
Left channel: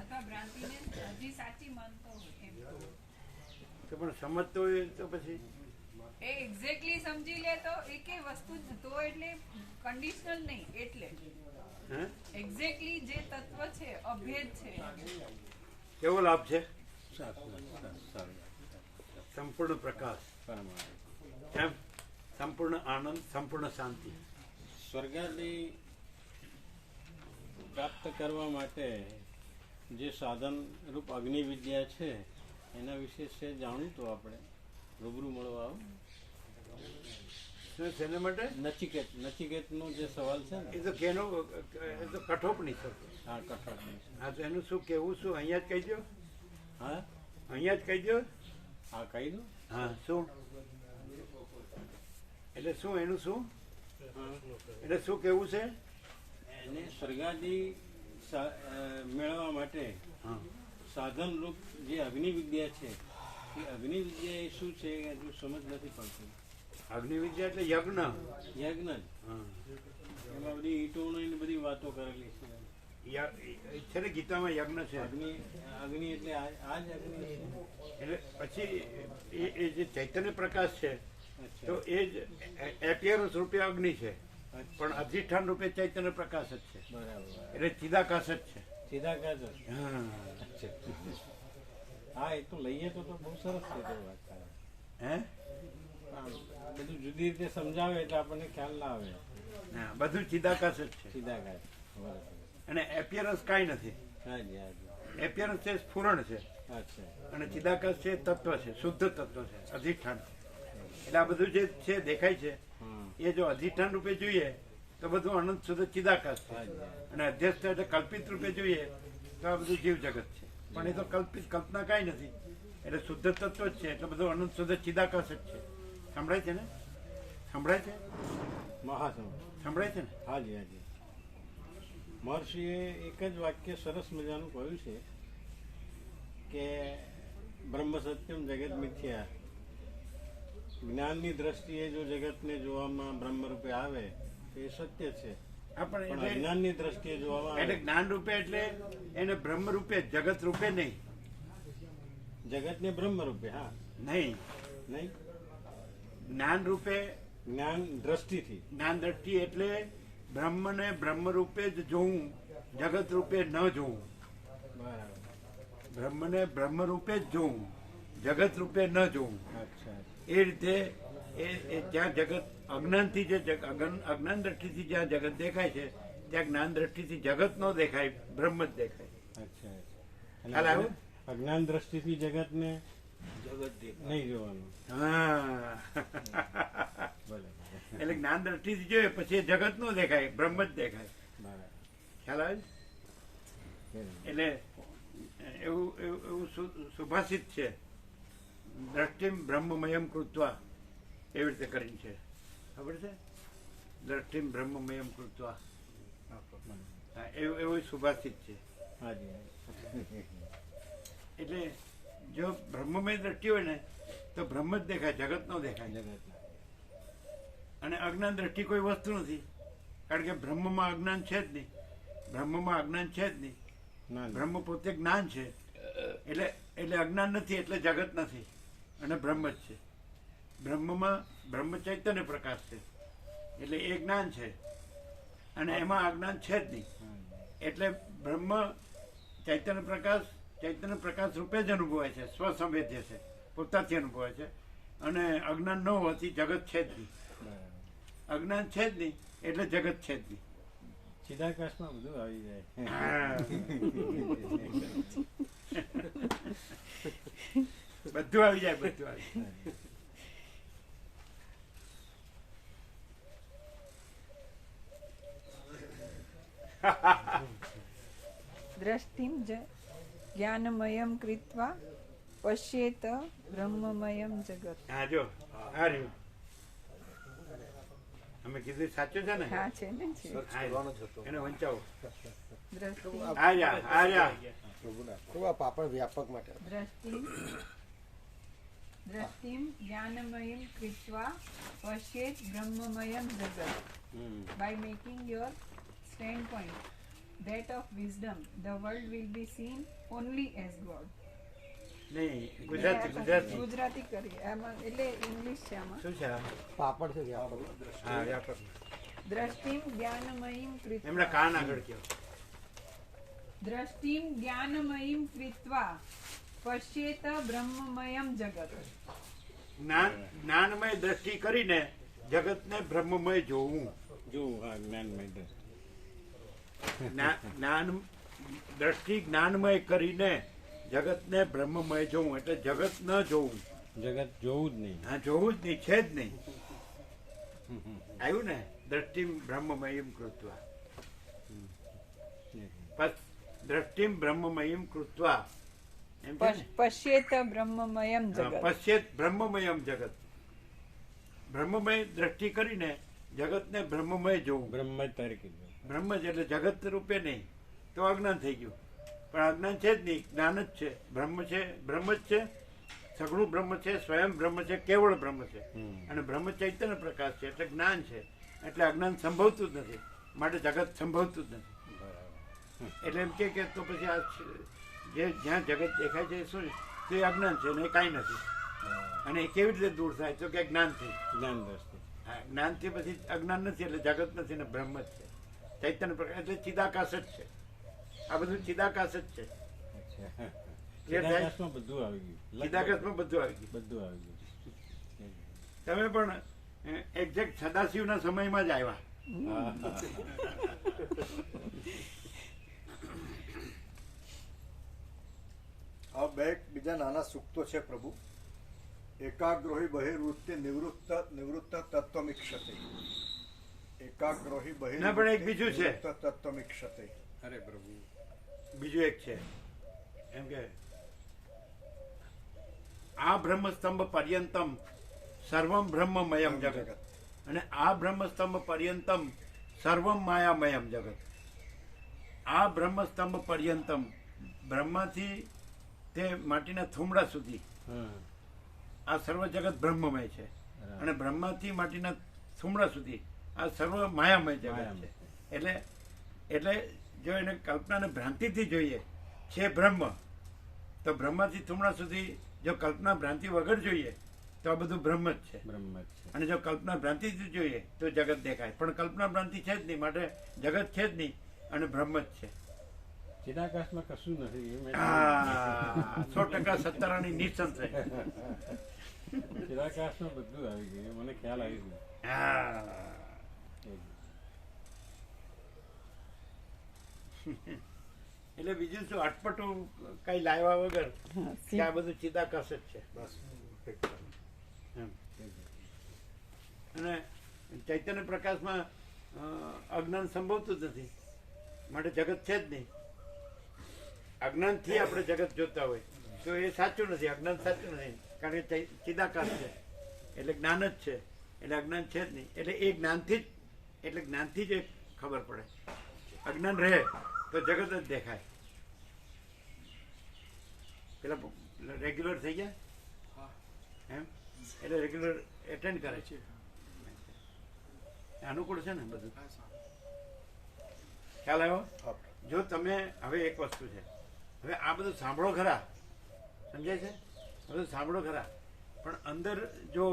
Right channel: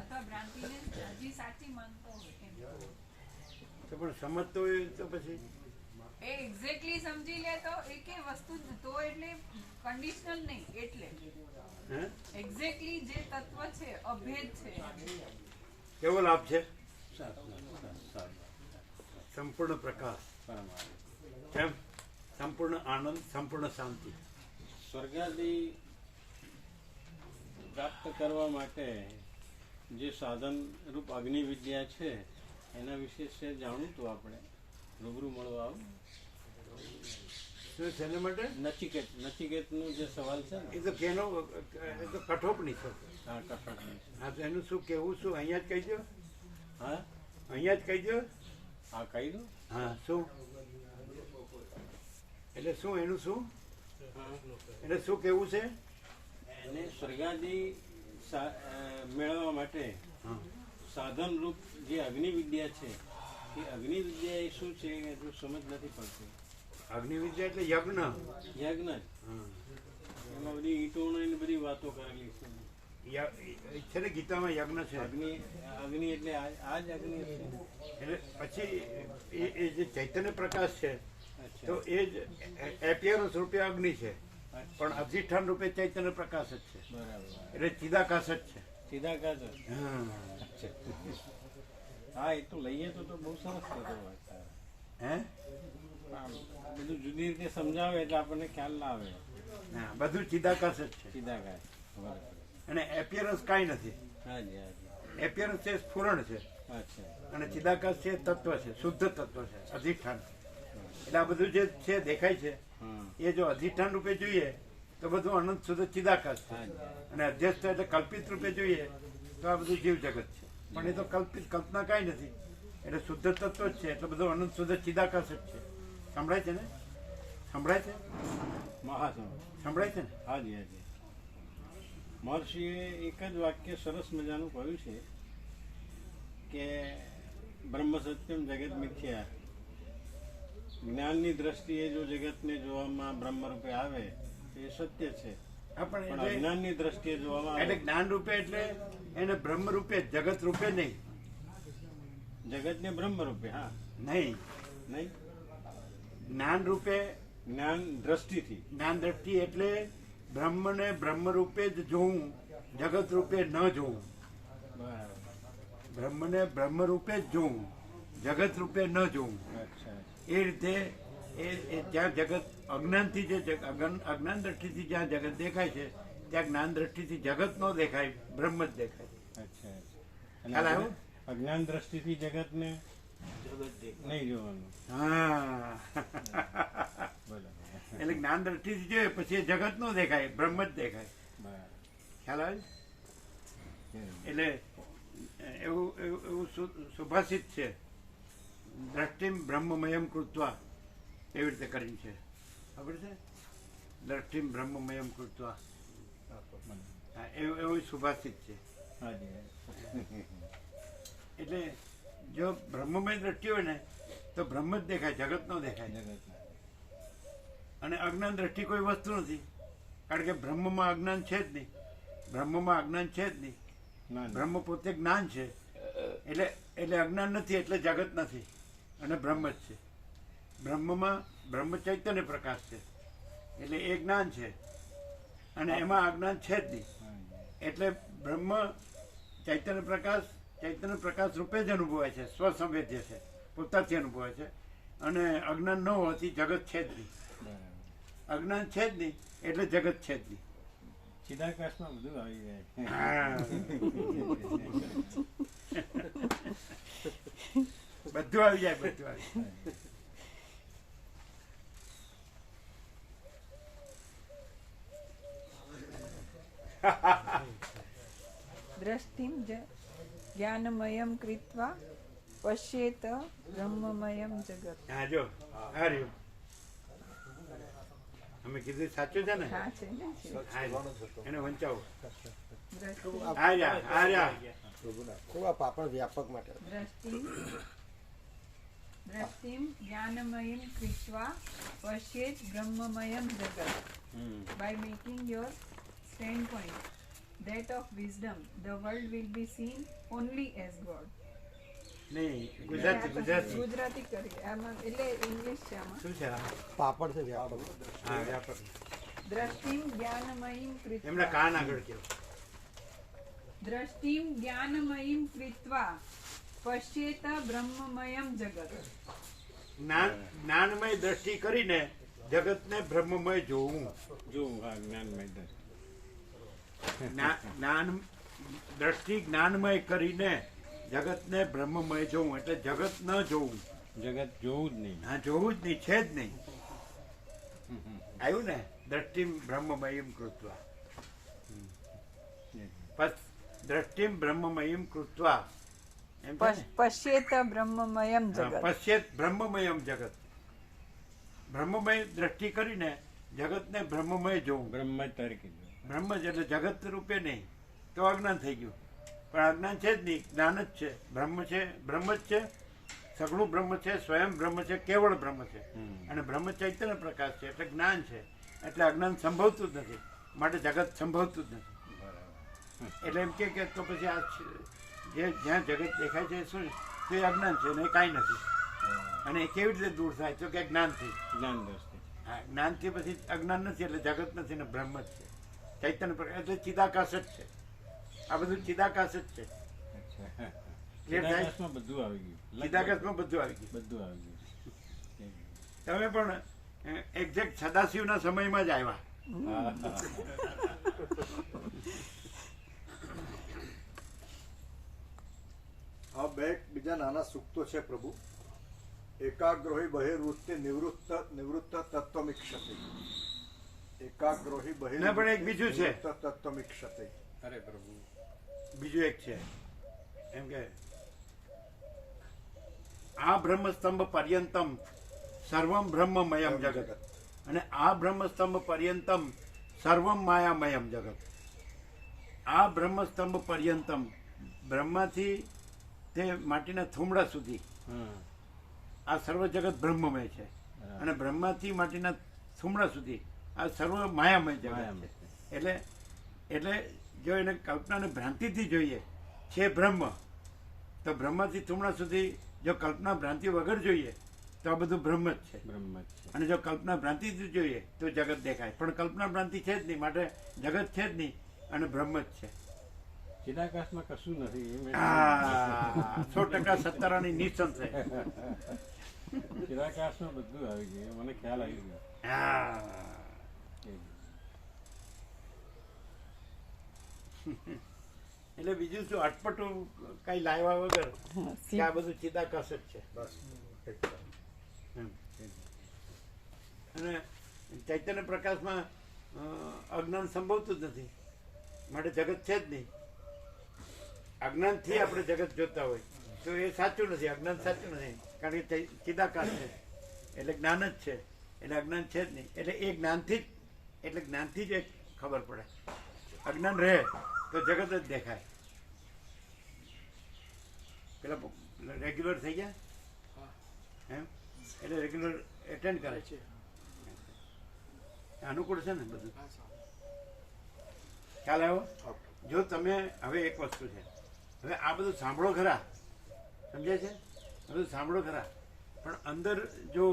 અથવા ભ્રાંતિને હજી સાચી માનતો હોય એમ. તો પણ સમજતો હોય તો પછી એ એક્ઝેક્ટલી સમજી લે તો એ કે વસ્તુ તો એટલે કન્ડિશનલ નહીં, એટલે હે એક્ઝેક્ટલી જે તત્વ છે અભેદ છે. કેવો લાભ છે? સંપૂર્ણ પ્રકાશ, એમ સંપૂર્ણ આનંદ, સંપૂર્ણ શાંતિ. સ્વર્ગાદી પ્રાપ્ત કરવા માટે જે સાધન રૂપ અગ્નિ વિદ્યા છે એના વિશે છે જાણવું તો આપણે રૂબરૂ મળવા આવો. શું શેના માટે? નચિકેતનો જે સવાલ છે ને એ તો કેનો એ તો કઠોપની છે. હા કઠોળ. હા તો એનું શું કેવું? શું અહીંયા જ કહી દો, હા અહીંયા જ કહી દો. હા કહી દઉં. હા શું એટલે શું એનું શું એટલે શું કેવું છે? એને સ્વર્ગાદી મેળવવા માટે હા સાધન રૂપ જે અગ્નિ વિદ્યા છે એ અગ્નિ વિદ્યા એ શું છે એ હજુ સમજ નથી પડતી. અગ્નિ વિદ્યા એટલે યજ્ઞ. યજ્ઞ જ. હા એમાં બધી ઈંટોનો ને બધી વાતો કરેલી છે. છે ને ગીતામાં યજ્ઞ છે. અગ્નિ એટલે આ જ અગ્નિ છે. એટલે પછી એ જે ચૈતન્ય પ્રકાશ છે તો એ જ એપિયરન્સ રૂપે અગ્નિ છે, પણ અધિષ્ઠાન રૂપે ચૈતન્ય પ્રકાશ જ છે. બરાબર. એટલે ચિદાકાશ જ છે. સીધા કાજ. હા હા એ તો લઈએ તો બહુ સરસ છે તો વાત. હે બધું જુદી રીતે સમજાવે એટલે આપણને ખ્યાલ ના આવે. હા બધું ચિદાકાશ જ છે. સીધા કાજ. બરાબર. અને એપિયરન્સ કાંઈ નથી. હાજી હાજી. એપિયરન્સ છે સ્ફુરણ છે, અચ્છા. અને ચિદાકાશ છે તત્વ છે, શુદ્ધ તત્વ છે, અધિષ્ઠાન. એટલે આ બધું જે છે દેખાય છે હમ. એ જો અધિષ્ઠાન રૂપે જોઈએ તો બધું અનંત શુદ્ધ ચિદાકાશ છે, હાજી. અને અધ્યસ્થ એટલે કલ્પિત રૂપે જોઈએ તો આ બધું જીવ જગત છે. પણ એ તો કલ્પના કાંઈ નથી, એટલે શુદ્ધ તત્વ જ છે, એટલે બધું અનંત શુદ્ધ ચિદાકાશ જ છે. સંભળાય છે ને? સંભળાય છે? મહાસંગ. સંભળાય છે ને? હાજી હાજી. મહર્ષિએ એક જ વાક્ય સરસ મજાનું કહ્યું છે કે બ્રહ્મ સત્યમ જગત મિથ્યા. જ્ઞાનની દ્રષ્ટિએ જો જગતને જોવામાં બ્રહ્મ રૂપે આવે તો એ સત્ય છે, હા પણ પણ એટલે અજ્ઞાનની દ્રષ્ટિએ જોવામાં એટલે આવે જ્ઞાન રૂપે એટલે એને બ્રહ્મ રૂપે, જગત રૂપે નહીં. જગતને બ્રહ્મ રૂપે. હા નહીં, નહીં. જ્ઞાન રૂપે, જ્ઞાન દ્રષ્ટિથી. જ્ઞાન દ્રષ્ટિ એટલે બ્રહ્મને બ્રહ્મ રૂપે જ જોવું, જગત રૂપે ન જોવું. બરાબર. બ્રહ્મને બ્રહ્મ રૂપે જ જોવું, જગત રૂપે ન જોવું. અચ્છા. એ રીતે એ જ્યાં જગત અજ્ઞાનથી જે અજ્ઞાન દ્રષ્ટિથી જ્યાં જગત દેખાય છે ત્યાં જ્ઞાન દ્રષ્ટિથી જગત ન દેખાય, બ્રહ્મ જ દેખાય. અચ્છા. ખ્યાલ આવ્યો? અજ્ઞાન દ્રષ્ટિથી જગતને નહીં જોવાનું. હા બરાબર. એટલે જ્ઞાન દ્રષ્ટિથી જોઈએ પછી જગત નો દેખાય, બ્રહ્મ જ દેખાય. બરાબર. ખ્યાલ આવે છે? એટલે એવું સુભાષિત છે, દ્રષ્ટિમ બ્રહ્મમયમ કૃત્વા, એવી રીતે કરીને છે. ખબર છે? દ્રષ્ટિમ બ્રહ્મમયમ કૃત્વા. હા એવું સુભાષિત છે. હાજી. એટલે જો બ્રહ્મમય દ્રષ્ટિ હોય ને તો બ્રહ્મ જ દેખાય, જગત નો દેખાય. જગત. અને અજ્ઞાન દ્રષ્ટિ કોઈ વસ્તુ નથી, કારણ કે બ્રહ્મમાં અજ્ઞાન છે જ નહીં. બ્રહ્મમાં અજ્ઞાન છે જ નહીં. બ્રહ્મ પોતે જ્ઞાન છે, એટલે અજ્ઞાન નથી, એટલે જગત નથી, અને બ્રહ્મ જ છે. બ્રહ્મમાં બ્રહ્મ ચૈતન્ય પ્રકાશ છે, એટલે એ જ્ઞાન છે, અને એમાં અજ્ઞાન છે જ નહીં. એટલે બ્રહ્મ ચૈતન્ય પ્રકાશ રૂપે જ અનુભવાય છે, સ્વસંવેદ્ય છે, પોતાથી અનુભવાય છે. અને અજ્ઞાન ન હોવાથી જગત છે જ નહીં. અજ્ઞાન છે જ નહીં એટલે જગત છે જ નહીં. ચિદાકાશમાં બધું આવી જાય. બધું આવી જાય, બધું આવી જાય. દ્રષ્ટિમ જ્ઞાનમયમ કૃત્વા પશ્યેત બ્રહ્મમયમ જગત. હા જો આ રહ્યું. અમે કીધું સાચું છે ને? હા છે ને છે. કરવાનો જ હતો. એને વંચાવો. દ્રષ્ટિ આર્યા ખૂબ આ પાપડ વ્યાપક માટે દ્રષ્ટિમ જ્ઞાનમયમ કૃત્વા પશ્યેત બ્રહ્મમયમ જગત by making your standpoint that of wisdom the world will be seen only as God. નહીં, ગુજરાતી ગુજરાતી કરી આમાં એટલે ઇંગ્લિશ છે આમાં. શું છે આ? પાપડ છે વ્યાપક. હા, વ્યાપક. દ્રષ્ટિમ જ્ઞાનમયમ એમના કૃત્વા કાન આગળ કહો. દ્રષ્ટિમ જ્ઞાનમયમ કૃત્વા પશ્યેત બ્રહ્મમયમ જગત. જ્ઞાનમય દ્રષ્ટિ કરીને જગતને બ્રહ્મમય જોવું. જ્ઞાન દ્રષ્ટિ જ્ઞાનમય કરીને જગતને બ્રહ્મમય જોવું એટલે જગત ન જોવું. જગત જોવું જ નહીં. હા, જોવું જ નહીં, છે જ નહીં. આવ્યું ને? દ્રષ્ટિમ બ્રહ્મમયમ કૃત્વા. દ્રષ્ટિમ બ્રહ્મમયમ કૃત્વા એમ છે ને? પશ્યેત બ્રહ્મમયમ જગત. પશ્યેત બ્રહ્મમયમ જગત. બ્રહ્મમય દ્રષ્ટિ કરીને જગતને બ્રહ્મમય જોવું. બ્રહ્મ જ તારે કીધું. બ્રહ્મ જ એટલે જગત રૂપે નહીં, તો અજ્ઞાન થઈ ગયું. પણ અજ્ઞાન છે જ નહીં, જ્ઞાન જ છે. બ્રહ્મ છે, બ્રહ્મ જ છે, સગુણ બ્રહ્મ છે, સ્વયં બ્રહ્મ છે, કેવળ બ્રહ્મ છે. અને બ્રહ્મ ચૈતન્ય પ્રકાશ છે એટલે જ્ઞાન છે. એટલે અજ્ઞાન સંભવતું જ નથી, માટે જગત સંભવતું જ નથી. એટલે એમ કે તો પછી આ જે જ્યાં જગત દેખાય છે શું તે અજ્ઞાન છે ને એ કાંઈ નથી. અને એ કેવી રીતે દૂર થાય? તો કે જ્ઞાનથી. જ્ઞાન દ્રષ્ટિ. હા, જ્ઞાનથી પછી અજ્ઞાન નથી એટલે જગત નથી ને બ્રહ્મ જ છે, ચૈતન્ય પ્રકાશ એટલે ચિદાકાશ જ છે. આ બધું ચિદાકાશ જ છે. ચિદાકાશમાં બધું આવી ગયું. ચિદાકાશમાં બધું આવી ગયું. બધું આવી ગયું. તમે પણ એક્ઝેક્ટ સદાશિવના સમયમાં જ આવ્યા. આ બે બીજા નાના સૂક્તો છે પ્રભુ. એકાગ્રોહી બહિર્વૃત્તિ નિવૃત્ત તત્વમીક્ષતે. એકાગ્રોહી ના, પણ એક બીજું છે. તત્વમીક્ષતે. અરે પ્રભુ, બીજું એક છે એમ કે આ બ્રહ્મસ્તંભ પર્યંતમ સર્વમ બ્રહ્મમયમ જગત. અને આ બ્રહ્મસ્તંભ પર્યંતમ સર્વમ માયામયમ જગત. આ બ્રહ્મસ્તંભ પર્યંતમ બ્રહ્માથી તે માટીના થુમડા સુધી આ સર્વ જગત બ્રહ્મમય છે. અને બ્રહ્માથી માટીના થુમડા સુધી આ સર્વ માયામય જગત છે. એટલે જો એને કલ્પનાને ભ્રાંતિથી જોઈએ છે બ્રહ્મ, તો બ્રહ્માથી થુમડા સુધી જો કલ્પના ભ્રાંતિ વગર જોઈએ તો આ બધું બ્રહ્મ જ છે. બ્રહ્મ જ છે. અને જો કલ્પના ભ્રાંતિથી જોઈએ તો જગત દેખાય. પણ કલ્પના ભ્રાંતિ છે જ નહીં, માટે જગત છે જ નહીં અને બ્રહ્મ જ છે. ચિદાકાશમાં કશું નથી. 100% સત્તારાની નિસંશય. ચિદાકાશમાં બધું આવી ગયું. મને ખ્યાલ આવી ગયો. હા, એટલે બીજું શું અટપટું કઈ લાવ્યા વગર કે આ બધું ચિદાકાશ જ છે. એમ. અને ચૈતન્ય પ્રકાશમાં અજ્ઞાન સંભવતું જ નથી, માટે જગત છે જ નહીં. અજ્ઞાનથી આપણે જગત જોતા હોય તો એ સાચું નથી, અજ્ઞાન સાચું નથી. કારણ કે ચિદાકાશ છે એટલે જ્ઞાન જ છે, એટલે અજ્ઞાન છે જ નહીં. એટલે એ જ્ઞાનથી જ એક ખબર પડે. અજ્ઞાન રહે તો જગત જ દેખાય. પેલા રેગ્યુલર થઈ ગયા એમ, એટલે રેગ્યુલર એટેન્ડ કરે છે. અનુકૂળ છે ને બધું. ખ્યાલ આવ્યો? જો તમે હવે એક વસ્તુ છે, હવે આ બધું સાંભળો ખરા, સમજાય છે? બધું સાંભળો ખરા, પણ અંદર જો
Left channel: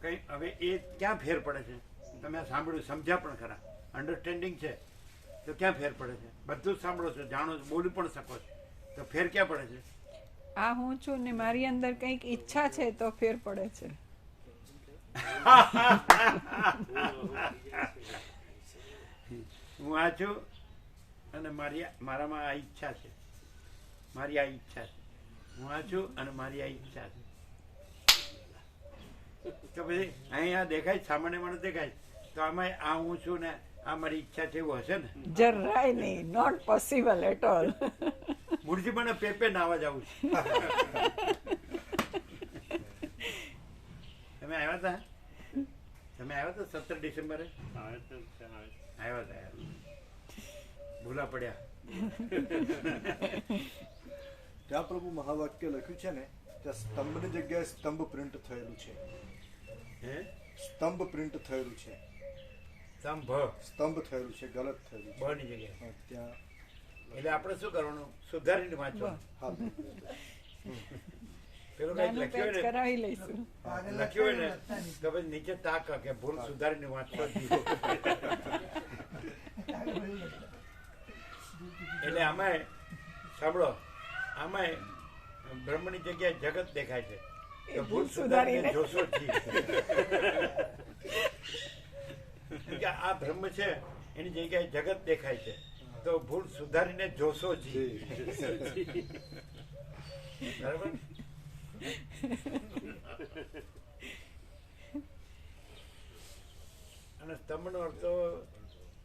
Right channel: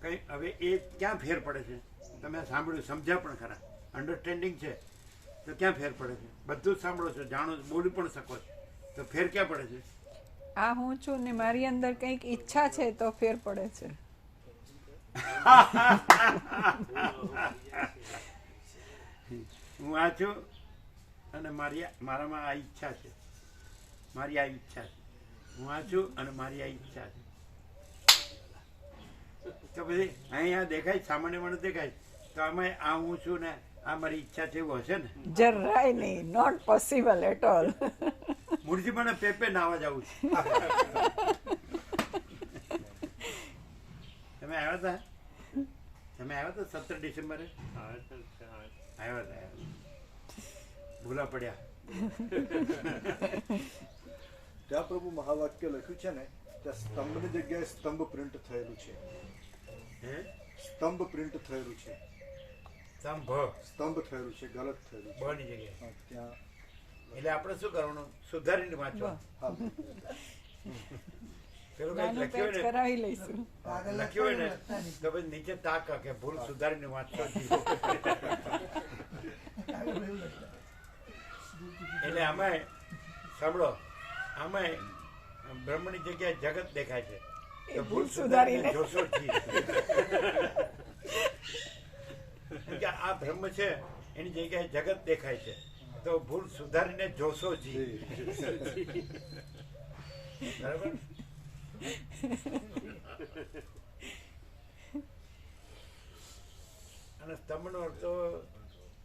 કંઈ હવે એ ક્યાં ફેર પડે છે? તમે આ સાંભળ્યું, સમજ્યા પણ ખરા, અન્ડરસ્ટેન્ડિંગ છે, તો ક્યાં ફેર પડે છે? બધું જ સાંભળો છો, જાણો છો, બોલી પણ શકો છો, તો ફેર ક્યાં પડે છે? આ હું છું ને મારી અંદર કંઈક ઈચ્છા છે તો ફેર પડે છે. હું આ છું અને મારામાં આ ઈચ્છા છે, મારી આ ઈચ્છા છે. હું આ છું અને મારી આ ઈચ્છા છે. તો પછી અહીંયા દેખાય, સામાન્ય માણસ દેખાય, તો આમાં આ હું છું ને આ મારી ઈચ્છા છે એવું હશે ને? જરાય નહીં, not possible at all. Mulji મને પેપે નાવા જવું છે. તમે આવ્યા હતા તમે આવ્યા હતા 17 ડિસેમ્બરે આવ્યા હતા ભૂલા પડ્યા. ત્યાં પ્રભુ મહાવાક્ય લખ્યું છે ને ત્યાં સ્તંભની જગ્યાએ સ્તંભ પ્રિન્ટ થયેલું છે. હે સ્તંભ પ્રિન્ટ થયેલું છે. સ્તંભ સ્તંભ થયેલું છે, ગલત થયેલું છે. બની જગ્યાએ. હા, ત્યાં એટલે આપણે શું કરવાનું? સુધારીને વાંચવાનું. હા, પેલું કઈ નાનું લખ્યું પેચ હોય કરાવી લઈશું. ને લખ્યું હોય ને તો પછી નીચે તાક કે ભૂલ સુધારીને વાંચતો જ નહીં. એટલે આમાં સાંભળો, આમાં બ્રહ્મની જગ્યાએ જગત દેખાય છે તો ભૂલ સુધારીને જોશો જ જી. કે આ બ્રહ્મ છે એની જગ્યાએ જગત દેખાય છે તો ભૂલ સુધારીને જોશો જી. બરાબર. અને સ્તંભનો અર્થ તો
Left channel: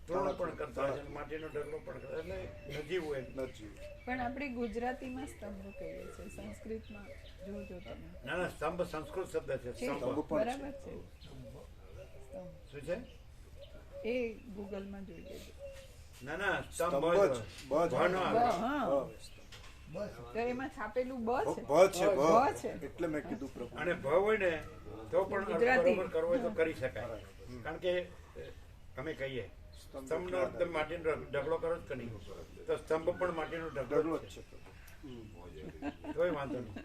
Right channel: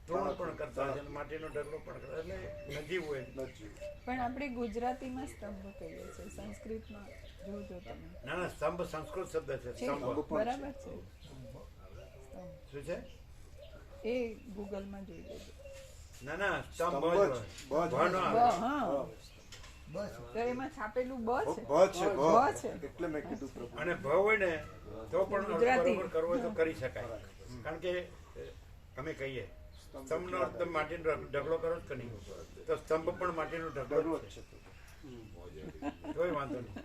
તૃણ પણ કરતા હોય છે અને માટીનો ઢગલો પણ કરતા એટલે નજીવું હોય. નથી. પણ આપણે ગુજરાતીમાં સ્તંભ કહીએ છીએ, સંસ્કૃતમાં જોજો તમે. ના ના, સ્તંભ સંસ્કૃત શબ્દ છે. છે, સ્તંભ બરાબર છે. સ્તંભ શું છે? એ ગૂગલમાં જોઈ લેજો. ના ના, સ્તંભ સ્તંભ જ જ. હોય. ભ ન બ, આવે. હા. બસ તો એમાં છાપેલું બ છે. ભ છે, ભ છે. એટલે મેં કીધું પ્રભુ. અને ભ હોય ને તો પણ અર્થ ગુજરાતી. બરોબર કરવો હોય તો કરી શકાય. કારણ કે અમે કહીએ સ્તંભનો અર્થ તમે માટીનો ઢગલો કરો જ કે નહીં, તો સ્તંભ પણ માટીનો ઢગલો ઢગલો જ જ છે. છે. તોય વાંધો નહીં.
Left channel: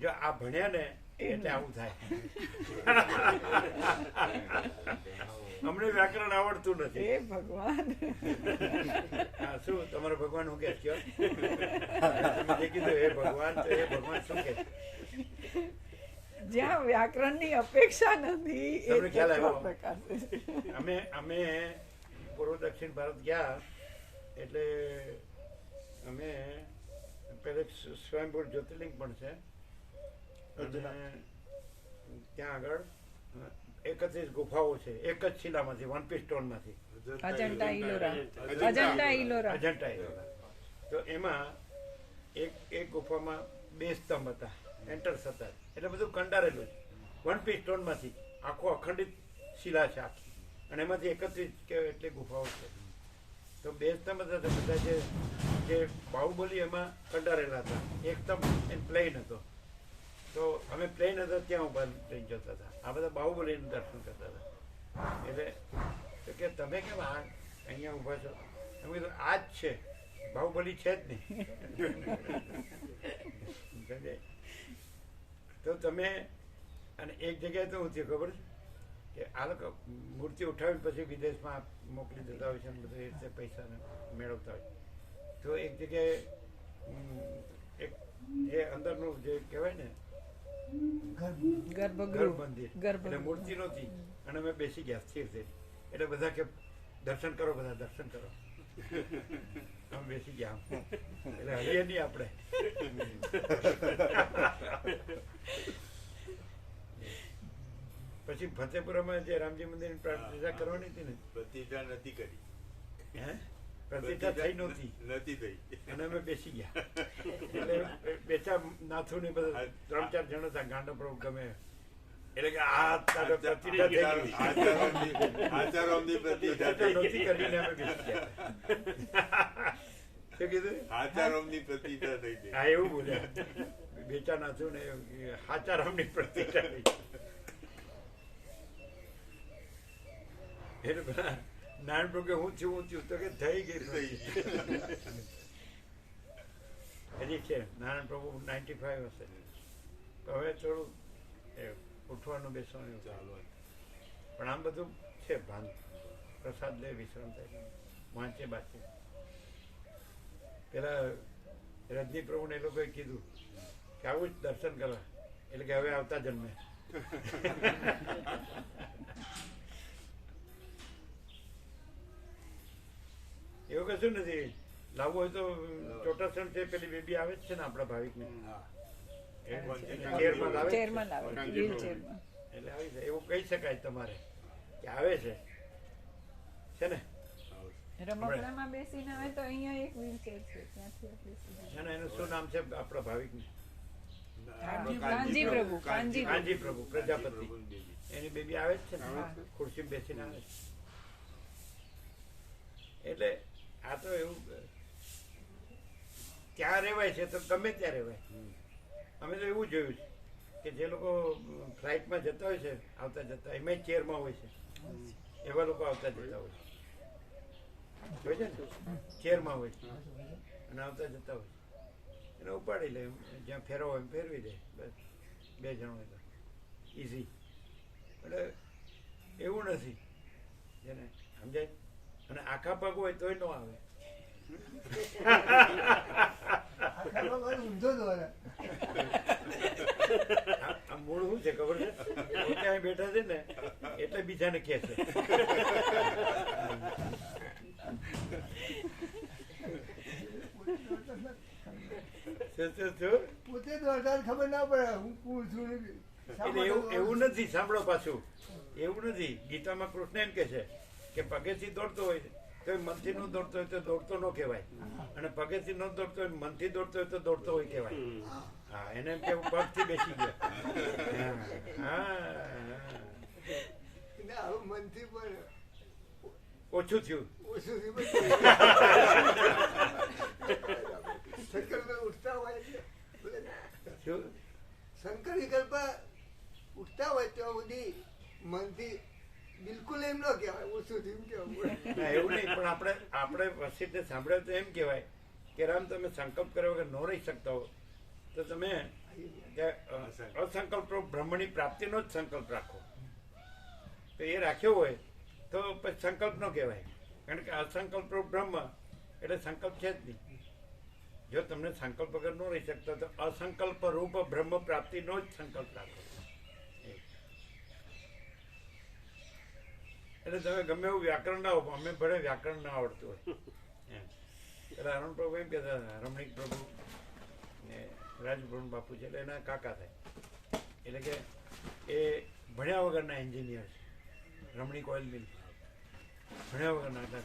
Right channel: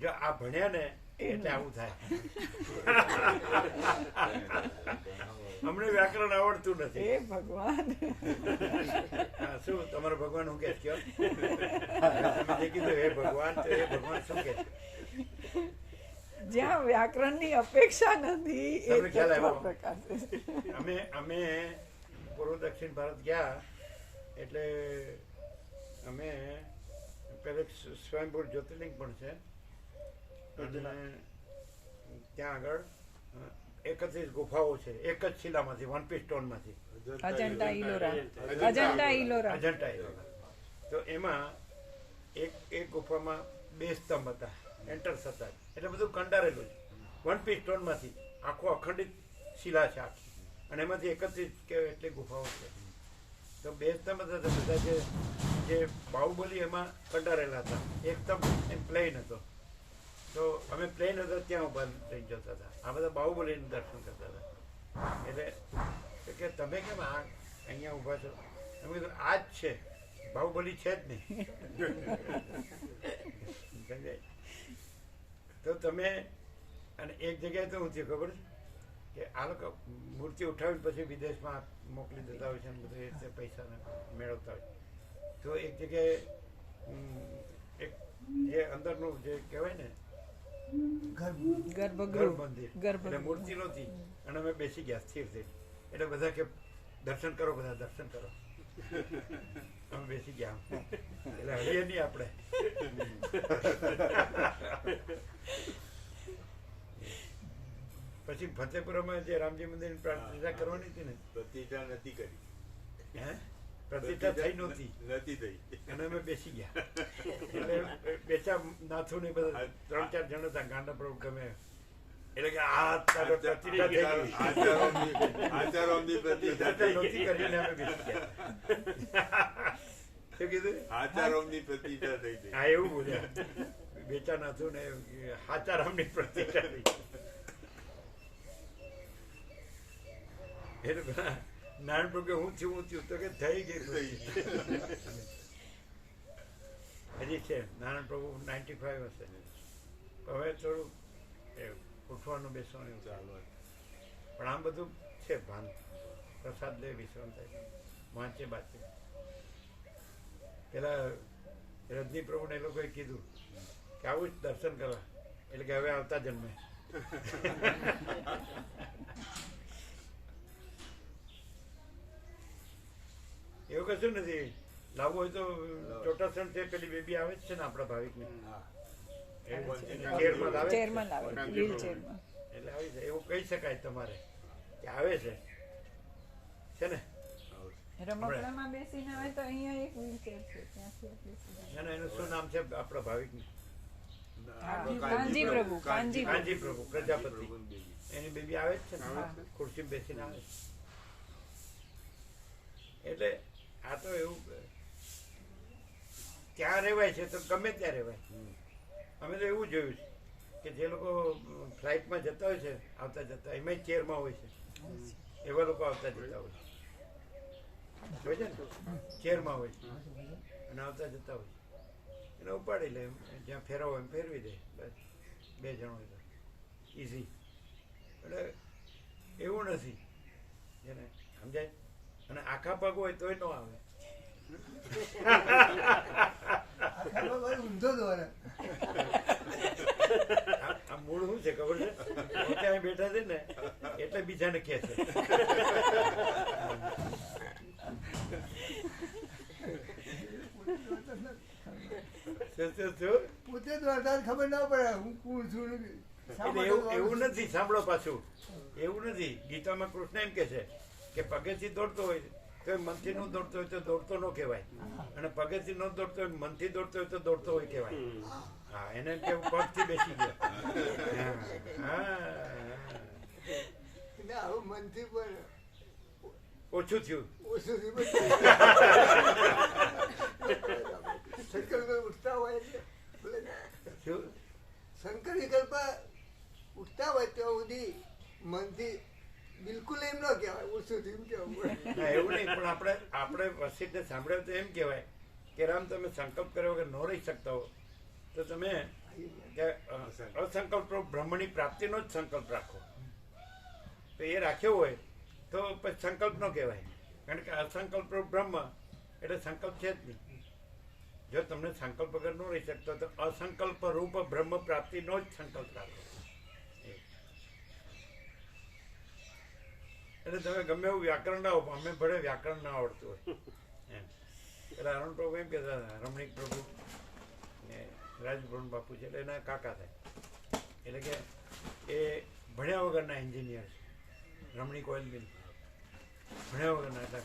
જો આ ભણ્યા ને એટલે આવું થાય. અમને વ્યાકરણ આવડતું નથી. હે ભગવાન. હા, શું તમારો ભગવાન હું કે કયો? તમે જે કીધું હે ભગવાન, તો એ ભગવાન શું કે? જ્યાં વ્યાકરણની અપેક્ષા નથી એ તમને ખ્યાલ તત્વ આવ્યો? પ્રકાર છે. અમે પૂર્વ દક્ષિણ ભારત ગયા એટલે અમે પેલે સ્વયંભૂ જ્યોતિર્લિંગ પણ છે અને ત્યાં આગળ 31 ગુફાઓ છે એક જ શિલામાંથી, વન પીસ સ્ટોનમાંથી. અજંટા ઇલોરા. અજંટા ઇલોરા. અજંટા ઇલોરા. તો એમાં એક ગુફામાં 2 સ્તંભ હતા, એન્ટર્સ હતા, એટલે બધું કંડારેલું છે. વન પીસ સ્ટોનમાંથી આખો અખંડિત શિલા છે આખી, અને એમાંથી 31 કે એટલી ગુફાઓ છે. તો 2 સ્તંભ હતા તો બધા જે બાહુબલી એમાં કંડારેલા હતા. એક સ્તંભ એમ પ્લેન હતો, તો અમે પ્લેન હતો ત્યાં ઉભા રહી જતા હતા. આ બધા બાહુબલીનું દર્શન કરતા હતા. એટલે તો કે તમે કેમ અહીંયા ઊભા છો? અમે કીધું આ જ છે, બાહુબલી છે જ નહીં. તો તમે અને એક જગ્યાએ તો હું થયું ખબર છે કે આ લોકો મૂર્તિ ઉઠાવીને પછી વિદેશમાં મોકલી દેતા હોય છે અને બધું એ રીતે પૈસા મેળવતા હોય. તો એક જગ્યાએ એક જે અંદરનું જે કહેવાય ને ગર્ભગૃહ. મંદિર, ગર્ભગૃહ. એટલે મૂર્તિ નહોતી અને અમે બેસી ગયા સ્થિર થઈ. એટલે બધા કે દર્શન કરો, બધા દર્શન કરો. અમે બેસી ગયા. એટલે હરીએ નહીં આપણે. પછી ફતેપુરામાં જે રામજી મંદિરની પ્રતિષ્ઠા કરવાની હતી ને, પ્રતિષ્ઠા નથી કરી. હે પ્રતિષ્ઠા થઈ નહોતી નથી થઈ. અને અમે બેસી ગયા. એટલે બેચા નાથુ ને બધા 3-4 જણ હતા ગાંડા પ્રભુ ગમે એટલે કે આ તારે પ્રતિષ્ઠા થઈ ગઈ. આચારોમની પ્રતિષ્ઠા પ્રતિષ્ઠા થઈ નહોતી ગઈ. કરીને અમે બેસી ગયા. શું કીધું? આચારોમની પ્રતિષ્ઠા થઈ ગઈ. હા, એવું બોલ્યા. બેચા નાથુ ને હાચારામની પ્રતિષ્ઠા થઈ. એટલે નારાયણ પ્રભુ કે હું થયું તો કે થઈ ગઈ હજી છે. નારાયણ પ્રભુ 95 હશે. હવે થોડું ઉઠવાનું બેસવાનું એવું ચાલુ, પણ આમ બધું છે ભાન. પ્રસાદ લે, વિશ્રામ થાય, વાંચે બાચે. પેલા રજની પ્રભુને એ લોકોએ કીધું કે આવું જ દર્શન કરવા, એટલે કે હવે આવતા જન્મે. એવું કશું નથી. લાવવું હોય તો ચોટાસણ છે પેલી બેબી આવે જ છે ને આપણા ભાવિકને, ચેરમાં લાવે જ છે. ચેરમાં લાવે, વ્હીલ ચેરમાં. એટલે આવી છે એવું કહી શકાય તમારે કે આવે છે ને. રમકડામાં બેસીને આવે તો અહીંયા એક વ્હીલચેર છે, ત્યાંથી આટલી સુધી. ના ના, એનું શું નામ છે આપણા ભાવિકને? કાનજી પ્રભુ કાનજી પ્રભુ પ્રજાપતિ એની બેબી આવે જ છે ને ખુરશી બેસીને આવે છે. એટલે આ તો એવું ત્યાં રહેવાય છે તો ગમે ત્યાં રહેવાય. અમે તો એવું જોયું છે કે જે લોકો ફ્લાઇટમાં જતા હોય છે આવતા જતા એમાં ચેરમાં હોય છે એવા લોકો આવતા જતા હોય છે ને ચેરમાં હોય છે અને આવતા જતા હોય છે એને ઉપાડી લે જ્યાં ફેરવો એમ ફેરવી દે બસ 2 જણ હોય તો ઇઝી. એટલે એવું નથી જેને સમજાય. અને આખા પગ હોય તોય ન આવે. ઊંધો દોરે આ મૂળ શું છે ખબર છે? પોતે અહીં બેઠા છે ને એટલે બીજાને કહે છે. પોતે દોડતા ખબર ના પડે હું કોણ છું ને. એટલે એવું નથી. સાંભળો પાછું એવું નથી. ગીતામાં કૃષ્ણ એમ કે છે કે પગેથી દોડતો હોય તો એ મનથી ન દોડતો હોય તો દોડતો ન કહેવાય, અને પગેથી ન દોડતો હોય મનથી દોડતો હોય તો દોડતો હોય કહેવાય. હા, એને એમ કેવું પગથી બેસી ગયો. આવું મનથી પણ ઓછું થયું. ઓછું શંકર ઉઠતા હોય શું? શંકર વિકલ્પા ઉઠતા હોય ત્યાં સુધી મનથી બિલકુલ એમ ન કહેવાય ઓછું થયું કેવું. ના, એવું નહીં. પણ આપણે વસીને સાંભળ્યો તો એમ કહેવાય કે રામ તમે સંકલ્પ કર્યો વગર ન રહી શકતા હો તો તમે અસંકલ્પ બ્રહ્મની પ્રાપ્તિનો જ સંકલ્પ રાખો. તો એ રાખ્યો હોય તો પછી સંકલ્પ ન કહેવાય, કારણ કે અસંકલ્પ બ્રહ્મ એટલે સંકલ્પ છે જ નહીં. જો તમને સંકલ્પ વગર ન રહી શકતો તો અસંકલ્પ રૂપ બ્રહ્મ પ્રાપ્તિનો જ સંકલ્પ રાખો. એટલે તમે ગમે એવું વ્યાકરણ ના હો, અમે ભલે વ્યાકરણ ના આવડતું હોય એમ. એટલે અરુણ પ્રભુ એમ કહેતા હતા, રમણીક પ્રભુ ને રાજભવન બાપુ છે એટલે એના કાકા થાય. એટલે કે એ ભણ્યા વગરના એન્જિનિયર છે. રમણીક ઓઇલ મિલ ભણ્યા વગરના એટલે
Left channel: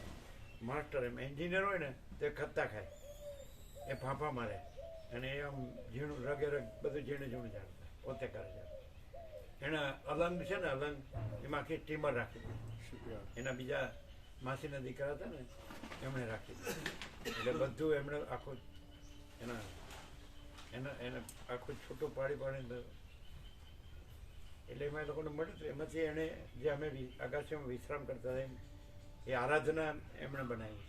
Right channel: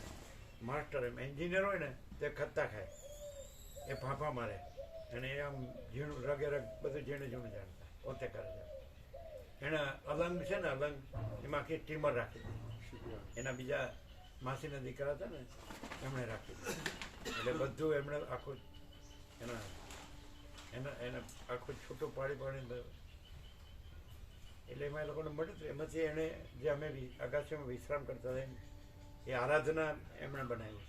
માસ્ટર એમ. એન્જિનિયર હોય ને તે ખત્તા ખાય, એ ફાંફા મારે અને એ આમ ઝીણું રગે રગ બધું ઝીણું જાણતા પોતે કરે છે. એના અલંગ છે ને અલંગ એમાં આખી સ્ટીમર રાખી દીધી. એના બીજા માસીના દીકરા હતા ને એમણે રાખી દીધું. એટલે બધું એમણે આખું એને આખું છૂટું પાડીને એટલે એમાં એ લોકોને મળ્યું હતું. એમાંથી એણે જે અમે અગાસીમાં વિશ્રામ કરતા હતા એ આરાધના એમણે બનાવી,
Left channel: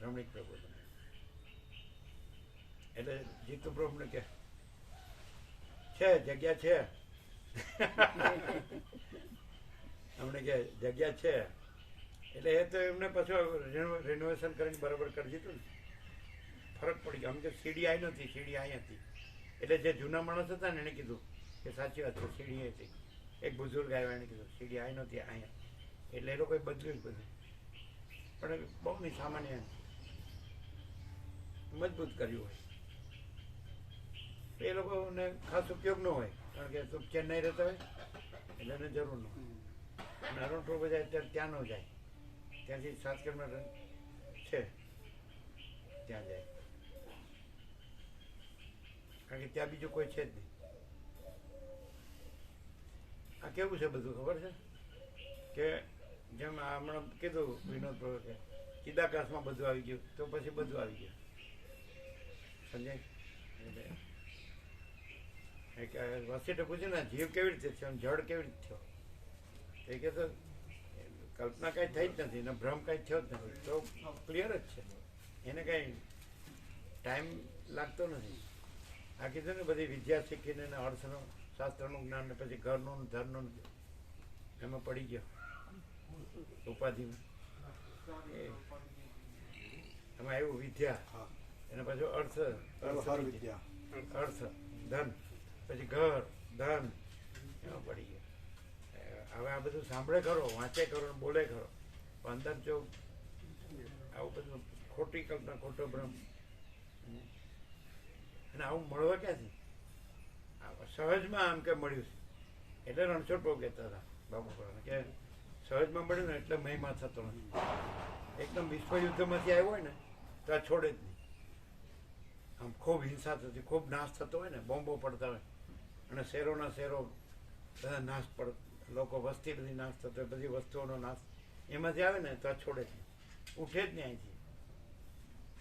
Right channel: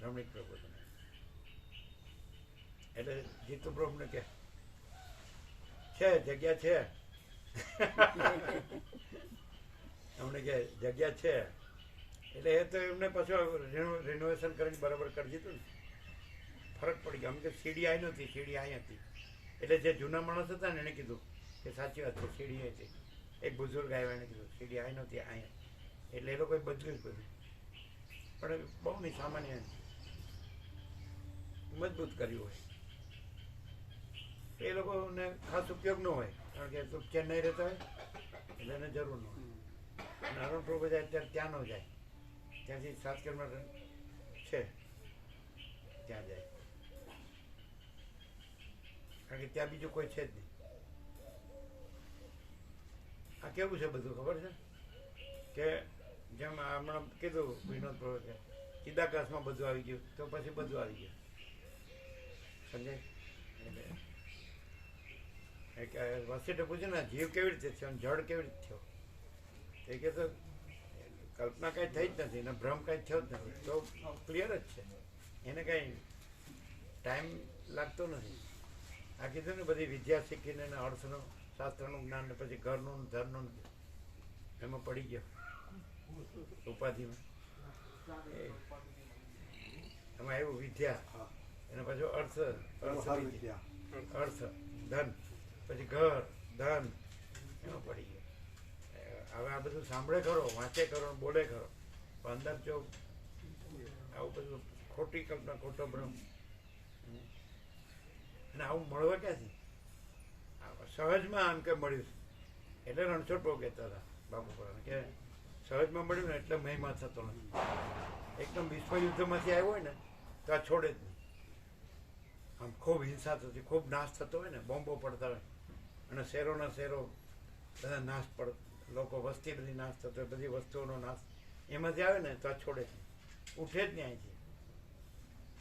રમણીક પ્રભુ બનાવી. એટલે જીતુ પ્રભુને કે છે જગ્યા છે અમને કે જગ્યા છે. એટલે એ તો એમને પાછું રિનોવેશન કરીને બરાબર કરી દીધું ને, ફરક પડી ગયો. આમ કે સીડી આવી નહોતી, સીડી અહીં હતી. એટલે જે જૂના માણસ હતા ને એને કીધું કે સાચી વાત છે સીડી અહીં હતી. એક બુઝુર્ગ આવ્યા એને કીધું સીડી આવી નહોતી અહીંયા. એટલે એ લોકોએ બદલ્યું જ બધું, પણ બહુ નહીં સામાન્ય મજબૂત કર્યું હોય. એ લોકોને ખાસ ઉપયોગ ન હોય, કારણ કે તો ચેન્નઈ રહેતા હોય એટલે એને જરૂર ન હોય. અને અરુણ પ્રભુ જાય ત્યારે ત્યાં ન જાય, ત્યાંથી 7 કિલોમીટર છે ત્યાં જાય, કારણ કે ત્યાં બીજું કોઈ છે જ નહીં. આ કેવું છે બધું ખબર છે કે જેમ હમણાં કીધું વિનોદ પ્રભુ કે ચિદાકાશમાં બધું આવી ગયું તો પછી બધું આવી ગયું, સમજાય? એટલે વસીટે પૂછ્યું ને જીવ કેવી રીતે થયો, જળ કેવી રીતે થયો? એ કે તો કલ્પના કાંઈ થઈ જ નથી ને ભ્રમ કાંઈ થયો જ નથી, તો ક્લિયર જ છે. એને કાંઈ ટાઈમ લાગતો નથી. આ કીધું ને બધી વિદ્યા શીખીને અર્થનું શાસ્ત્રનું જ્ઞાન ને પછી ઘરનું ધરનું એમાં પડી ગયો ઉપાધિમાં. એમાં એવું વિદ્યા એને પાછું અર્થ ધન પછી ઘર ધન એમાં પડી ગયો. હવે આ બધું સાંભળે ખરો, વાંચે ખરો, બોલે ખરો, પણ અંદર જો આવું બધું ખોટી કલ્પના, ખોટો ભ્રમ, અને આવું મળવા ક્યાંથી? સહજમાં આમ કે મળ્યું છે એટલે રણછોડ બહુ કહેતા હતા બાબુ પર કે સહજમાં મળ્યું ને એટલે મહિમા થતો નથી. એકદમ વિશ્વયુદ્ધમાંથી આવ્યો હોય ને તો આ છોડે જ નહીં. આમ ખૂબ હિંસા થતી, ખૂબ નાશ થતો હોય ને, બોમ્બો પડતા હોય અને શહેરોના શહેરો બધા નાશ લોકો વસ્તી બધી નાશ થતો હોય, બધી વસ્તુઓનો નાશ એમાંથી આવે ને તો આ છોડે જ નહીં, ઉઠે જ નહીં અહીંથી,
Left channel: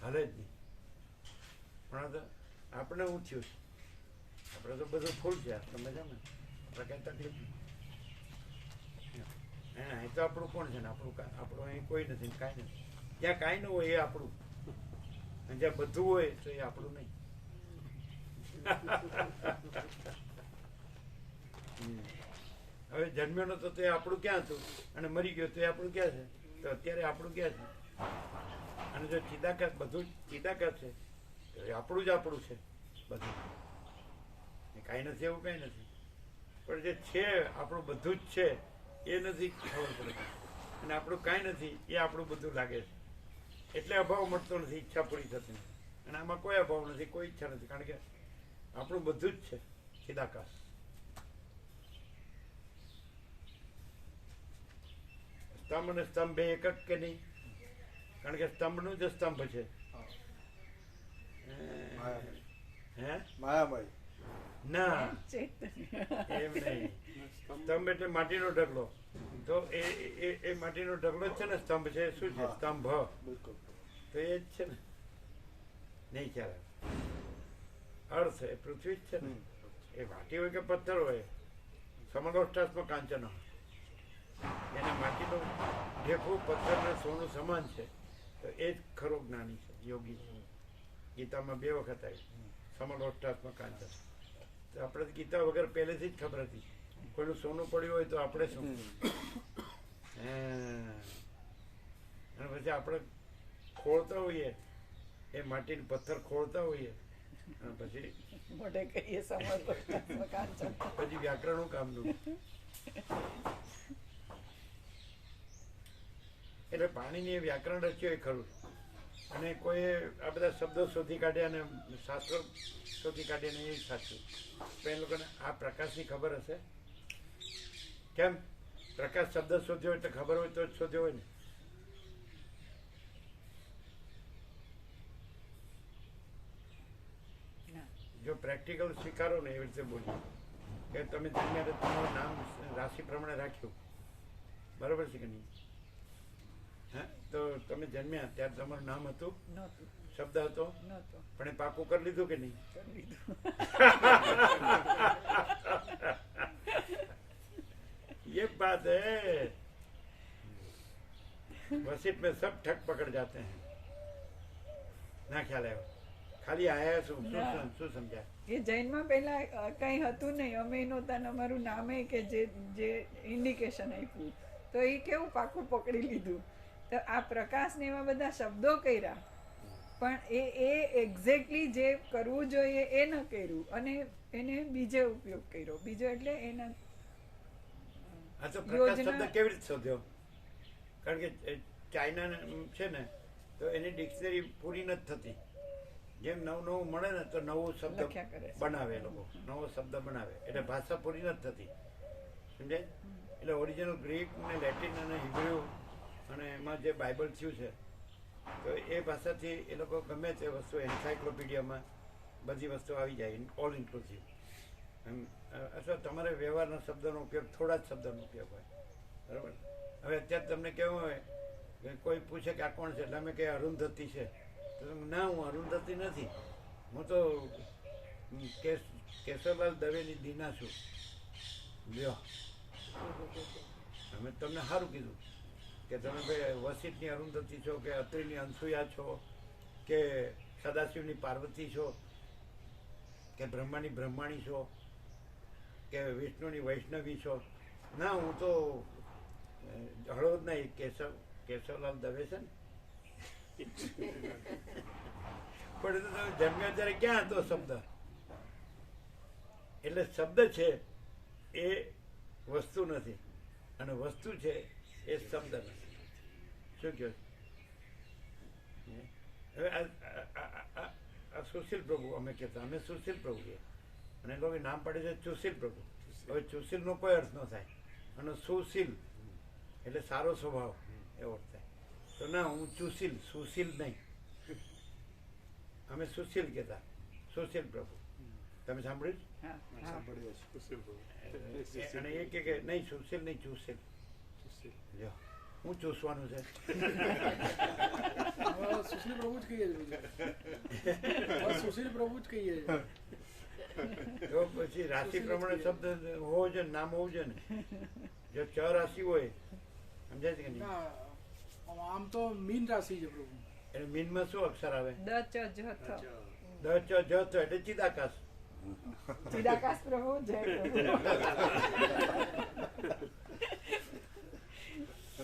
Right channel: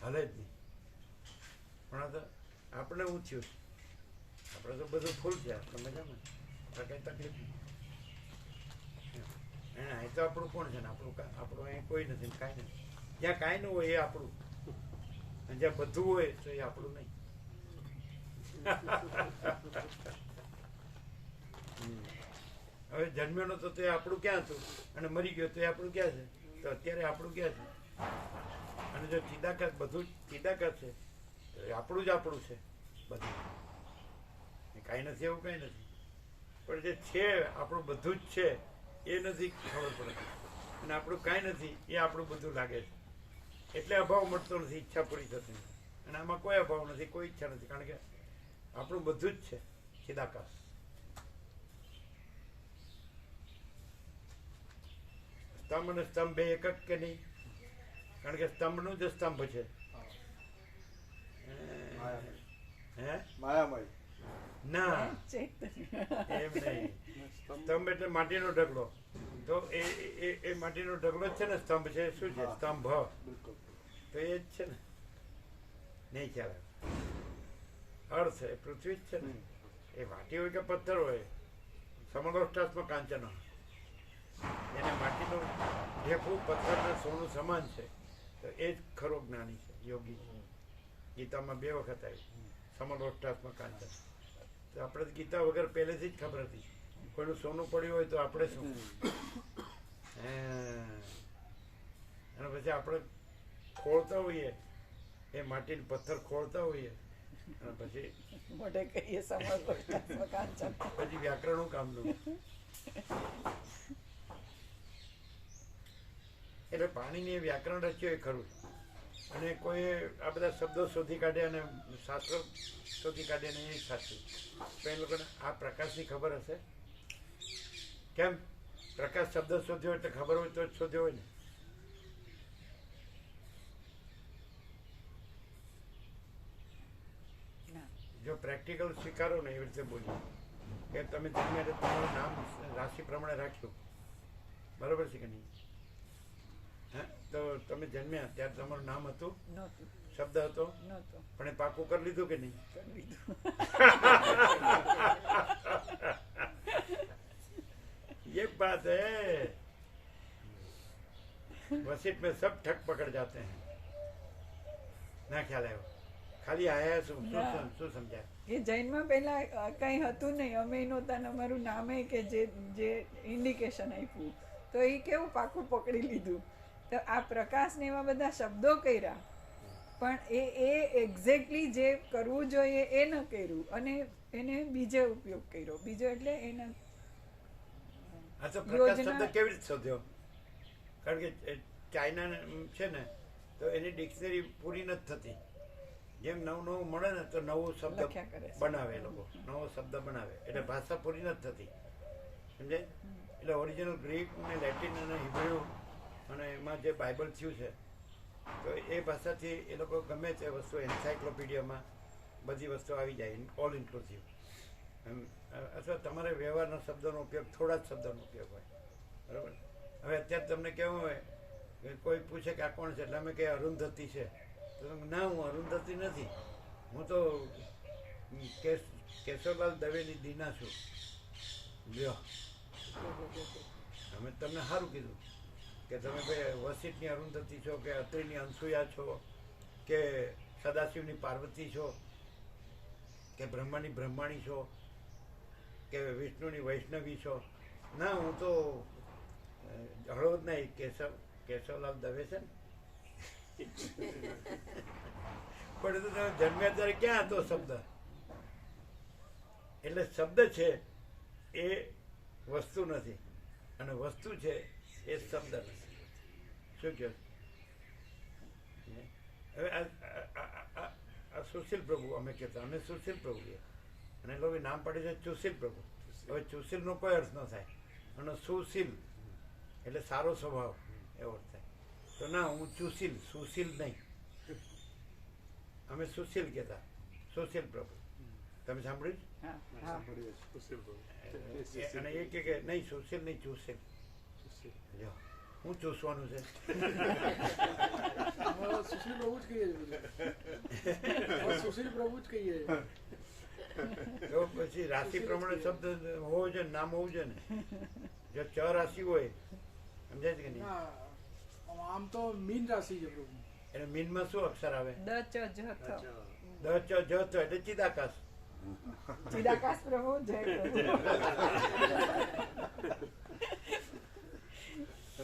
હાલે જ નહીં. પણ આ તો આપણે હું થયું છે, આપણે તો બધું ફૂલ છે, આપણે મજામાં, આપણે કંઈ તકલીફ નહીં. અહીં તો આપણું કોણ છે ને, આપણું અહીં કોઈ નથી ને કાંઈ નથી. જ્યાં કાંઈ ન હોય એ આપણું, અને જ્યાં બધું હોય તો એ આપણું નહીં. હવે જન્મ્યો નતો તો એ આપણું ક્યાં હતું, અને મરી ગયો તો એ આપણું ક્યાં છે? તો અત્યારે આપણું ક્યાં છે? અને જો ચિદાકાશ, બધું ચિદાકાશ છે તો એ આપણું જ આપણું છે બધું. કાંઈ નથી એવું કાંઈ નથી, પણ જે છે આપણું બધું જ છે એ નથી ખબર પડે, અને આપણું કાંઈ નથી એ આપણું બધું લાગે છે. એટલે અભાવ મળતો નથી, ઈચ્છા પૂરી થતી નથી. અને આમાં કોઈ અભાવ નથી, કોઈ ઈચ્છા નથી, કારણ કે આપણું બધું જ છે ચિદાકાશ. સ્તંભ અને સ્તંભ બે એક જ કે નહીં? કારણ કે સ્તંભનું જ સ્તંભ છે. હે માયામય ના, એમ નહીં. સ્તંભ એટલે માટીનો ઢગલો, તો એ માટીનો ઢગલો જ છે ને સ્તંભ છે. શું છે સ્તંભ? તો એ જ છે ને, નહીં ખ્યાલ અર્થ એ પૃથ્વી જ છે ને. એ માટી હોય કે પથ્થર હોય, સમલોષ્ટાસ્મ કાંચન, એને માટીનું ઢેફું પથ્થર ને સોનું સમાન છે. તો એ જ ખરો જ્ઞાની છે, યોગી છે. ગીતામાં 2 વખત આવ્યું સમલોષ્ટાસ્મ કાંચન. તો આપણે ગીતા વગર પહેલેથી જ ખબર હતી, કોઈનું સોનું પડ્યું હોય તો આપણે શું, અને પછી આપણે ખોળતા હોઈએ એ માટીનું પથ્થર ખોળતા હોઈએ, અને પછી પછી વ્યાકરણનું કામનું. એટલે પાણીની વ્યાકરણ રચ્યું એ ખરું, અને કોઈ આ બધા શબ્દો શોધી કાઢ્યા અને શાસ્ત્રો શોધી કાઢ્યા ને એ સાચું. પણ એ લોકોને આ પ્રકાશની ખબર હશે. કેમ? પ્રકાશ શબ્દ શોધ્યો એટલે ખબર હોય તો જ શોધ્યો હોય ને. જો પ્રેક્ટિકલ સ્વીકારો ને એવી રીતે બોલીએ કે તમે જન્મ્યા તમારું નામ રાશિ પ્રમાણે રાખ્યું, બરોબર છે કે નહીં? હા, તો તમે જન્મ્યા ત્યારે તમારું નામ હતું, શબ્દ હતો, પણ એ પાકું કરી લીધું કે નહીં? ये बात है, वसीप में सब ठग पकड़ जाते हैं. ના ખ્યાલ આવ્યો, ખાલી આયા શું સમજ્યા? એ જૈનમાં પહેલા કઈ હતું નહીં, અમે નહોતા, અમારું નામે કે જે ઇન્ડિકેશન આપ્યું તો એ કેવું પાકું પકડી લીધું. તો આ પ્રકાશ ને એવા બધા શબ્દો કર્યા, પણ એ એક્ઝેક્ટલી જે કરવું જોઈએ એ ન કર્યું, અને એને બીજે ઉપયોગ કર્યો. બીજો એટલે એના આ તો પ્રકાશ શબ્દ કેવી રીતે શોધ્યો? કારણ કે ચાઇના છે ને, તો એની ડિક્શનરી પૂરી નથી થતી. જેમ નવું મળે ને તો નવો શબ્દ બનાવે, લોકો નવો શબ્દ બનાવે, એટલે ભાષા પૂરી નથી થતી, સમજાય? એટલે ઓરિજિનલ ગ્રીક ને લેટિન અને હિબ્રુ અને એમાં જે બાઇબલ થયું છે, તો એ ભાષાથી એ લોકો ગમે તે વસ્તુ એન્સાઇક્લોપીડિયામાં બધી વસ્તુ આવી જાય, ઓલ ઇન્ક્લુસિવ. અથવા તમારે વ્યવહારના શબ્દોનો ઉપયોગ, થોડા જ શબ્દોનો ઉપયોગ હોય, બરાબર? હવે અત્યારે તમને કેવું હોય કે કોઈ પૂછે કે આ કોણ છે, એટલે અમે કે અરુંધતી છે, તો ના, હું અરુંધતી નથી, હું તો કેશવલાલ દવેની દીના છું. લ્યો, અમે તમને સારું કીધું કે તમે ભાઈ વસિઠની અરુંધતી છો, કે અત્રિની અનસુયા છો, કે સદાશિવની પાર્વતી છો, કે બ્રહ્માની બ્રહ્માણી છો, કે વિષ્ણુની વૈષ્ણવી છો. ના, હું તો હળો જ નહીં, કેશવલાલ દવે છે ને. પણ એ તો તમે જન્મ્યા ત્યારે ક્યાં હતો શબ્દ? એટલે શબ્દ છે એ વસ્તુ નથી, અને વસ્તુ છે એ શબ્દ નથી. શું કહો? હવે આ સુશીલ પ્રભુ અમે કહેતા, અમે સુશીલ પ્રભુ કહીએ, અને લોકો નામ પાડે છે ચુશીલ પ્રભુ. હવે ચુશીલનો કોઈ અર્થ ન થાય, અને સુશીલ એટલે સારો સ્વભાવ એવો અર્થ થાય. તો ના, હું ચુશીલ, સુશીલ નહીં, અમે સુશીલ કહેતા, સુશીલ પ્રભુ. તમે સાંભળ્યું હા હા છે? અને એ કે નહીં સુશીલ નહીં ચૂસેલ. જો હું ચૂસવાનું છે. સુશીલ પ્રભુ જ કહીએ સુશીલ પ્રભુ જ કહીએ. તો પછી રાશિ પ્રમાણે શબ્દ હોવો જોઈએ, નામ હોવું જોઈએ ને. જો ચ રાશિ હોય, સમજાય છે કે નહીં? આમ તો મીન રાશિ છે પ્રભુ. એટલે મીનમાં શું અક્ષર આવે? દ ચ જ થ. દ ચ જ થ એટલે ચિદાકાશ. ચિદાકાશ પ્રભુ જય પ્રભુ.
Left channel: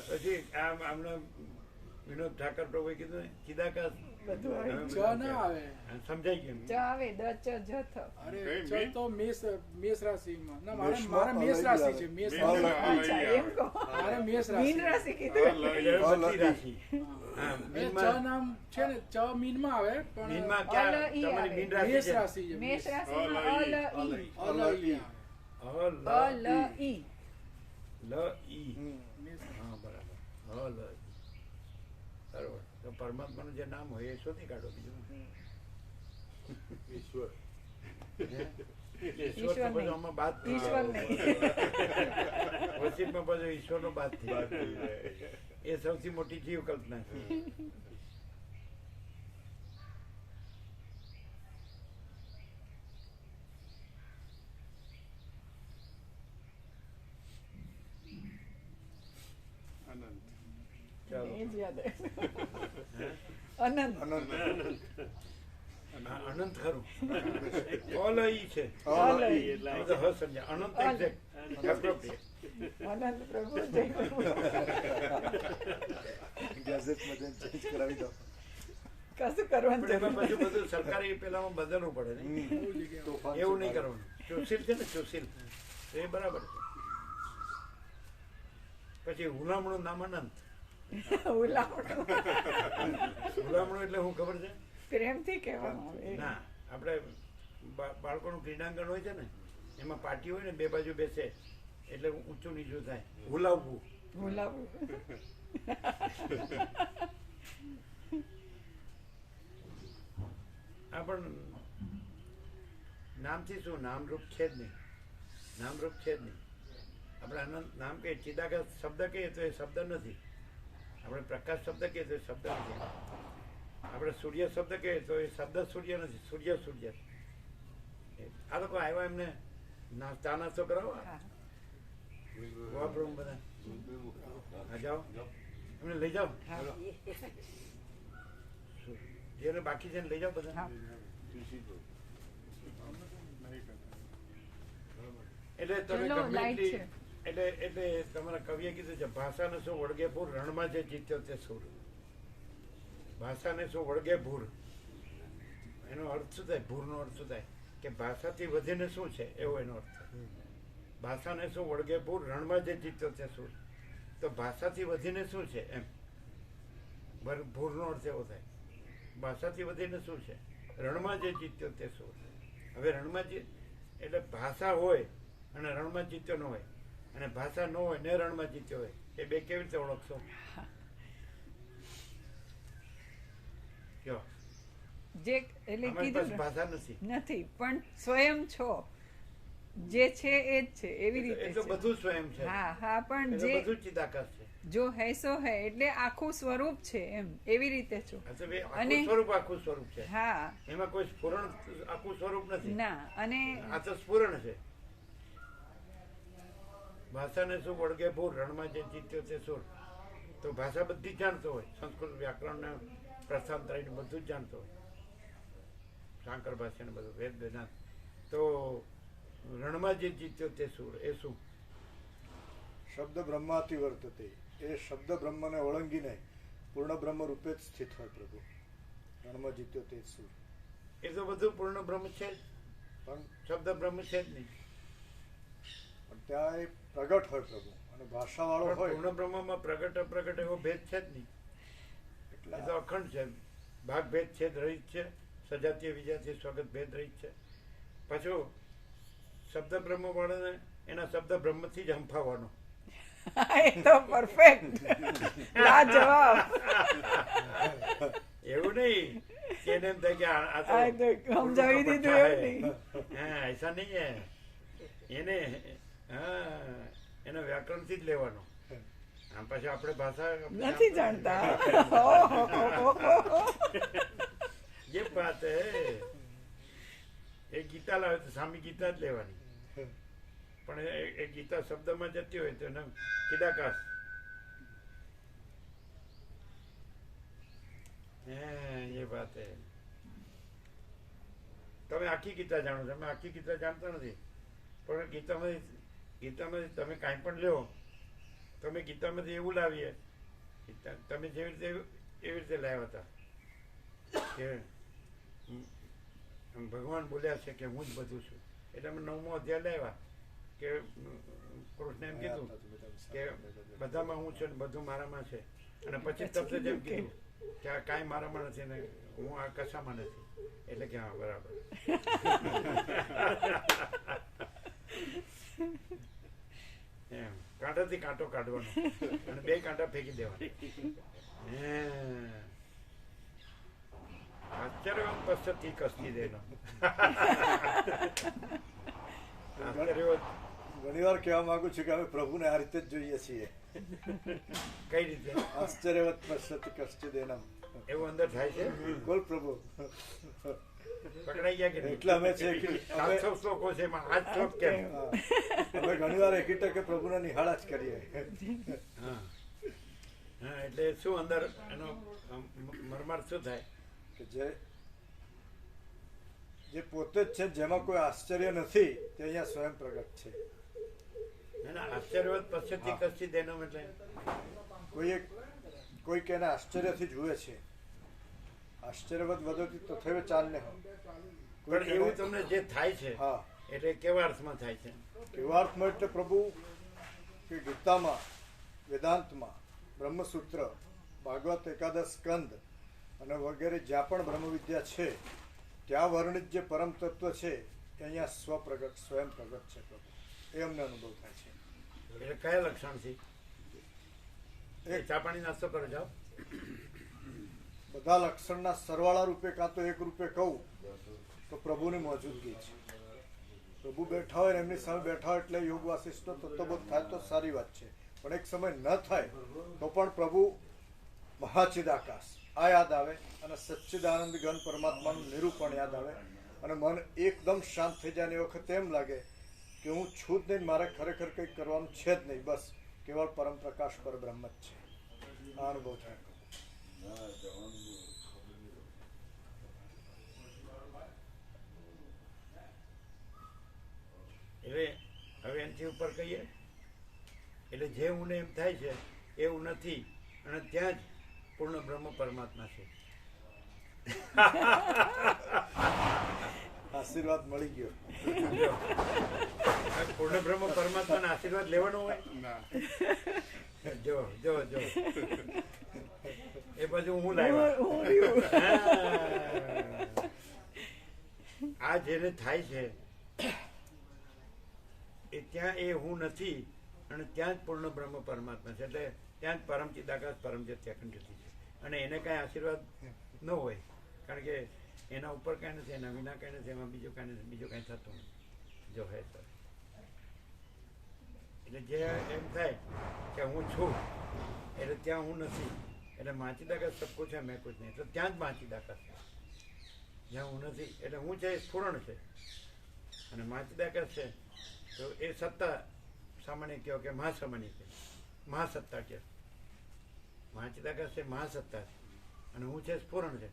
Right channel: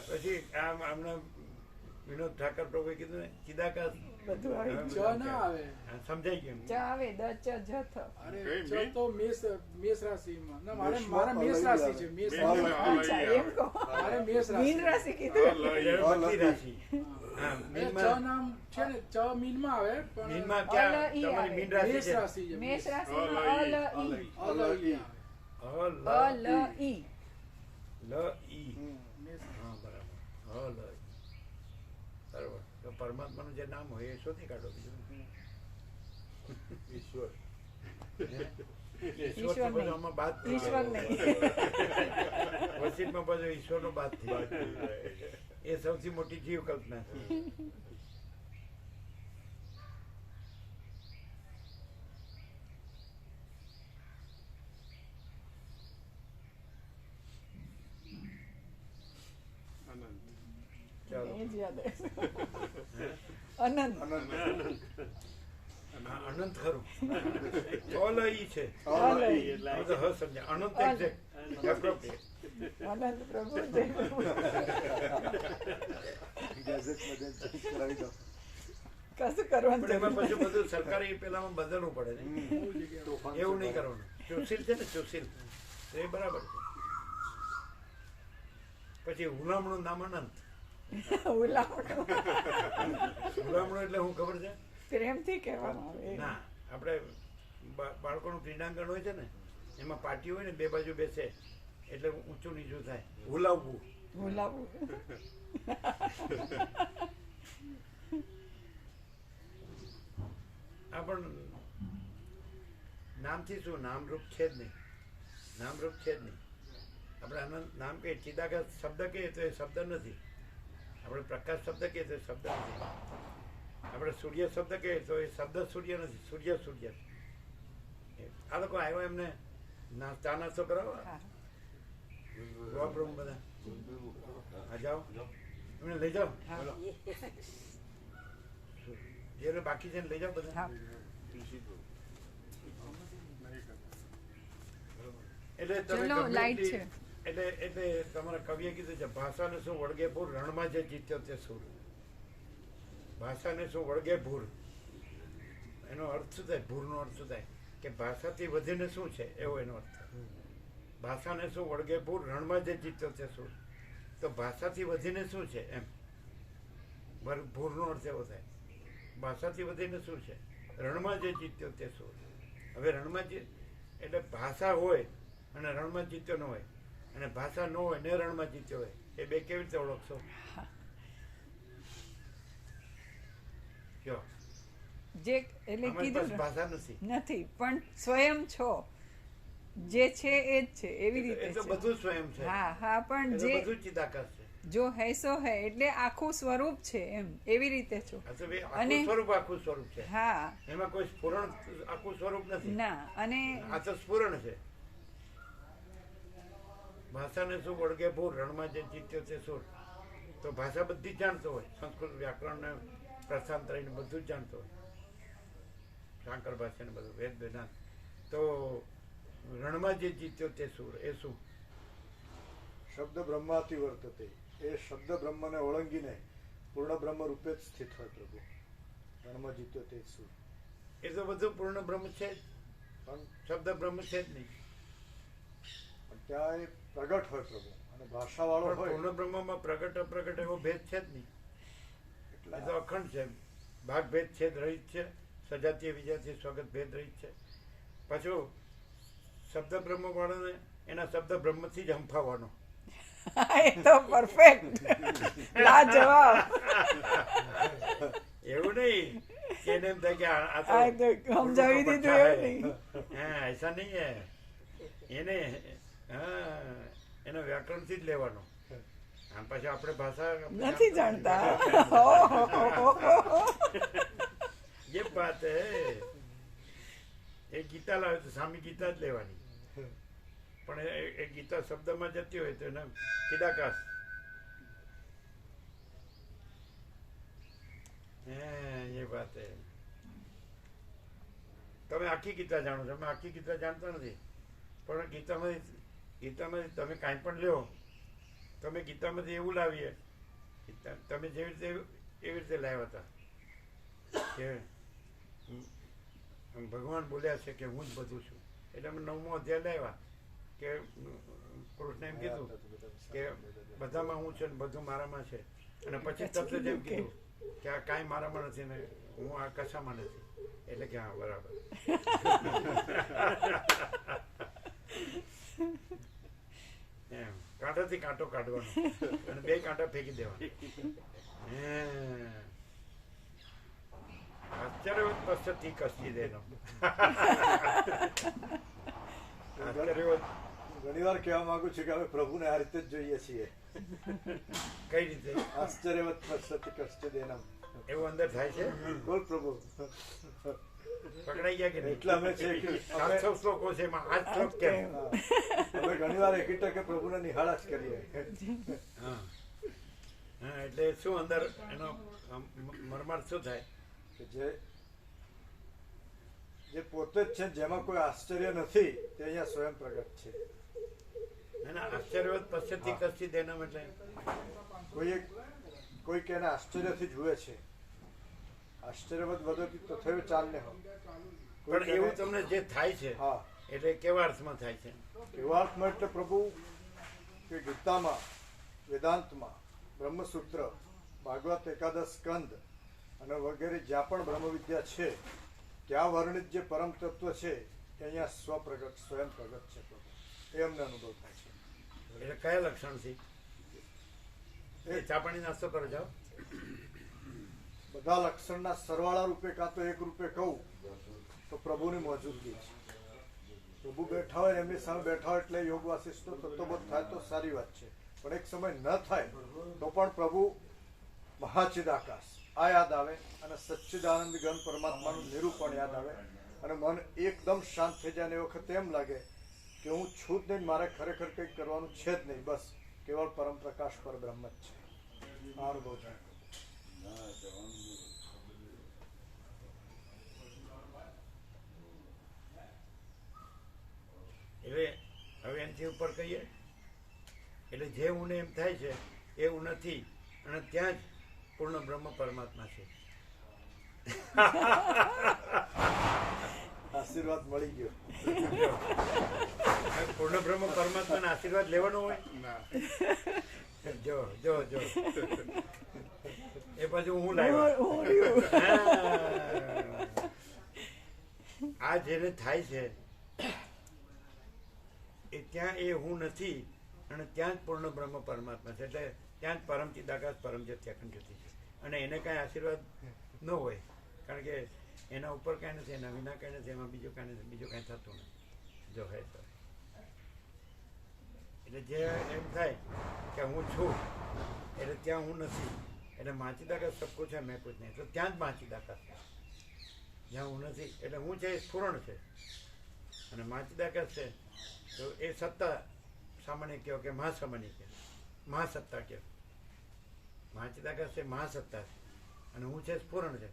પછી આમને વિનોદ ઠાકર પ્રભુએ કીધું ને ચિદાકાશ બધું આવે. ચ ના આવે. સમજાય ગયું? ચ આવે દ ચ જ થ. અરે ચ તો મેષ રાશિમાં. ના મારા મેષ રાશિ છે. મેષ રાશિ. અચ્છા એમ કહો. મારે મેષ મીન રાશિ કીધું. એટલે બધી રાશિ. હા, ચ મીનમાં નામ છે ને ચ મીનમાં આવે પણ મીનમાં ક્યાં અલ ઈ તમારી આવે. મીન રાશિ મેષ છે? રાશિ છે. મેષ રાશિમાં અલ ઈ. અલ ઈ આવે. અલ ઈ. લ ઈ. હા બરાબર. લ ઈ. બરાબર. તો પરમાત્માનું જે નામ હોય એ શોધી કાઢો. બીજું ઈશ્વર. ઈશ્વર તો બધું આમાં બાદ થઈ ઈશ્વર જાય. નહીં. વસીતમાં બધું ઈશ્વરનો બાદ થઈ જાય. એ સૌથી મોટી જીવ કલ્પના છે. ચાલો. એ જ યાદ આવે. અનંત. હા, અનંત ખરું. ઓલ ઈ છે. અલ ઈ. અમે તો હ સમજ્યા. અનંત exact, appropriate. અનંત પ્રભુ જય પ્રભુ. કશું કરવાનું પણ એમાં જરૂર પછી બધું સરકારી પેલામાં બદલવું પડે ને. એવું નહીં કરવાનું. સુશીલ છે ને સુશીલ, એ બરાબર છે. પછી હુલામણું નામ અનંત. નથી. ઉલાવણું હુલામણું એટલે હું ખબર છે? પ્રેમથી કહેવામાં આવે. ના, આપણે બાળકોનું ક્રીડાંગણ હોય છે ને, એમાં પાટી હોય ને, બે બાજુ બેસે એટલે ઊંચું નીચું થાય. હુલાવવું. ભૂલાવવું. આ પણ નામથી શું નામરૂપ છે જ નહીં. નામરૂપ છે જ નહીં. આપણે આનંદ નામ કહીએ, ચિદાકાશ શબ્દ કહીએ તો એ શબ્દ નથી. આપણે પ્રકાશ શબ્દ કહીએ તો એ શબ્દ નથી. આપણે સૂર્ય શબ્દ કહીએ તો એ શબ્દ સૂર્ય નથી. સૂર્ય સૂર્ય. આ લોકો આવ્યા એમને ચા નાસ્તો કરાવો. હા. વાપરું બધા. હા જાઓ, એમને લઈ જાઓ. હા. જે બાકી છે ને લઈ જાઓ બધા. હા. એટલે તમે ચલો, ગમે લાઈટ એટલી- છે. એટલે તમારા કવિએ કીધું છે, ભાષાને શું વળગે ભૂર, રણમાં જે જીત્યો તે સુર. ભાષાને શું વળગે ભૂર, એનો અર્થ શું થાય? ભૂરનો અર્થ શું થાય? કે ભાષાથી વધીને શું છે, એવો એનો અર્થ થાય. ભાષાને શું વળગે ભૂર, રણમાં જે જીત્યો તે સુર. તો ભાષાથી વધીને શું છે એમ. ભૂરનો અર્થ એવો થાય. ભાષાથી વધીને શું છે? રણમાં જે જીત્યો તે સુર. હવે રણમાં જે એટલે ભાષા હોય અને રણમાં જીત્યો ન હોય, અને ભાષા ન હોય ને રણમાં જીત્યો હોય, એ બે કેવી રીતે ઓળખશો? જો જે એટલે અમારી કીધું પાસે ને, ભાષા નથી. નથી પણ સ્વયં છો, જે છે એ જ છે એવી એ રીતે તો છે. બધું સ્વયં છે. હા હા પણ એ તો જે બધું ચિદાકાશ છે. જો હૈ સો હૈ એટલે આખું સ્વરૂપ છે એમ એવી રીતે છો. આ તો બે અને- આખું સ્વરૂપ છે. હા એમાં કોઈ સ્ફુરણ આખું સ્વરૂપ નથી. ના અને આ તો સ્ફુરણ છે. ભાષાને શું વળગે ભૂર, રણમાં જે જીત્યો તે સુર. તો ભાષા બધી જ જાણતો હોય. સંસ્કૃત વ્યાકરણ ને પ્રસ્થાંતરી બધું જ જાણતો હોય. શાંકર ભાષા ને બધું વેદ વેદાંત. તો રણમાં જે જીત્યો તે સુર એ શું? શબ્દ બ્રહ્માથી વર્તતે. એ શબ્દ બ્રહ્મને ઓળંગીને પૂર્ણ બ્રહ્મ રૂપે જ સ્થિત હોય પ્રભુ. રણમાં જીત્યો તે સુર. એ તો બધું પૂર્ણ બ્રહ્મ છે જ. પણ શબ્દ બ્રહ્મ છે જ નહીં. પણ ત્યાં એ પ્રગટ હોય પ્રભુ, અને ભાષાવાળો પણ હોય પૂર્ણ બ્રહ્મમાં પ્રગટ અપ્રગટ એવો ભેદ છે જ નહીં. એ તો અખંડ છે. ભાગ ભેદ છેદ રહિત છે. સજાતીય વિજાતીય સ્વાગત ભેદ રહિત છે. પાછું શબ્દ બ્રહ્મ વાળાને એના શબ્દ બ્રહ્મથી જ હંફાવવાનો. એ તો પરફેક્ટ લાજવાબ. એવું નહીં कि એને એમ થાય કે આ તો આ તો સમજાવી દીધું એવું નહીં. હા ऐसा નહીં હે એને હા એનો વ્યાકરણથી જ લેવાનો. આમ પાછું આપણે ભાષા નથી જાણતા. ये बात है. એ ગીતા લાવે તો સામી ગીતા જ લેવાની, પણ એ ગીતા શબ્દમાં જતી હોય તો એને ચિદાકાશ. એ વાત હે. તમે આખી ગીતા જાણો છો, અમે આખી ગીતા જાણતા નથી, પણ ગીતામાંથી તમે કાંઈ પણ લ્યો, તમે ગીતામાંથી એવું લાવીએ તમે જેવી રીતે એવી રીતે લાવ્યા હતા કે ભગવાન બોલ્યા છે કે હું જ બધું છું. એટલે અમે 9મો અધ્યાય લાવ્યા કે કૃષ્ણ એમ કીધું કે બધામાં હું છું ને બધું મારામાં છે, અને પછી તરત જ એમ કીધું કે આ કાંઈ મારામાં નથી ને હું આ કશામાં નથી. એટલે કે હા બરાબર. એમ કાંટાથી કાંટો કાઢવાનો અને 2 કાંટા ફેંકી દેવાના. આશ્ચર્યવત પશ્ચતી કષ્ટી દેનો. આશ્ચર્યવત ઘણી વાર કહેવા માંગુ છું કે અમે પ્રભુને આ રીતે જ જોઈએ છીએ. કઈ રીતે? આશ્ચર્યવત પશ્ચતી કષ્ટી દેનમ. એવું અંદર થાય છે? બોલ પ્રભુ. પકડાઈ ગયા કે નહીં? એટલે અમે છે કે 700 શ્લોકો છે એમાં આ શ્લોક કેમ? અમે ઘણી વાર એક ટકે પ્રભુને નિહાળા જ કરીએ. હા હા, એટલે શું અંદર એનો મરમાર શું થાય? જે પોતે જ છે, જેમાં કોઈ આશ્ચર્ય નથી, તે અહીંયા સ્વયં પ્રગટ છે. આશ્ચર્યવત પશ્ચતી કષ્ટી દેનમ એટલે કોઈ કે એને આશ્ચર્યથી જુએ છે. આશ્ચર્યવત વધતી તો થયો ચાલને. પણ એવું તમને જે થાય છે હા, એટલે કેવા અર્થમાં થાય છે? કેવા અર્થમાં એટલે પ્રભુ કે ગીતામાં, વેદાંતમાં, બ્રહ્મસૂત્ર, ભાગવત એકાદશ સ્કંદ અને વગેરે જ્યાં પણ બ્રહ્મ વિદ્યા છે ત્યાં વર્ણિત જે પરમ તત્વ છે એ અહીંયા સ્વપ્રગટ, સ્વયં પ્રગટ છે પ્રભુ. એ અમને અનુભવ થાય છે. એટલે કયા લક્ષણથી? એ ચા પાણી નાસ્તો કરો જાઓ. બધા લક્ષણના સરવાળા રૂપે કાં તો એક રૂપે કહું તો પ્રભુની મોજૂદગી છે. પ્રભુ બેઠા હોય એમની સામે બેઠા હોય એટલે યોગ વાસિષ્ઠનો તત્વબોધ થાય તો સારી વાત છે, પણ એક સમય ન થાય તો પણ પ્રભુ મહાચિદાકાશ આ યાદ આવે અને સચ્ચિદાનંદ ઘન પરમાત્માનું નિરૂપણ યાદ આવે અને મન એકદમ શાંત થઈ જાય. એ વખતે એમ લાગે કે હું છું જ નહીં, મારે ખરેખર કંઈક કરવાનું છે જ નહીં, બસ કેવળ પરમ પ્રકાશ પર બ્રહ્મ જ છે. આ અનુભવ થાય. એટલે હવે એનાથી ઉપર કહીએ એટલે જે હું એમ થાય છે એવું નથી, અને ત્યાં જ પૂર્ણ બ્રહ્મ પરમાત્મા છે. આશીર્વાદ મળી ગયો. પૂર્ણ બ્રહ્મ પરમાત્માના આશીર્વાદ લેવાનો હોય. જો જો જો એ પછી હું લાવ્યો. આ જેને થાય છે એ ત્યાં એ હું નથી, અને ત્યાં જ પૂર્ણ બ્રહ્મ પરમાત્મા છે. એટલે ત્યાં જ પરમ ચિદાકાશ પરમ જ્યોતિ અખંડ જ્યોતિ છે, અને એને કાંઈ આશીર્વાદ ન હોય, કારણ કે એના ઉપર કાંઈ નથી, એના વિના કાંઈ નથી, એમાં બીજું કાંઈ નથી, બીજું કાંઈ થતું નથી જો હે તો. એટલે જે એમ થાય કે હું છું એટલે ત્યાં હું નથી, એટલે માચીદાકાશ સબ કુછ છે, મેં કુછ નહીં, તો ત્યાં જ માચીદાકાશ છે. જ્યાં હું નથી એટલે હું છે એ સ્ફુરણ છે, અને માચીદાકાશ છે તો એ સત્તા સામાન્ય કહો કે મહાસામાન્ય કહે, મહાસત્તા કહે. મહાચિદાકાશ છે મહાસત્તા છે, અને હું છે સ્ફુરણ છે.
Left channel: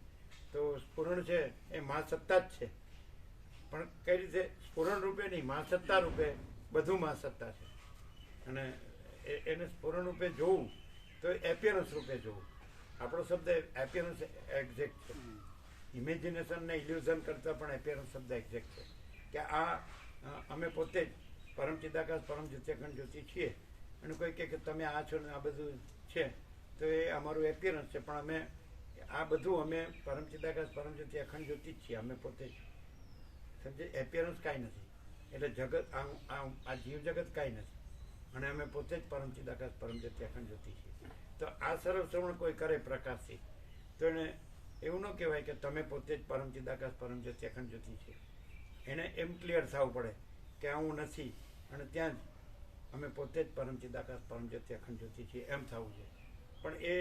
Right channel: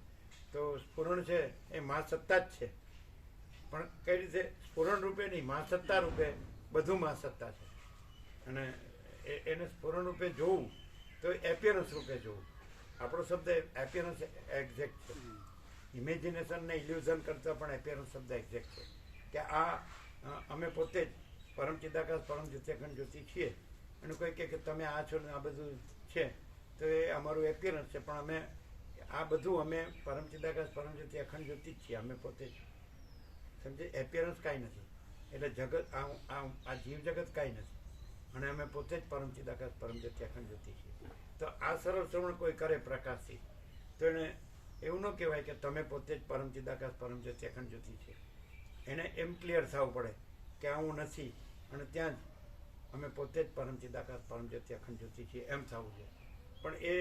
તો સ્ફુરણ છે એ મહાસત્તા જ છે, પણ કઈ રીતે? સ્ફુરણ રૂપે નહીં, મહાસત્તા રૂપે બધું મહાસત્તા છે. અને એને સ્ફુરણ રૂપે જોવું તો એપિયરન્સ રૂપે જોવું. આપણો શબ્દ એપિયરન્સ એક્ઝેક્ટ છે. ઇમેજિનેશન ને ઇલ્યુઝન કરતાં પણ એપિયરન્સ શબ્દ એક્ઝેક્ટ છે, કે આ અમે પોતે જ પરમ ચિદાકાશ પરમ જ્યોતિ અખંડ જ્યોતિ છીએ. અને કોઈ કહે કે તમે આ છો ને આ બધું છે, તો એ અમારું એપિયરન્સ છે, પણ અમે આ બધું અમે પરમ ચિદાકાશ પરમ જ્યોતિ અખંડ જ્યોતિ જ છીએ, અમે પોતે જ. સમજે? એપિયરન્સ કાંઈ નથી. એટલે જગત આ જીવ જગત કાંઈ નથી, અને અમે પોતે જ પરમ ચિદાકાશ પરમ જ્યોતિ અખંડ જ્યોતિ છીએ. તો આ સરળ શ્રવણ કોઈ કરે પ્રકાશથી તો એને એ એવું ન કહેવાય કે તમે પોતે જ પરમ ચિદાકાશ પરમ જ્યોતિ અખંડ જ્યોતિ છે. એને એમ ક્લિયર થવું પડે કે આ હું નથી અને ત્યાં જ અમે પોતે જ પરમ ચિદાકાશ પરમ જ્યોતિ અખંડ જ્યોતિ છીએ એમ થવું જોઈએ. પણ એ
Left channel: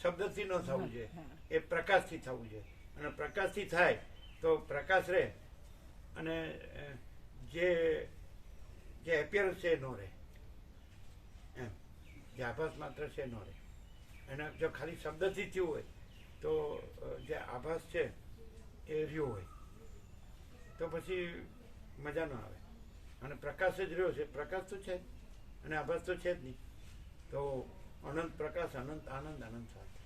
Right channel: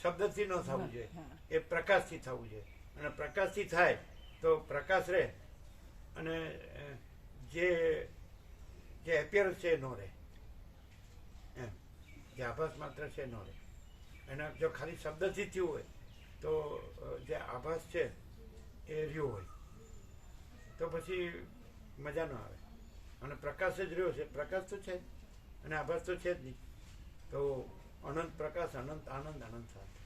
શબ્દથી ન થવું જોઈએ, એ પ્રકાશથી થવું જોઈએ. અને પ્રકાશથી થાય તો પ્રકાશ રહે અને જે એપિયરન્સ છે એ ન રહે, એમ જે આભાસ માત્ર છે ન રહે. અને જો ખાલી શબ્દથી થયું હોય તો જે આભાસ છે એ રહ્યો હોય તો પછી મજા ન આવે. અને પ્રકાશ જ રહ્યો છે, પ્રકાશ તો છે જ અને આભાસ તો છે જ નહીં. તો અનંત પ્રકાશ, અનંત આનંદ, અનંત શાંતિ.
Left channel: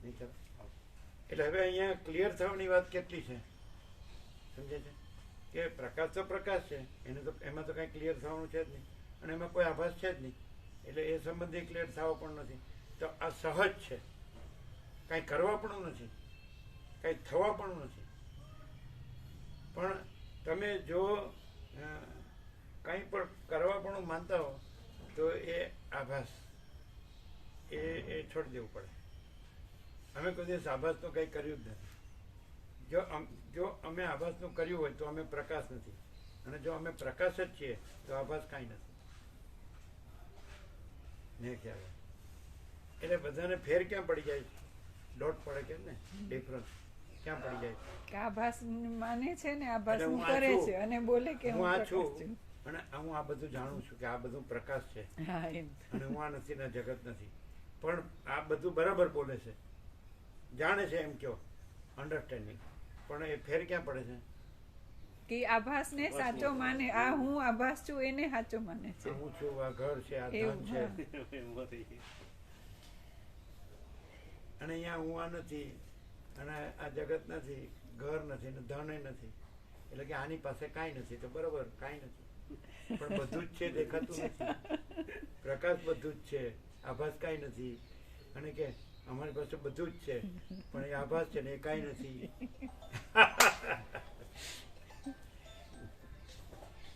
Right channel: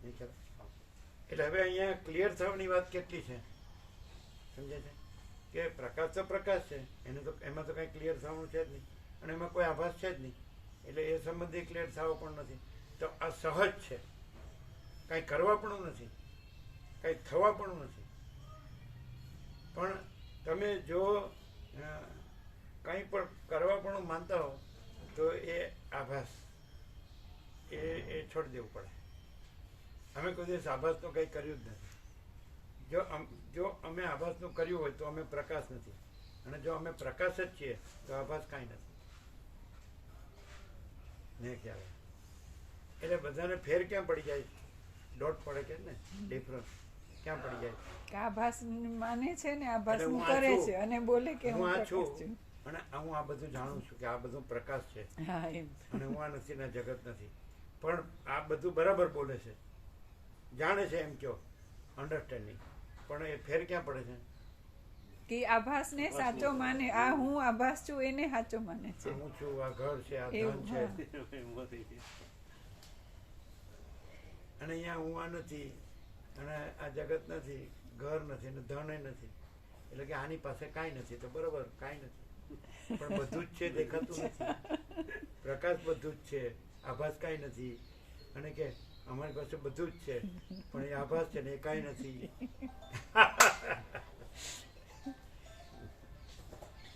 નહીં ખ્યાલ? એટલે હવે અહીંયા ક્લિયર થવાની વાત કેટલી છે સમજે છે કે પ્રકાશ તો પ્રકાશ છે, એને તો એમાં તો કાંઈ ક્લિયર થવાનું છે જ નહીં અને એમાં કોઈ આભાસ છે જ નહીં. એટલે એ સંબંધી ક્લિયર થવો પણ નથી. તો આ સહજ છે, કાંઈ કરવા પણ નથી, કાંઈ થવા પણ નથી. પણ તમે જો કંઈ પણ કરવા પણ માનતા હો તો એ આભાસ એ છોડી દેવું પડે. અમે કોઈ દિવસ આભાસનું કંઈ કર્યું જ નથી. જો અમે આભાસનું કર્યું હોય તો અમે પ્રકાશ નથી, અને જો અમે પ્રકાશ જ છીએ તો આભાસ કાંઈ નથી. ને ખ્યાલ આવે? એટલે બધાને ફેર ક્યાં પડી જાય? ડોટ પડે કે ને ડિફરન્સ ક્યાં પડી જાય? કે આભાસ માને છે ને આભાસ નું કરે છે અને બોલે કે હું આ પ્રકાશ છું અને હું આ બધું જાણું છું કે આ બધું પ્રકાશ છે હા એમ અને હું આ નથી ને જગત નથી. પણ આ બધું બરાબર બોલે છે, જાણે છે એમ કયો અન્ડરસ્ટેન્ડિંગ. પણ એ ફેર ક્યાં પડે છે? કે આભાસ ને સાચો માને, આ હું આભાસ છું એને સાચો માને છે. હું છું, આ ઘર છે, આ એવું, ધન છે, અને અહીંયા હું આ નથી અને આ જગત નથી, ઘર નથી ને ધન નથી. એટલે કે આની પાસે કાંઈ નથી. તો બરોબર કાંઈ નથી, પણ બધું જ છે, દેખાતું નથી. પ્રકાશ બધું જ છે, આભાસ કાંઈ નથી. અને કે અમારી પાસે બધું જ છે પણ એ આભાસ છે ને એ કાંઈ નથી.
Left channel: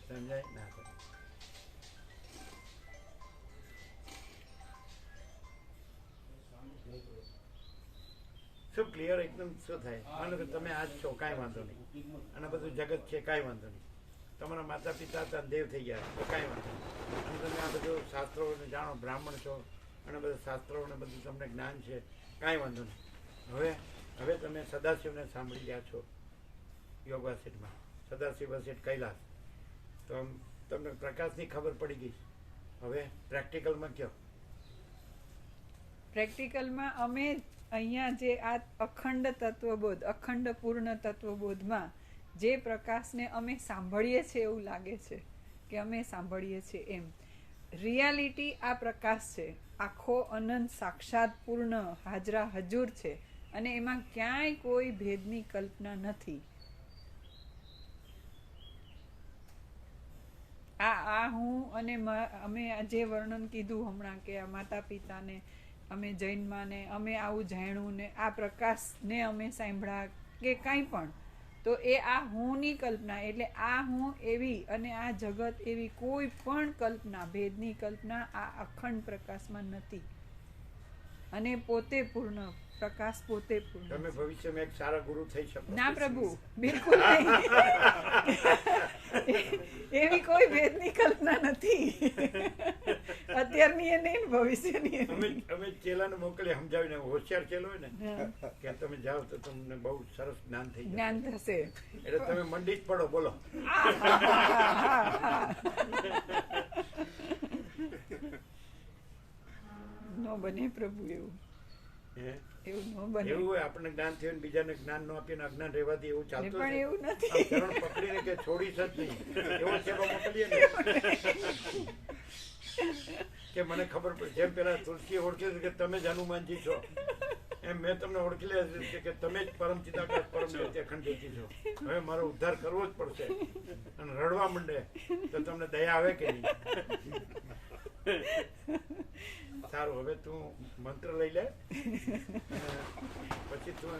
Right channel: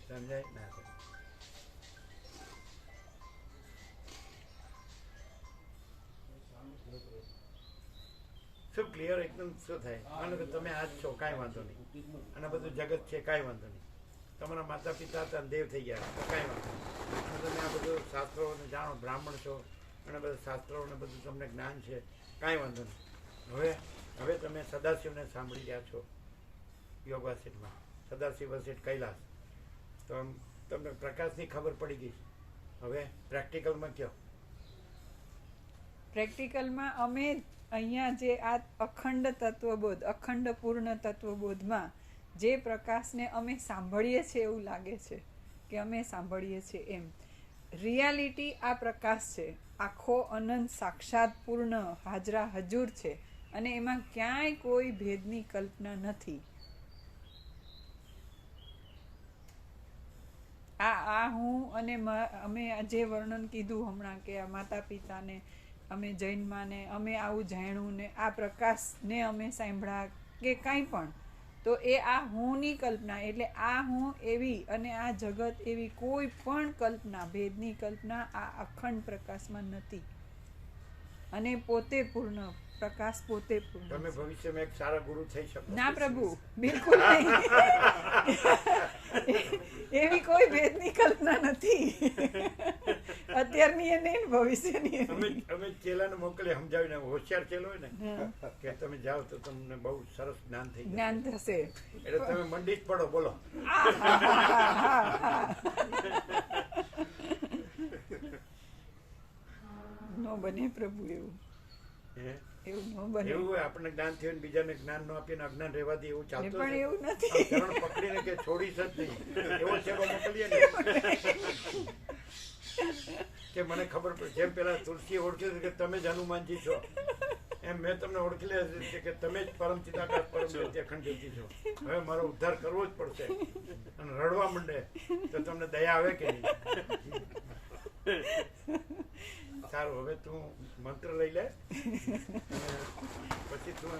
સમજાય ના? શું ક્લિયર એકદમ શું થાય? માનો કે તમે આજ છો, કાંઈ વાંધો નહીં, અને બધું જગત છે, કાંઈ વાંધો નહીં. તમારા માતા પિતા હતા દેવ થઈ ગયા તો કાંઈ વાંધો નહીં. અને તમે આ બધું શાસ્ત્રોને જાણો, બ્રાહ્મણ છો અને બધા શાસ્ત્રોને બધું તમને જ્ઞાન છે, કાંઈ વાંધો નહીં. હવે તમે સદાશિવને સાંભળી રહ્યા છો યોગ વાસિટમાં, સદાશિવ વસિટ કૈલાસ. તો તમને પ્રકાશની ખબર પડી ગઈ. હવે પ્રેક્ટિકલમાં કયો? પ્રેક્ટિકલમાં અમે અહીંયા જે આ અખંડ તત્વબોધ, અખંડ પૂર્ણ તત્વબોધમાં જે પ્રકાશને અમે સાંભળીએ છીએ એવું લાગે છે કે અમે સાંભળીએ છીએ એમ. રિયાલિટી આ પ્રકાશ છે, આખો અનંત સાક્ષાત પૂર્ણ હાજરા હજુર છે અને એમાં ક્યાંય કોઈ ભેદની કલ્પના નથી. આ હું અને અમે જે વર્ણન કીધું હમણાં કે આ માતા પિતાને અમે જૈનમાં ને અમે આવું જાણ્યું ને આ પ્રકાશને અમે સાંભળ્યા કે કાંઈ પણ, તો એ આ હુંની કલ્પના. એટલે આ હું એવી અને આ જગત એવી કોઈ પણ કલ્પના, ભેદની કલ્પના આ અખંડ પ્રકાશમાં નથી. અને પોતે પૂર્ણ પ્રકાશ, પોતે પૂર્ણ. તમે ભવિષ્યમાં એક સારા ગુરુ થઈ શકો? ના પ્રભુ, બિલકુલ નહીં. એવી કોઈ ભેદની કલ્પના નથી, અત્યારની એ નહીં, ભવિષ્યની. અમે ચેલાને મોકલે સમજાવીને, હોશિયાર ચેલો હોય ને કે તમે જાઓ તો તમને બહુ સરસ જ્ઞાન થઈ જાય, જ્ઞાન થશે. એટલે તમે મંડી જ પડો, બોલો. નો બને પ્રભુ એવું. એવું ન બને. એવું હોય આપણને જ્ઞાન થયું ને બીજાને જ્ઞાન ન આપીને અજ્ઞાન રહેવા દે એવું ચાલતું પણ છે. એવું નથી. ચરણ પકડીને કે છોડીશ જ નહીં એવો સેવા મોકલીએ ને કે મને ખબર પડે. જેમ પેલા તુલસી ઓળખી કે તમે જ હનુમાનજી છો, એમ મેં તમને ઓળખી લે છે કે તમે જ પરમ ચિદાકાશ પરમ જ્યોતિ અખંડ જ્યોતિ છો. હવે મારો ઉદ્ધાર કરવો જ પડશે. અને રડવા માંડે તો તમને દયા આવે કે નહીં? સારું, હવે તું મંત્ર લઈ લે અને પછી તું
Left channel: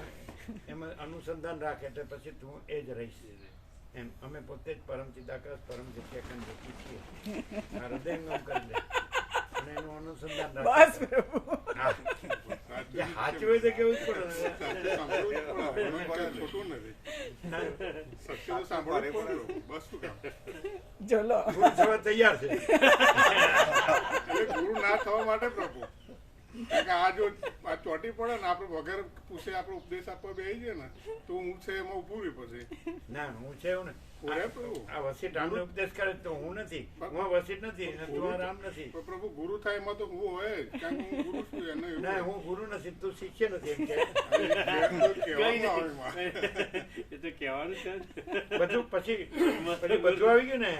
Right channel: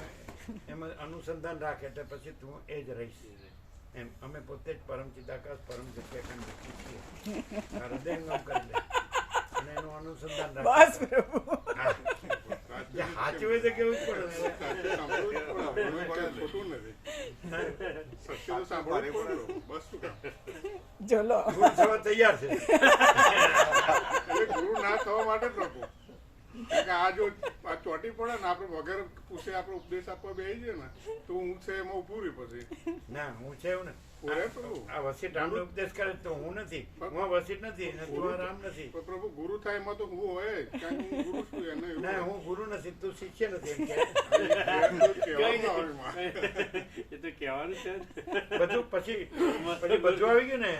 એમાં અનુસંધાન રાખે એટલે પછી તું એ જ રહીશ. એમ અમે પોતે જ પરમ ચિદાકાશ પરમ જ્યોતિ અખંડ જ્યોતિ છીએ. હૃદયંગમ કરી લે અને એનું અનુસંધાન રાખે. બસ પ્રભુ. હા. જે સાચું હોય તો કેવું જ પડે. ખોટું નથી. સત્ય તો સાંભળવું જ પડે. બસ શું કામ? ચલો ગુરુ થવા તૈયાર છે. એટલે ગુરુ ના થવા માટે જ પ્રભુ. કારણ કે આ જો આ ચોટી પડે ને આપણે વગર પૂછે આપણે ઉપદેશ આપવા બેસી ને તો હું છે એમાં ઉભું રહી પછી. ના હું છે એવું ને પૂરે પ્રભુ. આ વસીટ રામને ઉપદેશ કરે તો હું નથી, હું વસીટ નથી અને તું આ રામ નથી. તો પ્રભુ ગુરુ થાય એમાં તો હું હોય જ. કારણ કે હું ગુરુ છું એને એવું. ના હું ગુરુ નથી, તું શિષ્ય નથી એમ કે કહેવામાં આવે એમાં. એ તો કહેવાનું છે જ. બધું પછી બધું આવી ગયું ને,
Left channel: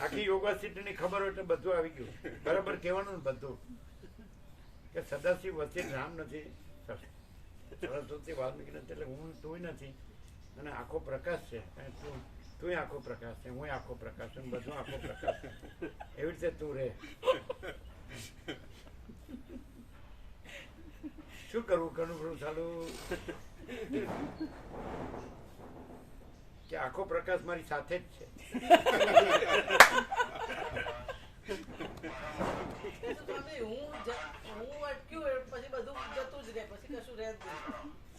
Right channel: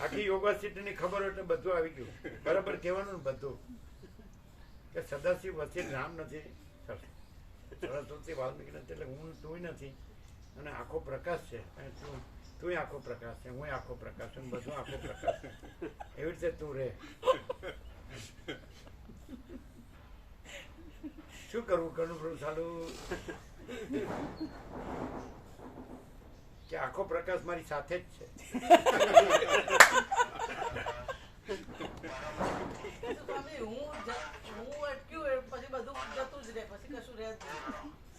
આખી યોગાસિટીની ખબર હોય એટલે બધું આવી ગયું. બરાબર કહેવાનું ને બધું કે સદાશિવ વચ્ચે રામ નથી, સરસ્વતી વાલ્મીકી નથી, એટલે હું તું નથી અને આખો પ્રકાશ છે. અને તું આખો પ્રકાશ છે, હું આખો પ્રકાશ છું, બધું આખો પ્રકાશ છે. એવી રીતે તું રહે. શું કરવું કનુભવ ચાલુ કે આખો પ્રકાશ મારી સાથે જ છે.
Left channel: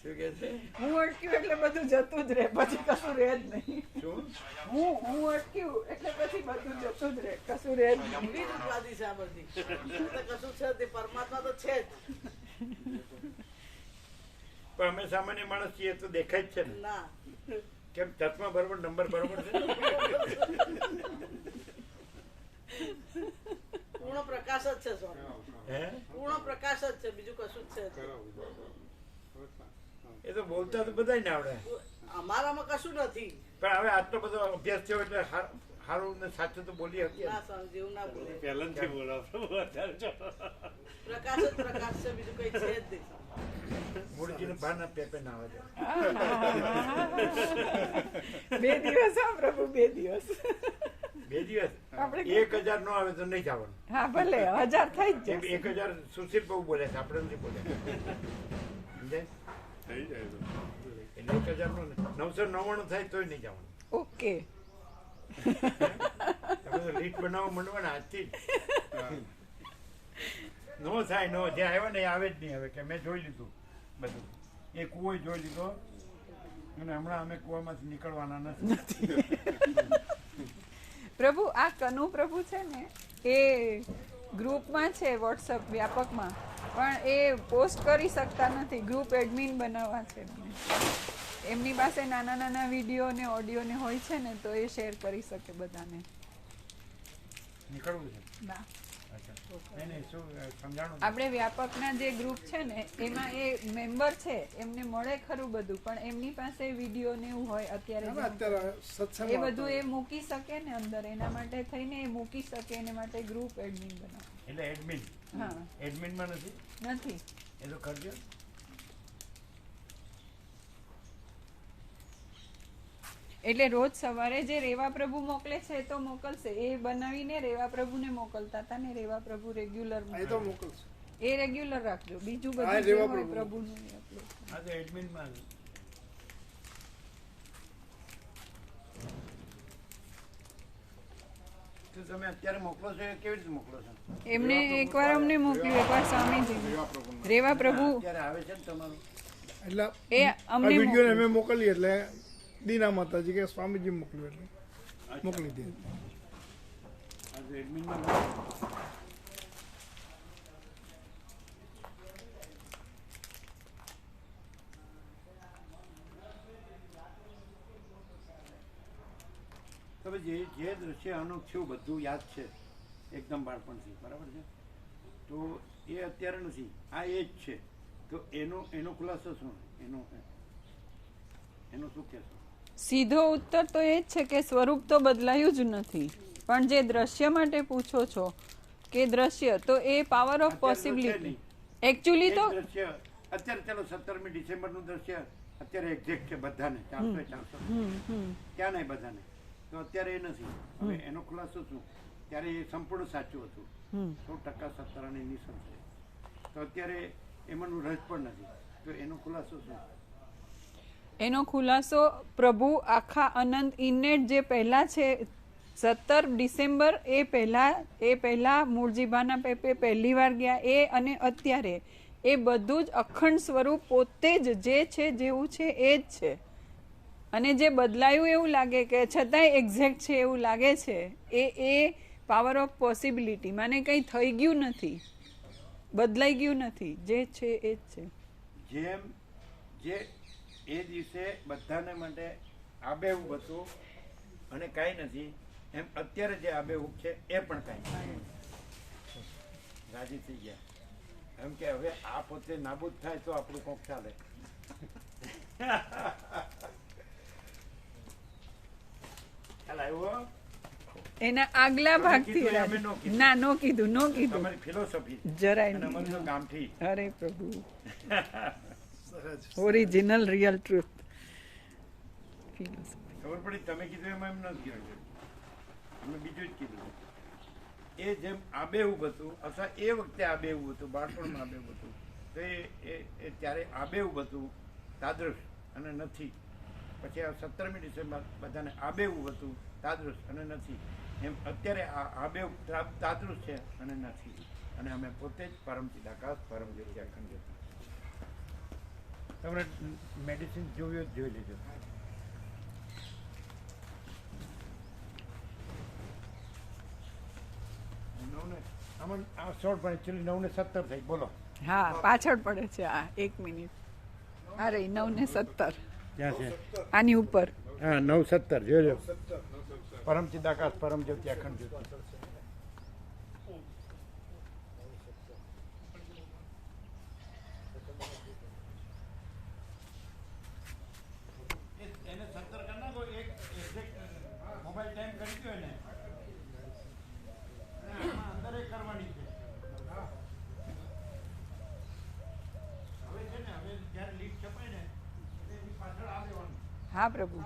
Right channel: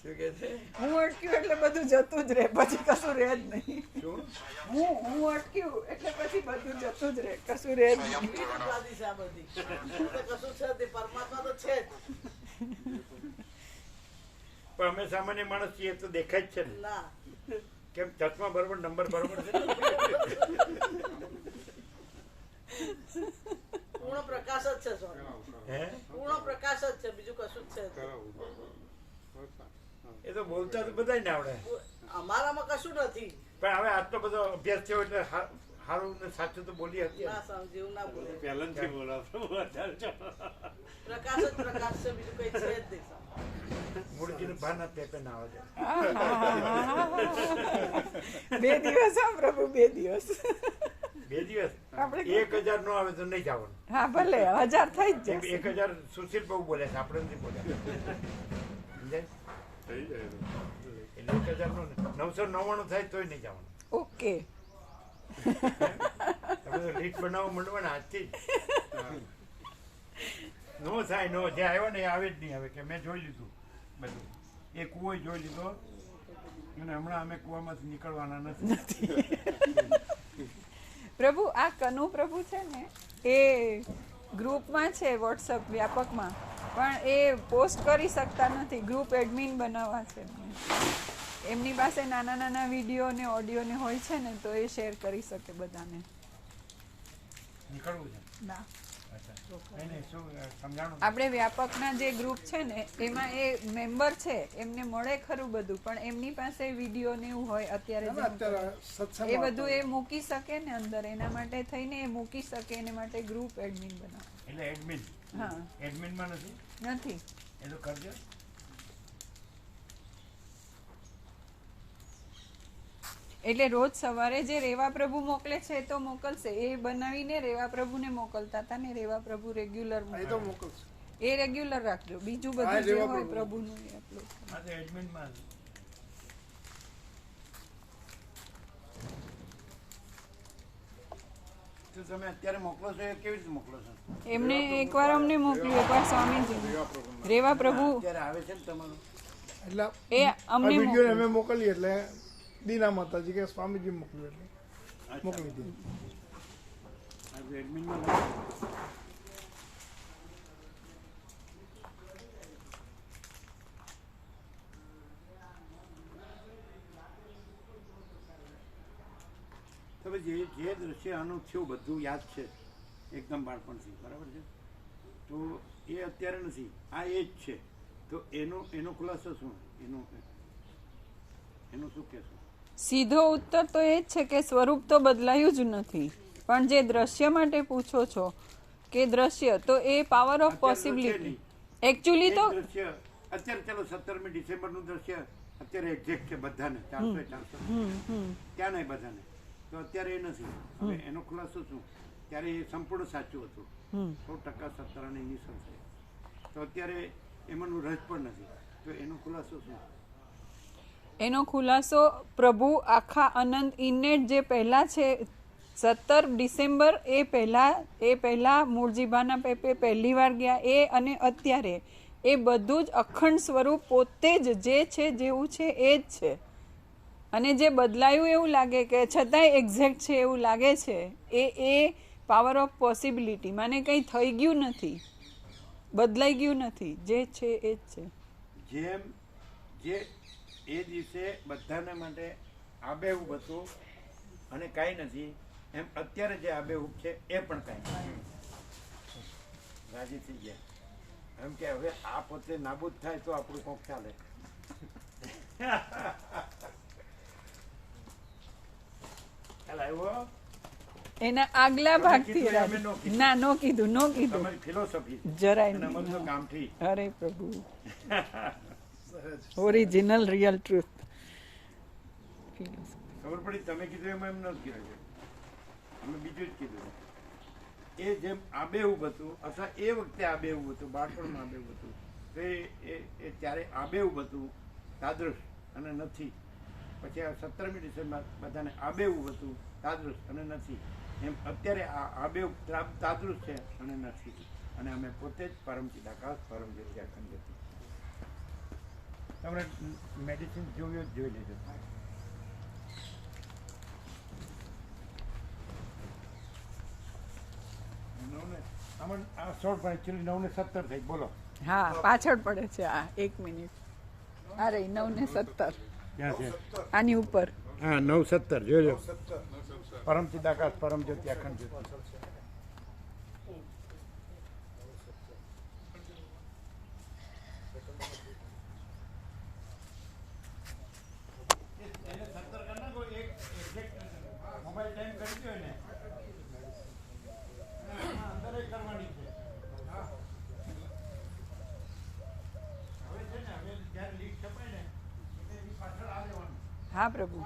શું કે છે? હું અટક્યું એટલે બધું જતું જ રહે, પછી કશું રહે જ નહીં. શું હું અટક્યું એટલે પછી બધું જતું જ રહે, કશું રહે જ નહીં. પરમાત્મા તો છે જ. પણ અમે સામાન્ય માણસ છીએ તો દેખાય જ છે ને. ના કેમ ચશ્મા બરોબર, નંબર બરોબર છે? પૂર્ણ પ્રકાશ જ છે સ્વામી. હે પૂર્ણ પ્રકાશ જ છે, બીજું કશું જ છે. એ તો બોલતા તો બધાય ને આવડે, અમારામાં કશું નથી. પણ હવે આટલો બધો અભ્યાસ થયો એટલે સારું ને સાચું તો બોલી શકીએ. ના સ્વામી જેવું ના બોલે. પહેલાથી બોલાવતો વધારે છે. પ્રકાશ જ પ્રકાશ છે, બીજું કઈ છે જ નહીં સ્વામી. મૂળજીને ભાન પેપે ના આવે છે. 2 દિવસ હા પ્રભુ, 2 દિવસ. 2 દિવસ 1000 નો આવે તો નહીં જવાનું. હા ભલે 1000 થઈ જ જશે. 1000 સુશીલ બહુ બોલે છે, આપણે નથી બોલ્યા. સમજાય? થઈ જાય તો. એટલે 1000 નું 999 થાય તોય નહીં જવાનું. ઓકે. તમે લીટ બનાવવા માંડવા ને આજથી નો થાય, નો જે આવ્યો ને એ આવે જ નહીં. હવે કે મેં જોઈ લીધું બધું, એ કૂવો જોઈ લીધો અને હમણાં અમે કૂવામાંથી નીકળવાના નથી. પ્રભુ આ કનુ પ્રભુ છે ને એ ગ્રુપમાં છે, વોટ્સઅપ વ્યાપકમાં, પણ એ પોસ્ટ કરી શકતા નથી. ગ્રુપ એડમિન બનાવવા છે એમને. એમની પાસે નાના નાના વિડીયો ને ઓડિયો ને હોય છે ને, તો એ શેર કરી શકે બધાને. નીકળવું છે ના આપણે વ્યાપકના જે ગ્રુપ છે ને એમાં એ મેમ્બર છે, એમને મળે ખરું બધું, પણ એમની પાસે વિડીયો ને એવું હોય અત્યારે એ બધું એ મૂકી શકે ને અંદર. એના માટે થઈને એ મૂકી શકે, એના માટે ગ્રુપ એડમિન બનાવે. એટલે એડમિન? હા, એડમિનમાં નથી એ તો કરજો. એટલે રોજ સવારે જે રેવા પ્રભુ મોકલે છે એ તો મોકલશે. એ બનાવીને રેવા પ્રભુને મોકલતા હતા ને રેવા પ્રભુ રેગ્યુલર મોકલશે. એ રેગ્યુલર રાખજો. બીજું બધું જે હોય પ્રભુનું એ અપલોડ કરો. હા તો એડમિનમાં તો તમે અત્યારે મોકલો છો, એ કેવી રીતે મોકલો છો? એમને એકવાર અમને મોકલ્યું, એકવાર સ્વામીજી રેવા પ્રભુ અત્યારે આવે છે ને તમારું, એટલે એ અમને વિડીયો અમે મોકલીએ એટલે દીના માતાજી કે સ્વામીજી મોકલ્યું એટલે મોકલી દે. આ તો એડમિનમાં તમે જે દ્રશ્ય આનું થયું બધું યાદ છે એકદમ બાળપણથી, બરાબર છે? તો એ અત્યારે નથી, આ એ જ છે. તો એનો ખુલાસો શું? એનું શું કહેશો? સીધો ઉત્તર તો એ જ છે કે સ્વરૂપ તો બદલાયું જ નથી, પણ જે દ્રશ્ય માટે પૂછો છો કે દ્રશ્ય, તો એ પાવર ઓફ પોસિબિલિટી એકચ્યુઅલી તો દ્રશ્ય અત્યારે ચાલો 17મી ડિસેમ્બરનું દ્રશ્ય અત્યારે એક્ઝેક્ટ છે બધાને, 400 ત્યાં નહીં બધાને, તો અત્યારે એ નથી. હવે એનો ખુલાસો શું? ત્યારે એ સંપૂર્ણ સાચું હતું, 100% સત્તારાની નિસંત છે. તો અત્યારે એમાંનું રજ પણ નથી, તો એનો ખુલાસો શું? એનો ખુલાસો પ્રભુ આખા અનંત ઇનેટ જે પહેલા છે 17 ડિસેમ્બર એ પહેલા મૂળજીભાના પેપે પહેલી વાર ગયા એ, અને અત્યારે એ બધું જ અખંડ સ્વરૂપ પોતે જ જે છે જેવું છે એ જ છે. અને જે બદલાયું એવું લાગે કે છતાંય એક્ઝેક્ટ છે એવું લાગે છે એ પાવર ઓફ પોસિબિલિટી. મને કંઈ થઈ ગયું નથી, બદલાઈ ગયું નથી, જે છે એ જ છે. જેમ જે એ દિવસે બધાને માટે આબેહૂબ હતું અને કાંઈ નથી, એમ અત્યારે જે આબેહૂબ છે એ પણ કાંઈ નથી. રાજી થઈ ગયા એમ કે હવે આ પોતે નાબૂદ થાય તો આપણું કોક ચાલે. ખ્યાલ આવ્યો? એના આગલા ભાગથી ના નો કીધું તમારી ફિલોસોફી જરાય અને અમારું તો નહીં. ગામઠી. અરે પ્રભુ, ઓરિજિનલ રિયલ ટ્રુથ. ખબર પડી તમે કીધું એમાં એમ નથી કીધું, અમે બીજું જ કીધું. એ જેમ આબેહૂબ હતું અથવા એ વખતે આબેહૂબ હતું, બાળપણમાં આબેહૂબ હતું, તો એ ત્યારે આબેહૂબ હતું તાદૃશ અને નથી. પછી 17મી ડિસેમ્બર બધાને આબેહૂબ હતું તાદૃશ અને નથી. એમ અત્યારે આ આબેહૂબ તાદૃશ છે અને નથી. અને અમે પોતે જ પરમ ચિદાકાશ, પરમ જ્યોતિ, અખંડ જ્યોતિ. તમને મેડિસિન જોયું જ જોઈ લેજો. આમાં આ શોર્ટ પણ એકચ્યુઅલી 9 ને 17 થઈ. બોલો. હા, પાછળ પડે છે આ 1 મિનિટ. અરે 9 ને 17 ક્યાં છે? આની ઉપર. હા, 9:17 જોજો. પરમ ચિદાકાશ, પરમ જ્યોતિ, અખંડ જ્યોતિ. એને 17 કરી નાખો. એક એક્ઝેક્ટ મોબાઈલ ટાઈમ કરી દો એને. આમાં અંદર કરવાની છે. હવે છે ને, હવે જ્યારે લીક છપાય ને એટલે એની પાછળ આ દેવાનું. હા પ્રભુ.